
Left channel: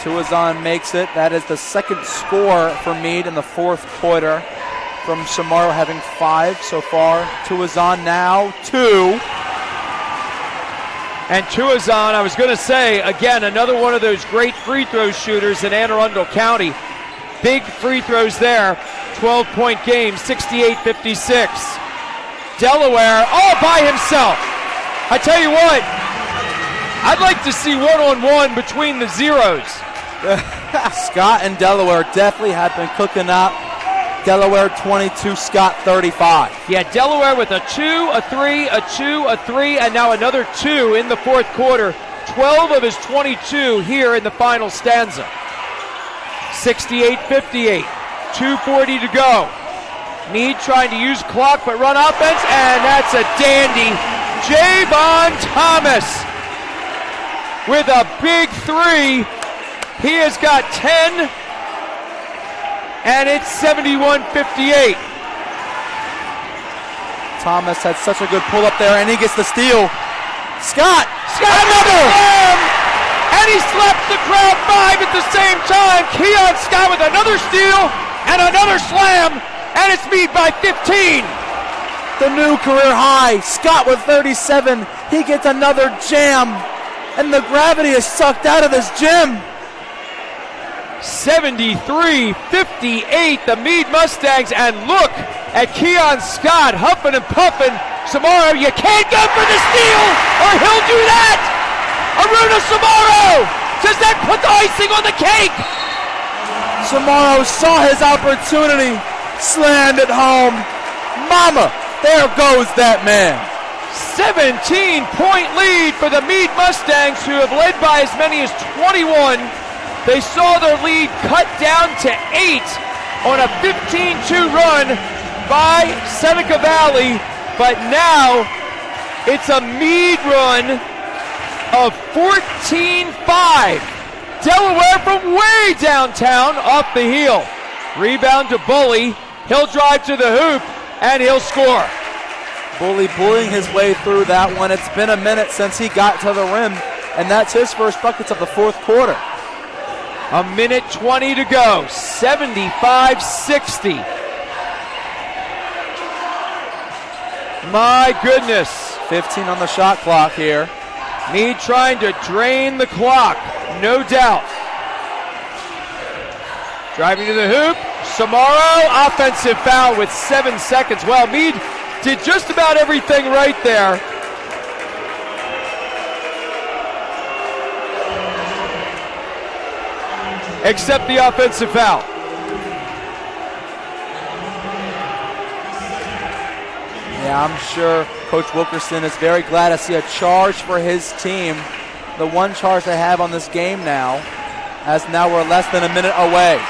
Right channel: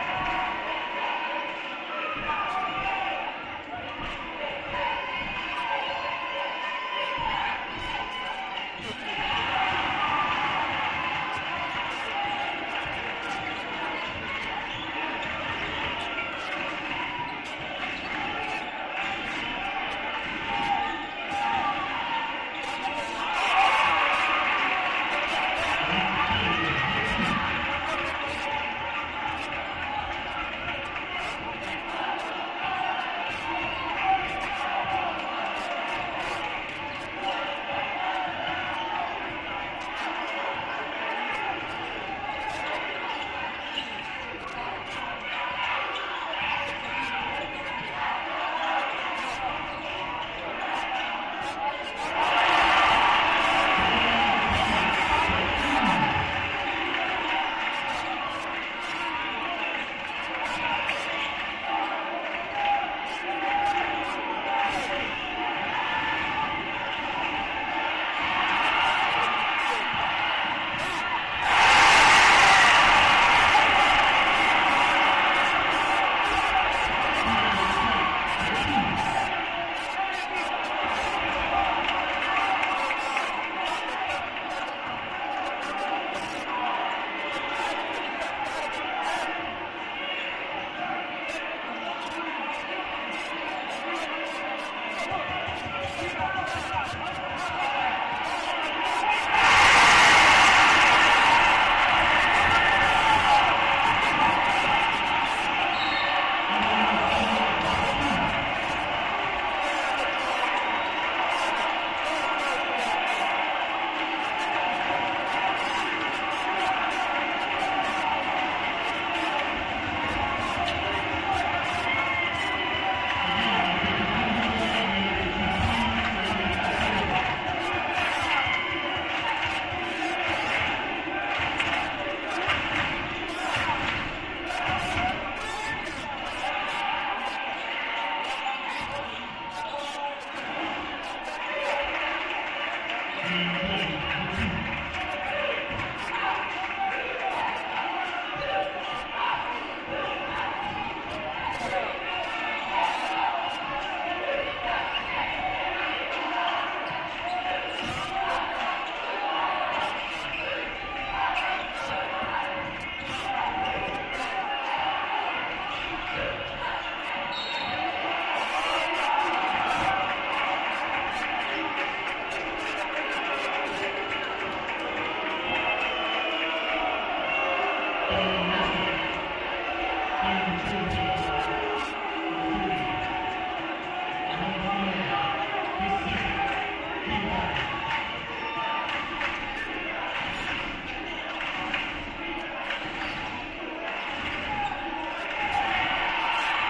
Tuazon makes it. That is the second score for Meade in the fourth quarter, from Samaro having 5 so far. Tuazon now 2. And Tuazon, I was going to say, again, another one of those great free throw shooters in Anne Arundel County. Big free throws there. 12-point game, 68-56. Delaware all by himself. I tell you what, I'd like to see one-on-one between the zeros. Scott and Delaware definitely have been cooking up. Delaware 22, Scott 35. Yeah, Delaware with a 2, a 3, a 2, a 3, and now another 2 in the fourth quarter. 12 of his 22 here in the final stanza. 68-58, 2:40 to go. Meade trying to use clock but run offense, and that's a dandy. Javon Thomas with a big three. He has got 10, and it's 71-58. Thomas had such a good pull up there, and he gets the steal. Scott! Another! And he slaps the crowd 5 at the same time. Keon Scott with another steal and another slam, and it's Meade by 15. The new career high. Scott with 37. He gets another jam, and the gravity is sucked out of this gym. 73-58, the Meade Mustangs, and look at Keon Scott huffing and puffing. Samaro, you can't go for the steal, or he'll do that. Aruna Samaro, does that put the icing on the cake? Samaro saw his opportunity, slammed it home. Mama, there goes that man. 17-point lead for the Meade Mustangs, who have led by as many as 21. They saw their lead cut down to 8 on a 15-2 run by Seneca Valley, but now it's a Meade run of 14-5. Delaware from way downtown off the heel. Rebound to Bully. He'll drive to the hoop, and he'll score. Bully bullying his way through that one. It's been a minute since he got to the rim, and that's his first buckets of the fourth quarter. A minute 20 to go, 75-60. My goodness. 15 on the shot clock here. Meade trying to drain the clock, no doubt. Driving to the hoop, Samaro, offensive foul with 7 seconds. Well, Meade did just about everything right there. Except the offensive foul. Yeah, I'm sure Coach Wilkerson is very glad to see a charge for his team. The one charge they have on this game now, as now we're less than a minute away.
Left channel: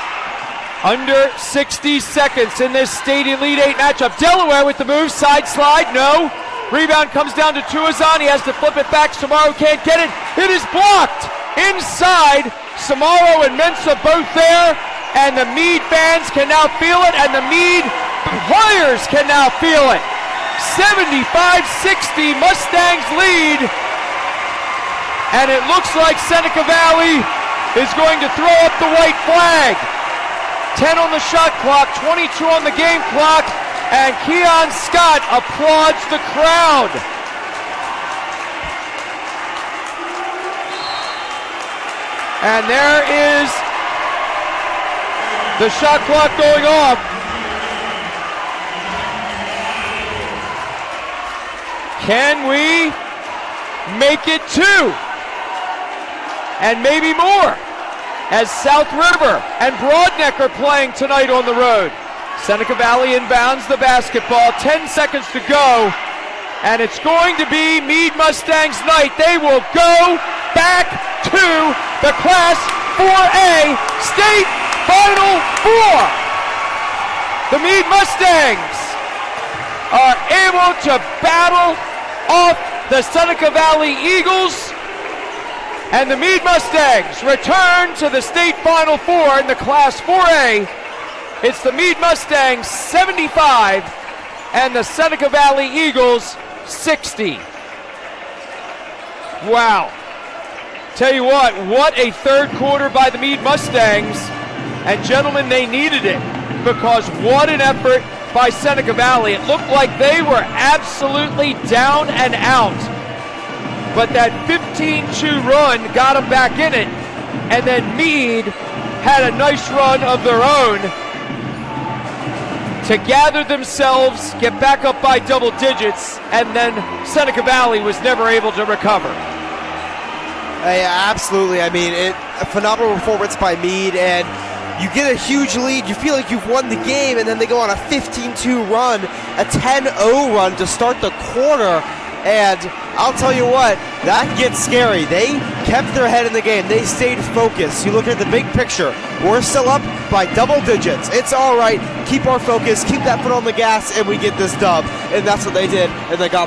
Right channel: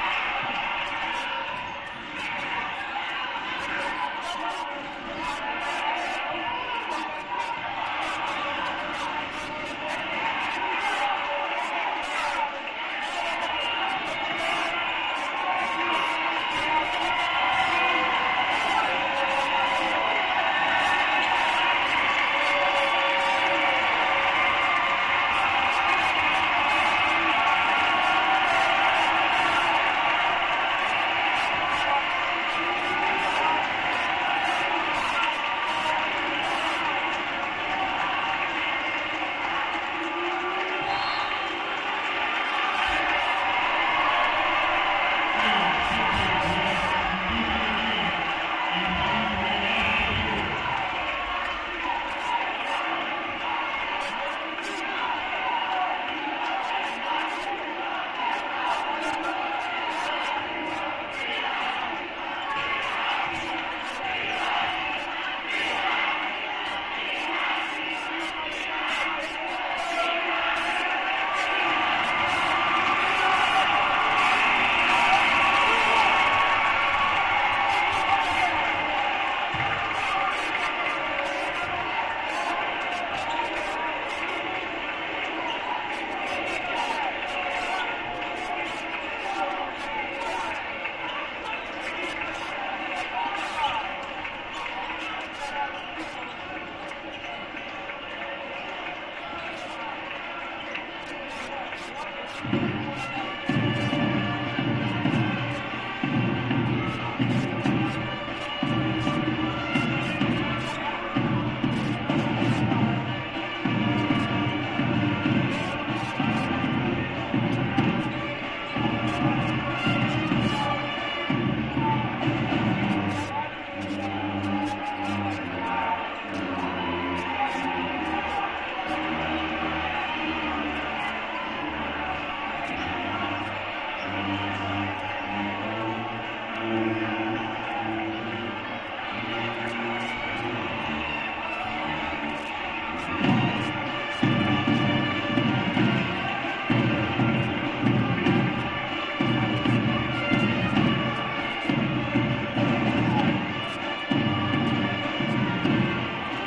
Under 60 seconds in this state Elite 8 matchup. Delaware with the move, side slide, no. Rebound comes down to Tuazan, he has to flip it back, Samaro can't get it. It is blocked inside. Samaro and Mensa both there, and the Meade fans can now feel it, and the Meade players can now feel it. 75-60, Mustangs lead, and it looks like Seneca Valley is going to throw up the white flag. 10 on the shot clock, 22 on the game clock, and Keon Scott applauds the crowd. And there is the shot clock going off. Can we make it 2? And maybe more, as South River and Broadneck are playing tonight on the road. Seneca Valley inbounds the basketball, 10 seconds to go, and it's going to be Meade Mustangs night. They will go back to the Class 4A State Final Four. The Meade Mustangs are able to battle off the Seneca Valley Eagles, and the Meade Mustangs return to the state Final Four in the Class 4A. It's the Meade Mustangs 75 and the Seneca Valley Eagles 60. Wow. Tell you what a third quarter by the Meade Mustangs. And gentlemen, they needed it, because what an effort by Seneca Valley. It looked like they were absolutely down and out. But that 15-2 run got them back in it. And then Meade had a nice run of their own to gather themselves, get back up by double digits, and then Seneca Valley was never able to recover. Absolutely. I mean, a phenomenal performance by Meade, and you get a huge lead, you feel like you've won the game, and then they go on a 15-2 run, a 10-0 run to start the quarter. And I'll tell you what, that gets scary. They kept their head in the game. They stayed focused. You look at the big picture. We're still up by double digits. It's all right. Keep our focus. Keep that foot on the gas, and we get this dub. And that's what they did, and they got